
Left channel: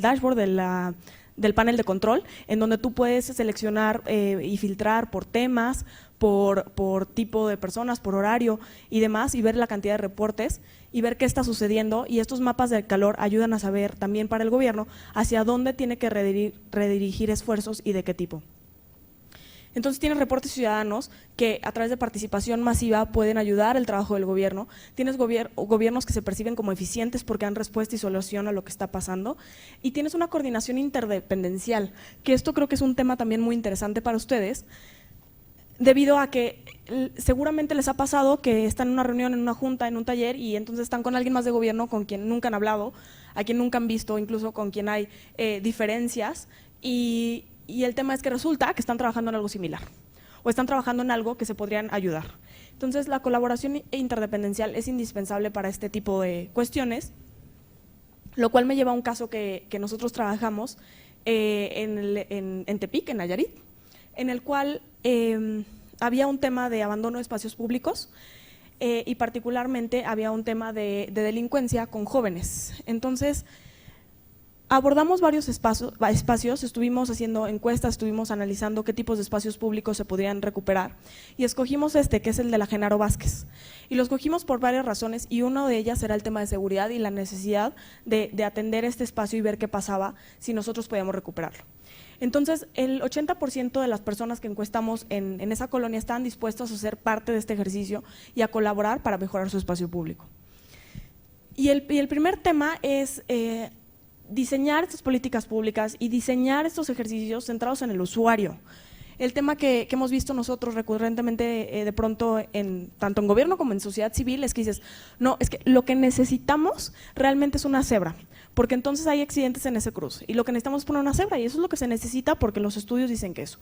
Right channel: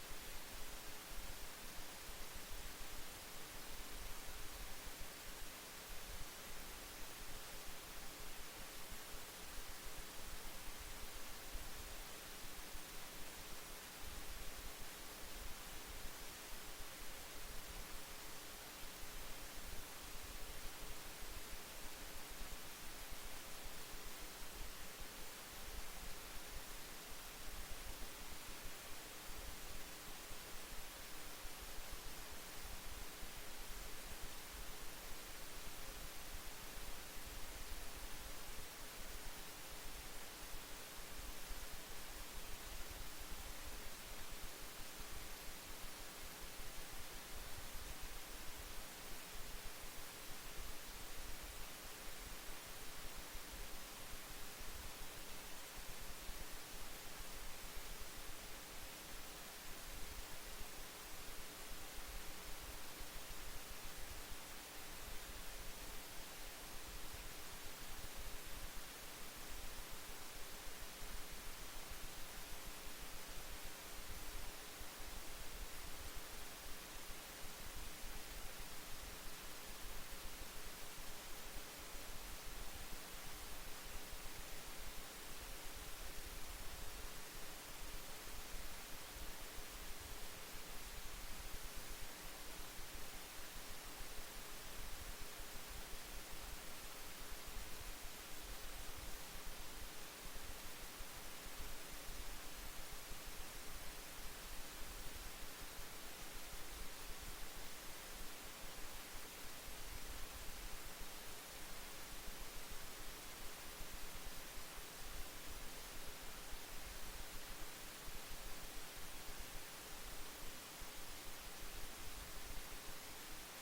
dashboard del panel de control, en donde tú puedes seleccionar y filtrar por temas, por tipo de personas, por horario y demás, y ver la cantidad de reportes y ver qué está sucediendo. Y estos mapas del calor ayudan a saber también para el gobierno hacia dónde tiene que redirigir esfuerzos y de qué tipo. Entonces tienes reportes ciudadanos que a través de participación masiva pueden ayudar el trabajo del gobierno. Tienes gobiernos que se perciben como eficientes porque dan respuesta y solución a lo que está pasando. Y tienes una coordinación interdependencial, que esto creo que es un tema también muy interesante para ustedes, debido a que seguramente les ha pasado que están en una reunión, en una junta, en un taller, y entonces están con alguien más de gobierno con quien nunca han hablado, a quien nunca han visto, incluso con quien hay diferencias, y el tema es que resulta que están trabajando en algo similar o están trabajando en algo que se podrían ayudar. Entonces la colaboración interdependencial es indispensable para este tipo de cuestiones, lo cual me lleva a un caso que nosotros trabajamos en Tepic, en Nayarit, en el cual había un tema de abandono de espacios públicos y particularmente había un tema de delincuencia con jóvenes. Entonces abordamos varios espacios, estuvimos haciendo encuestas, estuvimos analizando qué tipos de espacios públicos se podrían recuperar y escogimos que es el de la Genaro Vázquez. Y lo escogimos por varias razones y una de ellas era el tema de seguridad y la necesidad de atender este espacio y ver qué pasaba si nosotros podíamos recuperarlo. Entonces, el 80% de las personas que encuestamos en esa colonia están dispuestas a ser parte de este ejercicio y a colaborar para mejorar su espacio público. Y el primer tema es diseñar estas políticas públicas y diseñar estos ejercicios centrados en el usuario. El tema que hemos visto nosotros recurrentemente de pronto tanto en gobierno como en sociedad civil es que dices, no, es que lo que necesitamos realmente es una cebra, porque entonces hay accidentes en ese cruce y lo que necesitamos es poner una cebra y eso es lo que se necesita porque los estudios dicen que eso.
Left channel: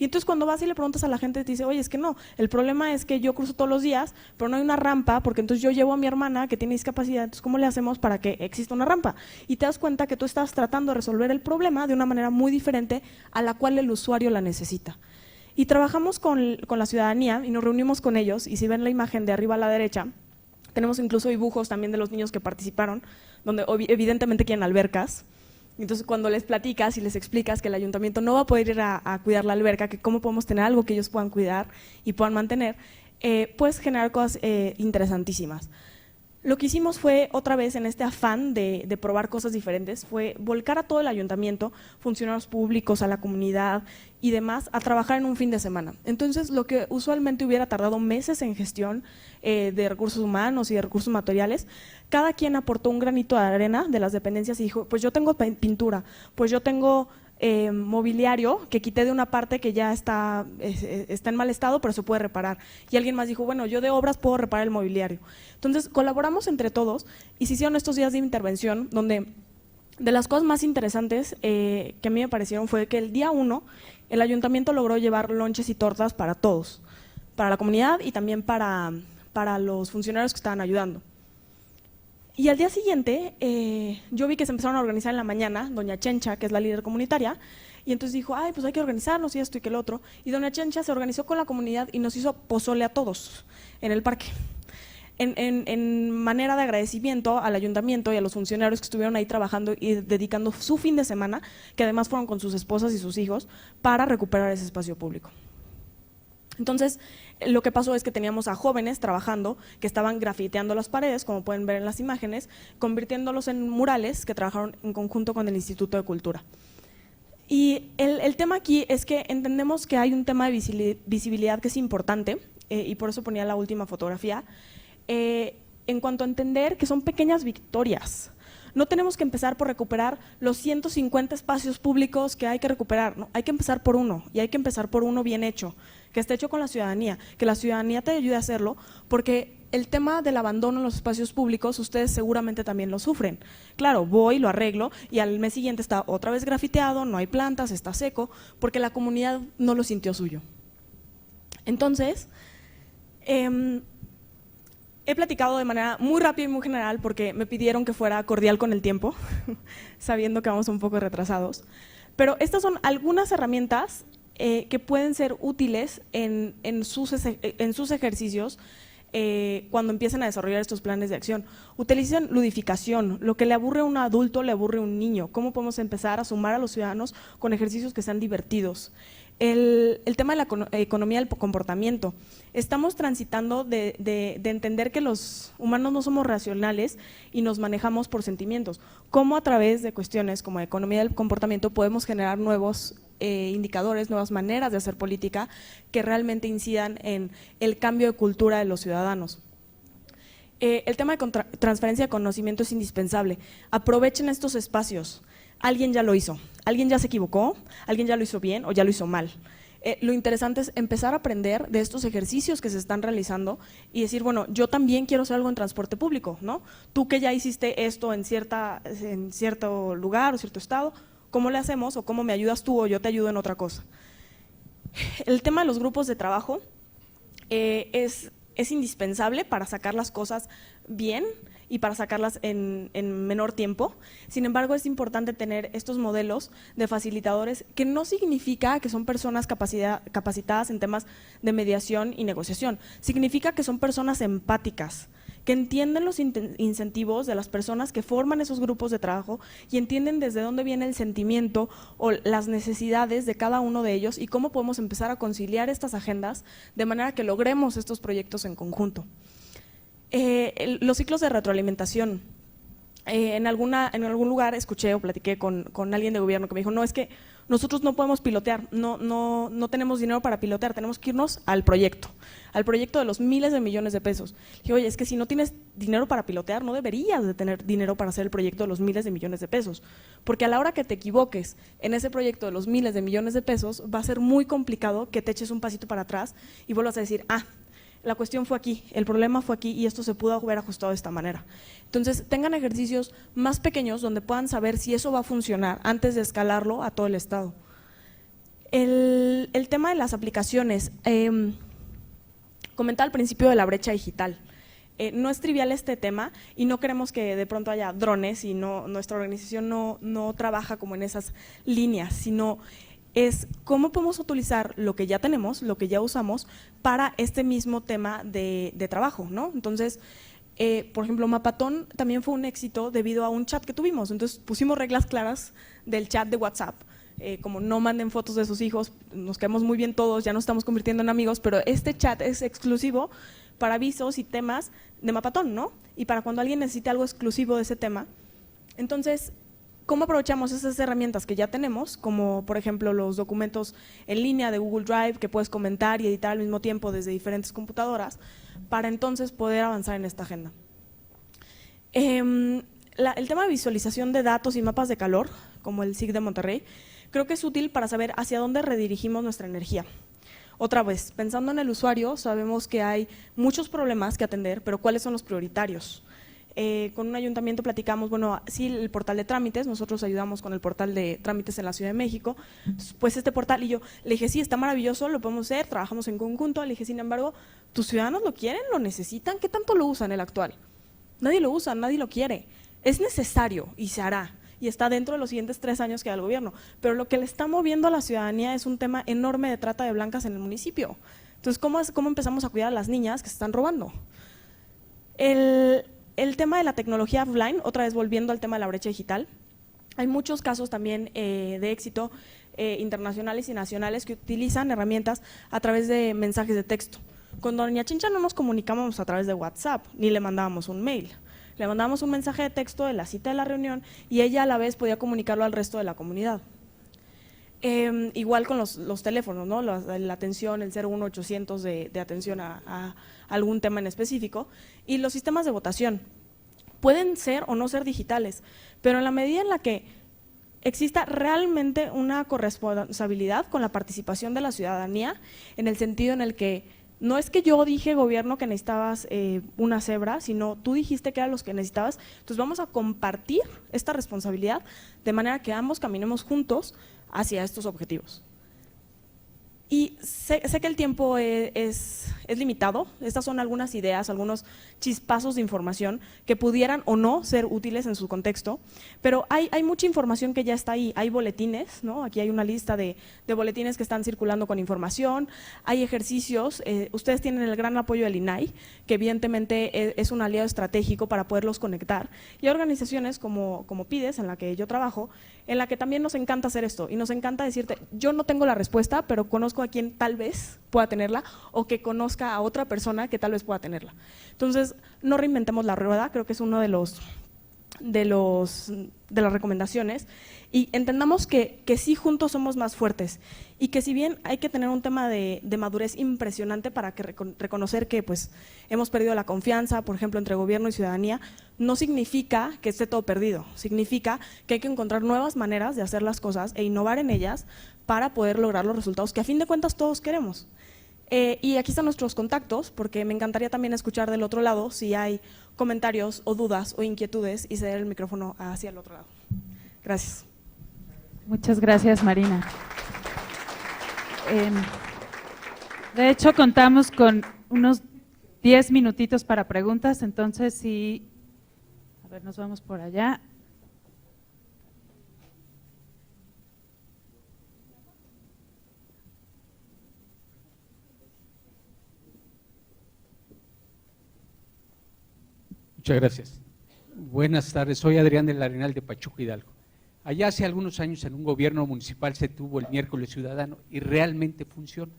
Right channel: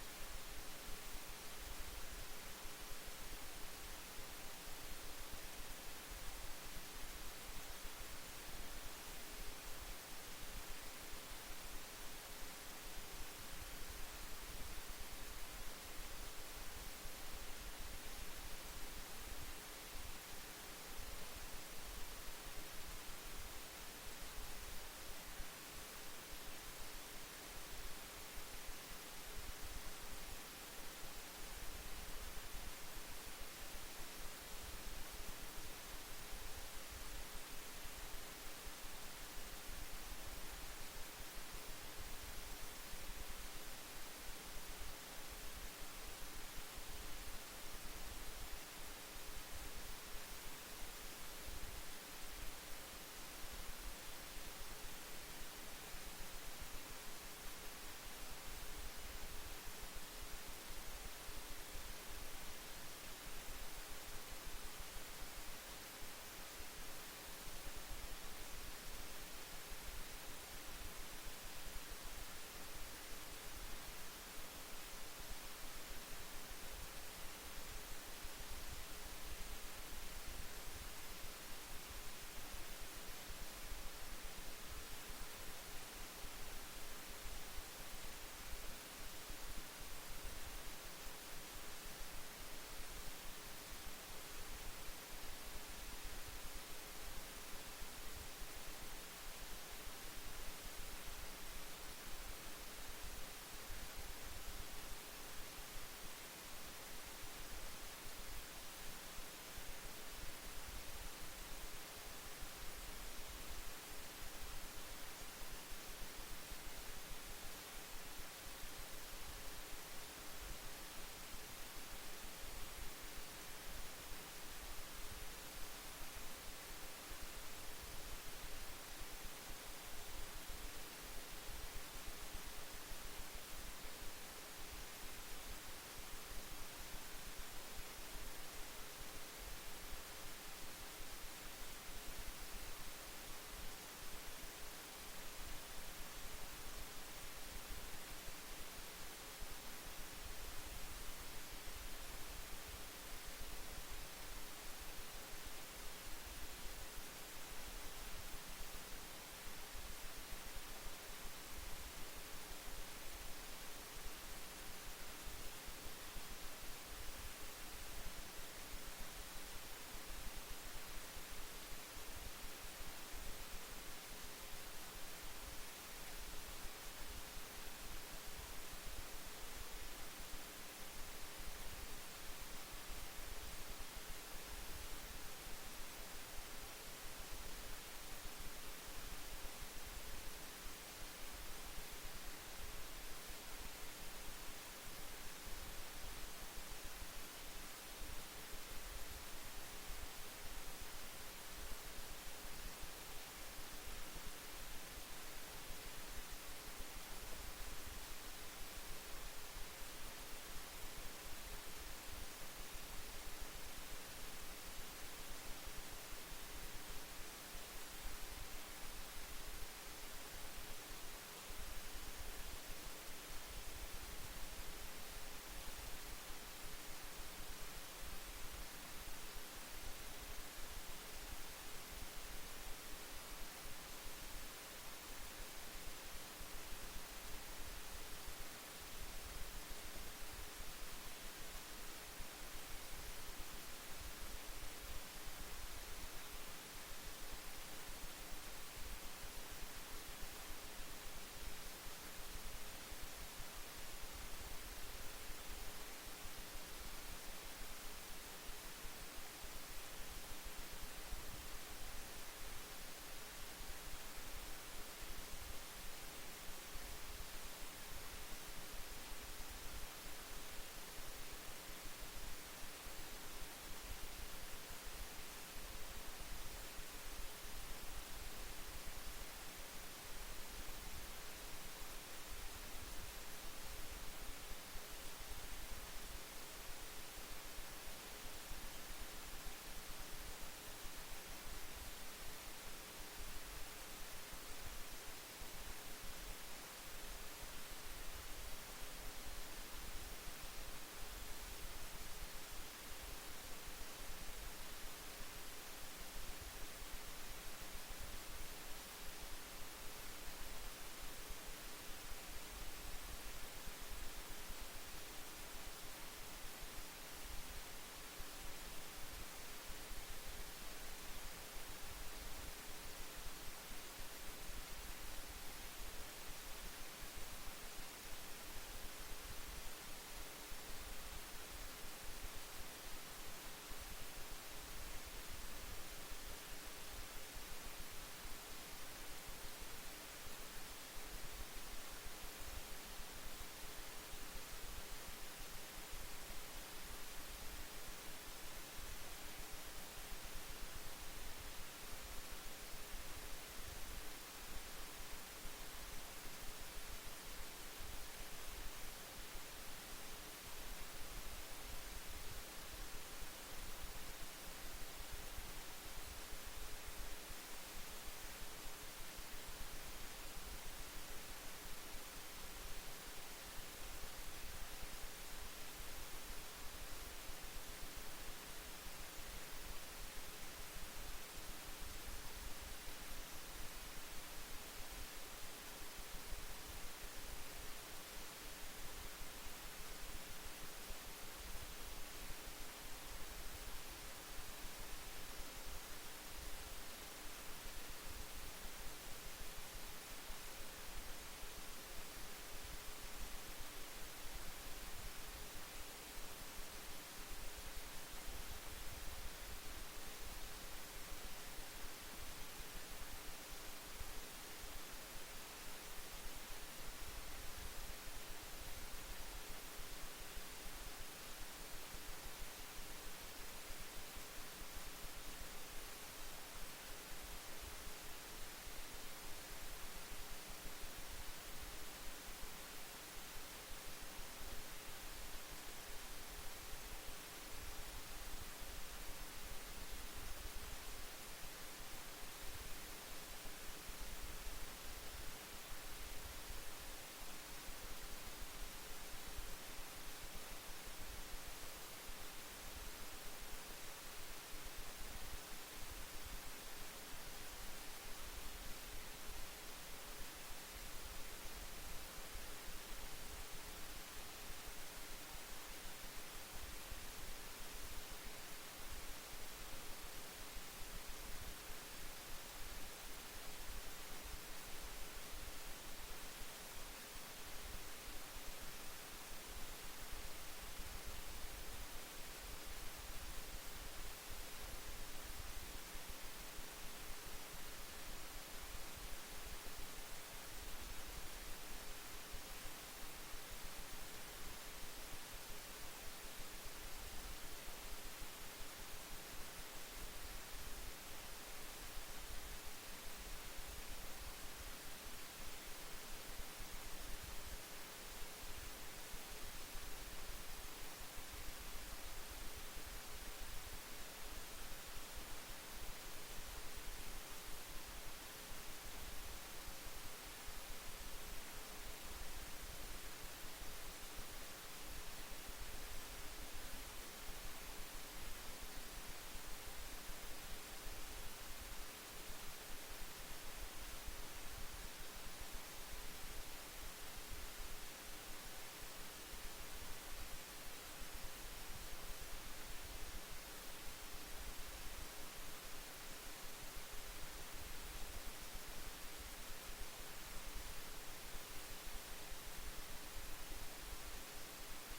Y entonces cuando vas y le preguntas a la gente, te dice, oye, es que no, el problema es que yo cruzo todos los días, pero no hay una rampa, porque entonces yo llevo a mi hermana que tiene discapacidad, entonces ¿cómo le hacemos para que exista una rampa? Y te das cuenta que tú estás tratando de resolver el problema de una manera muy diferente a la cual el usuario la necesita. Y trabajamos con la ciudadanía y nos reunimos con ellos, y si ven la imagen de arriba a la derecha, tenemos incluso dibujos también de los niños que participaron, donde evidentemente quieren albercas. Entonces cuando les platicas y les explicas que el ayuntamiento no va a poder ir a cuidar la alberca, que cómo podemos tener algo que ellos puedan cuidar y puedan mantener, puedes generar cosas interesantísimas. Lo que hicimos fue, otra vez en este afán de probar cosas diferentes, fue volcar a todo el ayuntamiento, funcionarios públicos, a la comunidad y demás, a trabajar en un fin de semana. Entonces lo que usualmente hubiera tardado meses en gestión de recursos humanos y de recursos materiales, cada quien aportó un granito de arena de las dependencias y dijo, pues yo tengo pintura, pues yo tengo mobiliario que quité de una parte que ya está en mal estado, pero se puede reparar. Y alguien más dijo, bueno, yo de obras puedo reparar el mobiliario. Entonces colaboramos entre todos y se hicieron estos días de intervención donde de las cosas más interesantes que a mí me parecieron fue que el día 1 el ayuntamiento logró llevar lonches y tortas para todos, para la comunidad y también para los funcionarios que estaban ayudando. Y al día siguiente, yo vi que se empezaron a organizar en la mañana, doña Chencha, que es la líder comunitaria, y entonces dijo, ay, pues hay que organizarnos y esto y que el otro. Y doña Chencha se organizó con la comunidad y nos hizo pozole a todos en el parque, en manera de agradecimiento al ayuntamiento y a los funcionarios que estuvieron ahí trabajando y dedicando su fin de semana, que además fueron con sus esposas y sus hijos, para recuperar ese espacio público. Entonces, lo que pasó es que teníamos a jóvenes trabajando que estaban grafiteando las paredes, como pueden ver en las imágenes, convirtiéndolos en murales que trabajaron en conjunto con el Instituto de Cultura. Y el tema aquí es que entendemos que hay un tema de visibilidad que es importante, y por eso ponía la última fotografía, en cuanto a entender que son pequeñas victorias. No tenemos que empezar por recuperar los 150 espacios públicos que hay que recuperar, ¿no? Hay que empezar por uno, y hay que empezar por uno bien hecho, que esté hecho con la ciudadanía, que la ciudadanía te ayude a hacerlo, porque el tema del abandono en los espacios públicos, ustedes seguramente también lo sufren. Claro, voy, lo arreglo y al mes siguiente está otra vez grafiteado, no hay plantas, está seco, porque la comunidad no lo sintió suyo. Entonces, he platicado de manera muy rápida y muy general porque me pidieron que fuera cordial con el tiempo, sabiendo que vamos un poco retrasados. Pero estas son algunas herramientas que pueden ser útiles en sus ejercicios cuando empiecen a desarrollar estos planes de acción. Utilicen ludificación, lo que le aburre a un adulto le aburre a un niño. ¿Cómo podemos empezar a sumar a los ciudadanos con ejercicios que sean divertidos? El tema de la economía del comportamiento. Estamos transitando de entender que los humanos no somos racionales y nos manejamos por sentimientos. ¿Cómo a través de cuestiones como economía del comportamiento podemos generar nuevos indicadores, nuevas maneras de hacer política que realmente incidan en el cambio de cultura de los ciudadanos? El tema de transferencia de conocimiento es indispensable. Aprovechen estos espacios. Alguien ya lo hizo, alguien ya se equivocó, alguien ya lo hizo bien o ya lo hizo mal. Lo interesante es empezar a aprender de estos ejercicios que se están realizando y decir, bueno, yo también quiero hacer algo en transporte público, ¿no? Tú que ya hiciste esto en cierto lugar o cierto estado, ¿cómo le hacemos o cómo me ayudas tú o yo te ayudo en otra cosa? El tema de los grupos de trabajo es indispensable para sacar las cosas bien y para sacarlas en menor tiempo. Sin embargo, es importante tener estos modelos de facilitadores que no significa que son personas capacitadas en temas de mediación y negociación, significa que son personas empáticas, que entienden los incentivos de las personas que forman esos grupos de trabajo y entienden desde dónde viene el sentimiento o las necesidades de cada uno de ellos y cómo podemos empezar a conciliar estas agendas de manera que logremos estos proyectos en conjunto. Los ciclos de retroalimentación. En algún lugar escuché o platiqué con alguien de gobierno que me dijo, no, es que nosotros no podemos pilotear, no tenemos dinero para pilotear, tenemos que irnos al proyecto de los miles de millones de pesos. Y oye, es que si no tienes dinero para pilotear, no deberías de tener dinero para hacer el proyecto de los miles de millones de pesos, porque a la hora que te equivoques en ese proyecto de los miles de millones de pesos, va a ser muy complicado que te eches un pasito para atrás y vuelvas a decir, la cuestión fue aquí, el problema fue aquí y esto se pudo haber ajustado de esta manera. Entonces, tengan ejercicios más pequeños donde puedan saber si eso va a funcionar antes de escalarlo a todo el estado. El tema de las aplicaciones, comentaba al principio de la brecha digital. No es trivial este tema y no queremos que de pronto haya drones y nuestra organización no trabaja como en esas líneas, sino es cómo podemos utilizar lo que ya tenemos, lo que ya usamos para este mismo tema de trabajo, ¿no? Entonces, por ejemplo, Mapatón también fue un éxito debido a un chat que tuvimos, entonces pusimos reglas claras del chat de WhatsApp, como no manden fotos de sus hijos, nos quedamos muy bien todos, ya nos estamos convirtiendo en amigos, pero este chat es exclusivo para avisos y temas de Mapatón, ¿no? Y para cuando alguien necesite algo exclusivo de ese tema. Entonces, ¿cómo aprovechamos esas herramientas que ya tenemos, como por ejemplo los documentos en línea de Google Drive que puedes comentar y editar al mismo tiempo desde diferentes computadoras, para entonces poder avanzar en esta agenda? El tema de visualización de datos y mapas de calor, como el SIG de Monterrey, creo que es útil para saber hacia dónde redirigimos nuestra energía. Otra vez, pensando en el usuario, sabemos que hay muchos problemas que atender, pero ¿cuáles son los prioritarios? Con un ayuntamiento platicamos, bueno, sí, el portal de trámites, nosotros ayudamos con el portal de trámites en la Ciudad de México, pues este portal, y yo le dije, sí, está maravilloso, lo podemos hacer, trabajamos en conjunto, le dije, sin embargo, ¿tus ciudadanos lo quieren, lo necesitan? ¿Qué tanto lo usan el actual? Nadie lo usa, nadie lo quiere. Es necesario y se hará, y está dentro de los siguientes 3 años que da el gobierno, pero lo que le está moviendo a la ciudadanía es un tema enorme de trata de blancas en el municipio. Entonces, ¿cómo empezamos a cuidar a las niñas que se están robando? El tema de la tecnología offline, otra vez volviendo al tema de la brecha digital, hay muchos casos también de éxito internacionales y nacionales que utilizan herramientas a través de mensajes de texto. Con doña Chincha no nos comunicábamos a través de WhatsApp, ni le mandábamos un mail. Le mandábamos un mensaje de texto de la cita de la reunión y ella a la vez podía comunicarlo al resto de la comunidad. Igual con los teléfonos, ¿no? La atención, el 01800 de atención a algún tema en específico. Y los sistemas de votación pueden ser o no ser digitales, pero en la medida en la que exista realmente una corresponsabilidad con la participación de la ciudadanía, en el sentido en el que no es que yo dije, gobierno, que necesitabas una cebra, sino tú dijiste que eran los que necesitabas, entonces vamos a compartir esta responsabilidad de manera que ambos caminemos juntos hacia estos objetivos. Y sé que el tiempo es limitado, estas son algunas ideas, algunos chispazos de información que pudieran o no ser útiles en su contexto, pero hay mucha información que ya está ahí, hay boletines, ¿no? Aquí hay una lista de boletines que están circulando con información, hay ejercicios, ustedes tienen el gran apoyo del INAI, que evidentemente es un aliado estratégico para poderlos conectar, y hay organizaciones como PIDES, en la que yo trabajo, en la que también nos encanta hacer esto y nos encanta decirte, yo no tengo la respuesta, pero conozco a quien tal vez pueda tenerla o que conozca a otra persona que tal vez pueda tenerla. Entonces, no reinventemos la rueda, creo que es uno de las recomendaciones, y entendamos que sí juntos somos más fuertes y que si bien hay que tener un tema de madurez impresionante para que reconocer que pues hemos perdido la confianza, por ejemplo, entre gobierno y ciudadanía, no significa que esté todo perdido, significa que hay que encontrar nuevas maneras de hacer las cosas e innovar en ellas para poder lograr los resultados que a fin de cuentas todos queremos. Y aquí están nuestros contactos, porque me encantaría también escuchar del otro lado si hay comentarios o dudas o inquietudes y ceder el micrófono hacia el otro lado. Gracias. Muchas gracias, Marina. De hecho, contamos con unos 10 minutitos para preguntas, entonces sí, a ver, nos vamos por allá. Muchas gracias. Buenas tardes, soy Adrián del Arenal de Pachuca, Hidalgo. Allá hace algunos años en un gobierno municipal se tuvo el miércoles ciudadano y realmente funciona,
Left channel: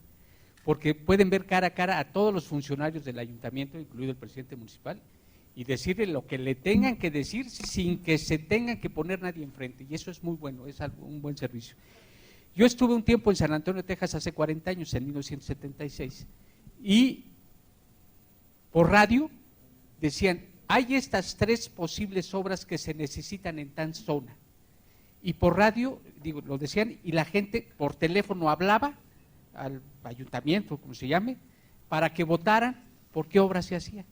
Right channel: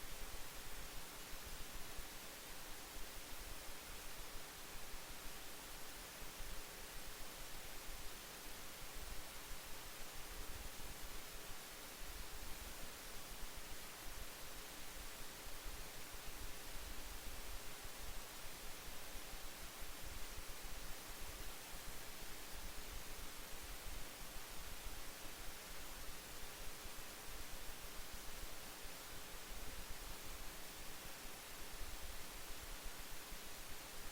porque pueden ver cara a cara a todos los funcionarios del ayuntamiento, incluido el presidente municipal, y decirle lo que le tengan que decir sin que se tengan que poner nadie enfrente, y eso es muy bueno, es un buen servicio. Yo estuve un tiempo en San Antonio, Texas, hace 40 años, en 1976, y por radio decían, hay estas 3 posibles obras que se necesitan en tal zona, y por radio, lo decían, y la gente por teléfono hablaba al ayuntamiento, como se llame, para que votaran por qué obras se hacían.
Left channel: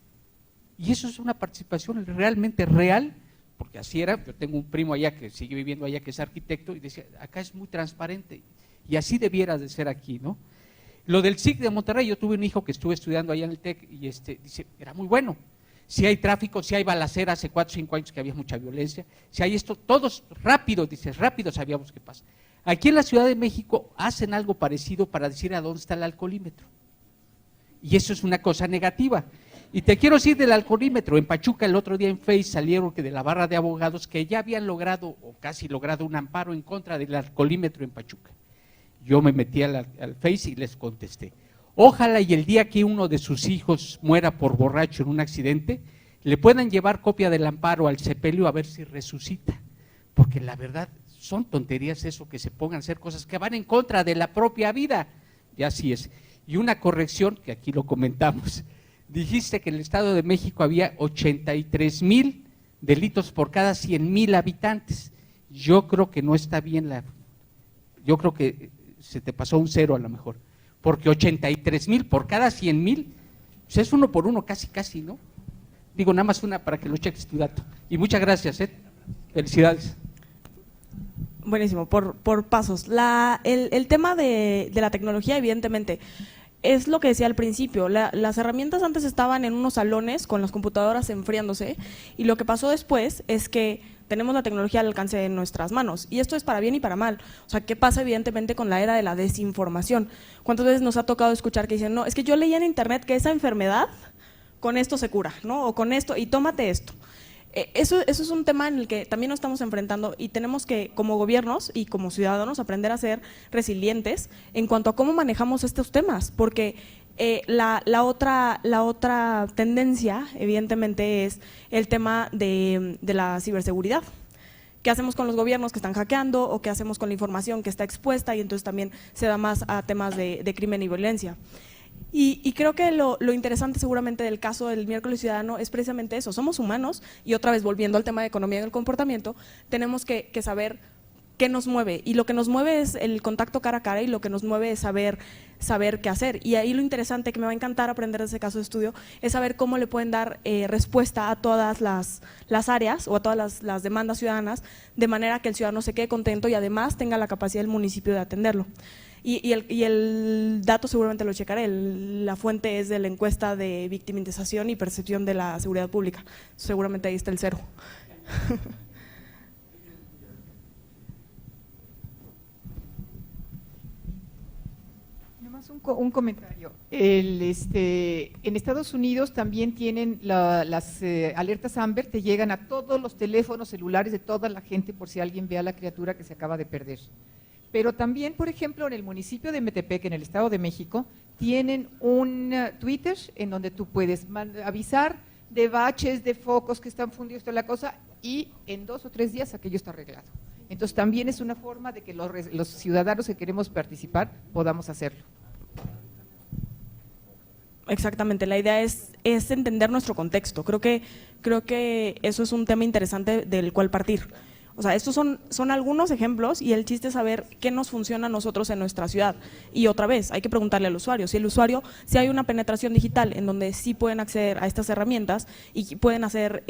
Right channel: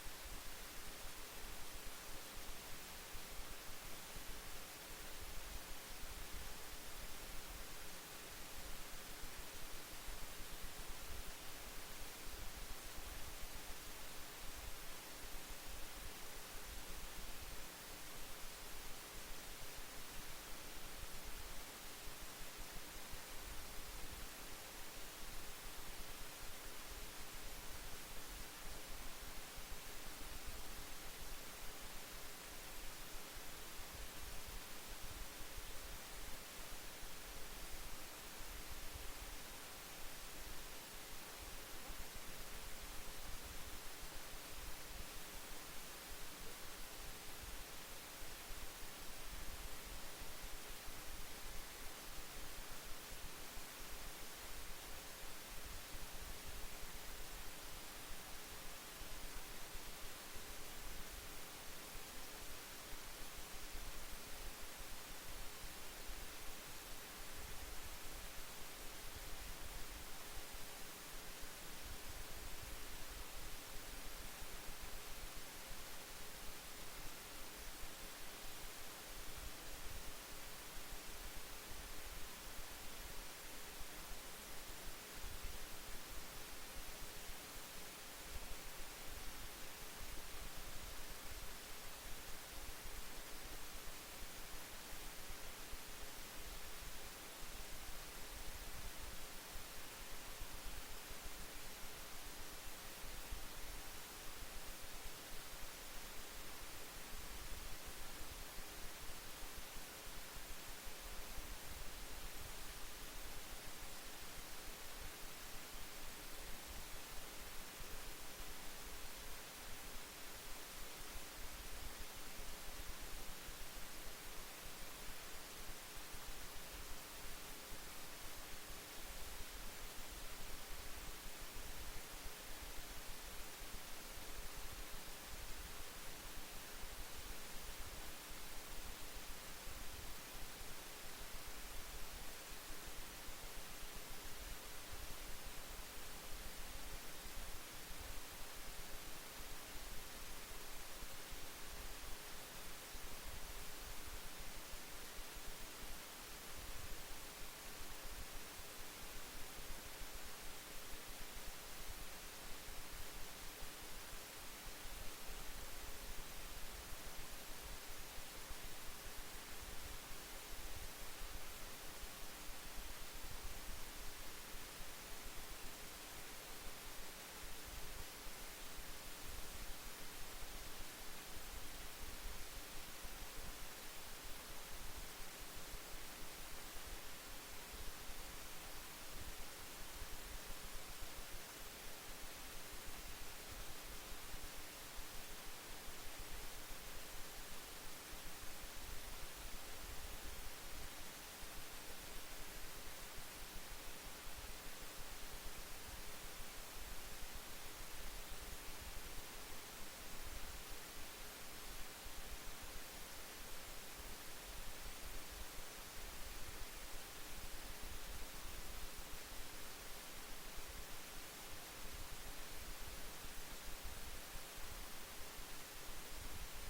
Y eso es una participación realmente real, porque así era. Yo tengo un primo allá que sigue viviendo allá, que es arquitecto, y decía, acá es muy transparente, y así debiera de ser aquí, ¿no? Lo del SIC de Monterrey, yo tuve un hijo que estuve estudiando allá en el TEC, y dice, era muy bueno. Si hay tráfico, si hay balacera, hace 4 o 5 años que había mucha violencia, si hay esto, todos rápido, dices, rápido sabíamos qué pasa. Aquí en la Ciudad de México hacen algo parecido para decir a dónde está el alcoholímetro. Y eso es una cosa negativa. Y te quiero decir del alcoholímetro. En Pachuca el otro día en Face salieron que de la barra de abogados que ya habían logrado, o casi logrado, un amparo en contra del alcoholímetro en Pachuca. Yo me metí al Face y les contesté. Ojalá y el día que uno de sus hijos muera por borracho en un accidente, le puedan llevar copia del amparo al sepelio a ver si resucita. Porque la verdad, son tonterías eso, que se pongan a hacer cosas que van en contra de la propia vida. Y así es. Y una corrección, que aquí lo comentamos. Dijiste que en el Estado de México había 83,000 delitos por cada 100,000 habitantes. Yo creo que no está bien yo creo que se te pasó un 0 a lo mejor. Porque 83,000 por cada 100,000, pues es 1 por 1, casi, ¿no? Digo, nada más una para que lo cheques tu dato. Y muchas gracias, felicidades. Buenísimo, por pasos. El tema de la tecnología, evidentemente, es lo que decía al principio. Las herramientas antes estaban en unos salones con las computadoras enfriándose, y lo que pasó después es que tenemos la tecnología al alcance de nuestras manos, y esto es para bien y para mal. O sea, ¿qué pasa evidentemente con la era de la desinformación? ¿Cuántas veces nos ha tocado escuchar que dicen, no, es que yo leí en internet que esa enfermedad con esto se cura, ¿no? O con esto, y tómate esto. Eso es un tema en el que también nos estamos enfrentando, y tenemos que, como gobiernos y como ciudadanos, aprender a ser resilientes en cuanto a cómo manejamos estos temas, porque la otra tendencia, evidentemente, es el tema de la ciberseguridad. ¿Qué hacemos con los gobiernos que están hackeando, o qué hacemos con la información que está expuesta, y entonces también se da más a temas de crimen y violencia? Y creo que lo interesante seguramente del caso del miércoles ciudadano es precisamente eso. Somos humanos, y otra vez volviendo al tema de economía del comportamiento, tenemos que saber qué nos mueve, y lo que nos mueve es el contacto cara a cara, y lo que nos mueve es saber saber qué hacer. Y ahí lo interesante, que me va a encantar aprender de ese caso de estudio, es saber cómo le pueden dar respuesta a todas las áreas o a todas las demandas ciudadanas, de manera que el ciudadano se quede contento y además tenga la capacidad del municipio de atenderlo. Y el dato seguramente lo checaré, la fuente es de la encuesta de victimización y percepción de la seguridad pública, seguramente ahí está el cero. Un comentario. En Estados Unidos también tienen las alertas Amber, te llegan a todos los teléfonos celulares de toda la gente por si alguien ve a la criatura que se acaba de perder. Pero también, por ejemplo, en el municipio de Metepec, en el Estado de México, tienen un Twitter en donde tú puedes avisar de baches, de focos que están fundidos, toda la cosa, y en 2 o 3 días aquello está arreglado. Entonces también es una forma de que los ciudadanos que queremos participar podamos hacerlo. Exactamente, la idea es entender nuestro contexto. Creo que eso es un tema interesante del cual partir. O sea, estos son algunos ejemplos y el chiste es saber qué nos funciona a nosotros en nuestra ciudad. Y otra vez, hay que preguntarle al usuario. Si hay una penetración digital en donde sí pueden acceder a estas herramientas y pueden hacer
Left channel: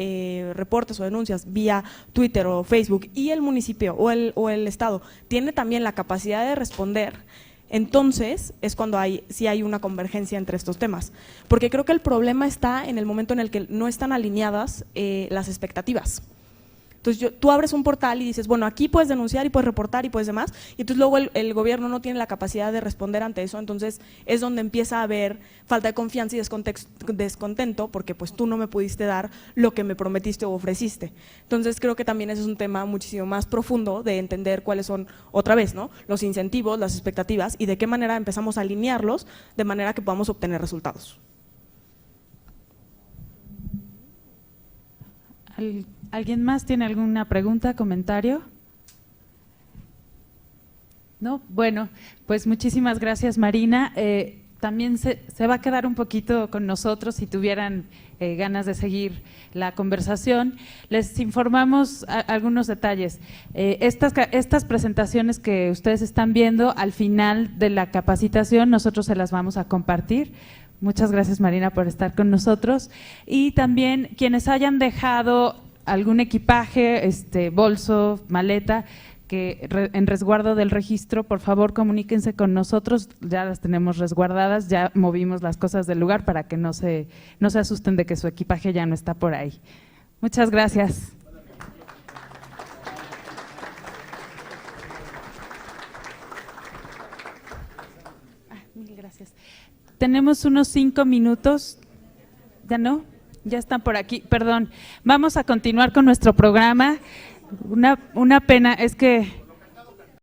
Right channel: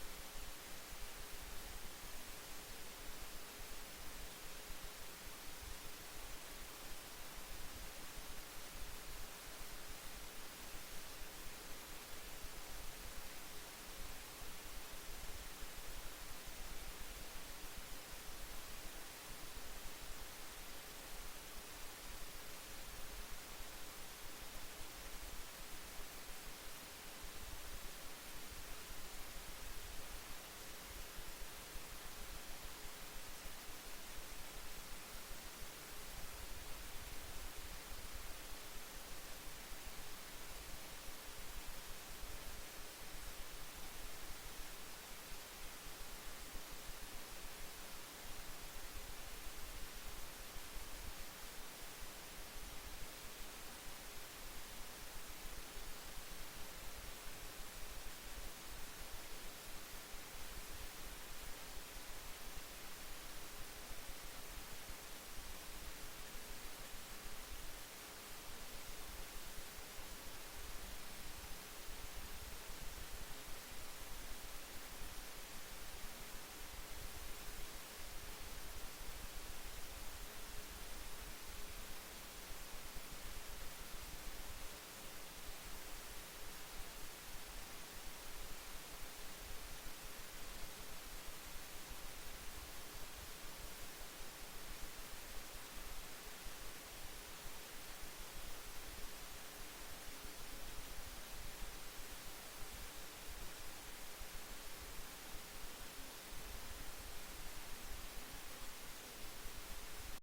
reportes o denuncias vía Twitter o Facebook, y el municipio o el estado tiene también la capacidad de responder, entonces es cuando sí hay una convergencia entre estos temas. Porque creo que el problema está en el momento en el que no están alineadas las expectativas. Entonces tú abres un portal y dices, bueno, aquí puedes denunciar y puedes reportar y puedes demás, y entonces luego el gobierno no tiene la capacidad de responder ante eso, entonces es donde empieza a haber falta de confianza y descontento, porque pues tú no me pudiste dar lo que me prometiste o ofreciste. Entonces creo que también ese es un tema muchísimo más profundo de entender cuáles son, otra vez, ¿no?, los incentivos, las expectativas y de qué manera empezamos a alinearlos de manera que podamos obtener resultados. ¿Alguien más tiene alguna pregunta, comentario? ¿No? Bueno, pues muchísimas gracias, Marina. También se va a quedar un poquito con nosotros si tuvieran ganas de seguir la conversación. Les informamos algunos detalles. Estas presentaciones que ustedes están viendo al final de la capacitación, nosotros se las vamos a compartir. Muchas gracias, Marina, por estar con nosotros. Y también quienes hayan dejado algún equipaje, bolso, maleta, que en resguardo del registro, por favor comuníquense con nosotros, ya las tenemos resguardadas, ya movimos las cosas del lugar para que no se asusten de que su equipaje ya no está por ahí. Muchas gracias. Gracias. Tenemos unos 5 minutos, ¿ya no? Ya están por aquí, perdón. Vamos a continuar con nuestro programa. Una pena es que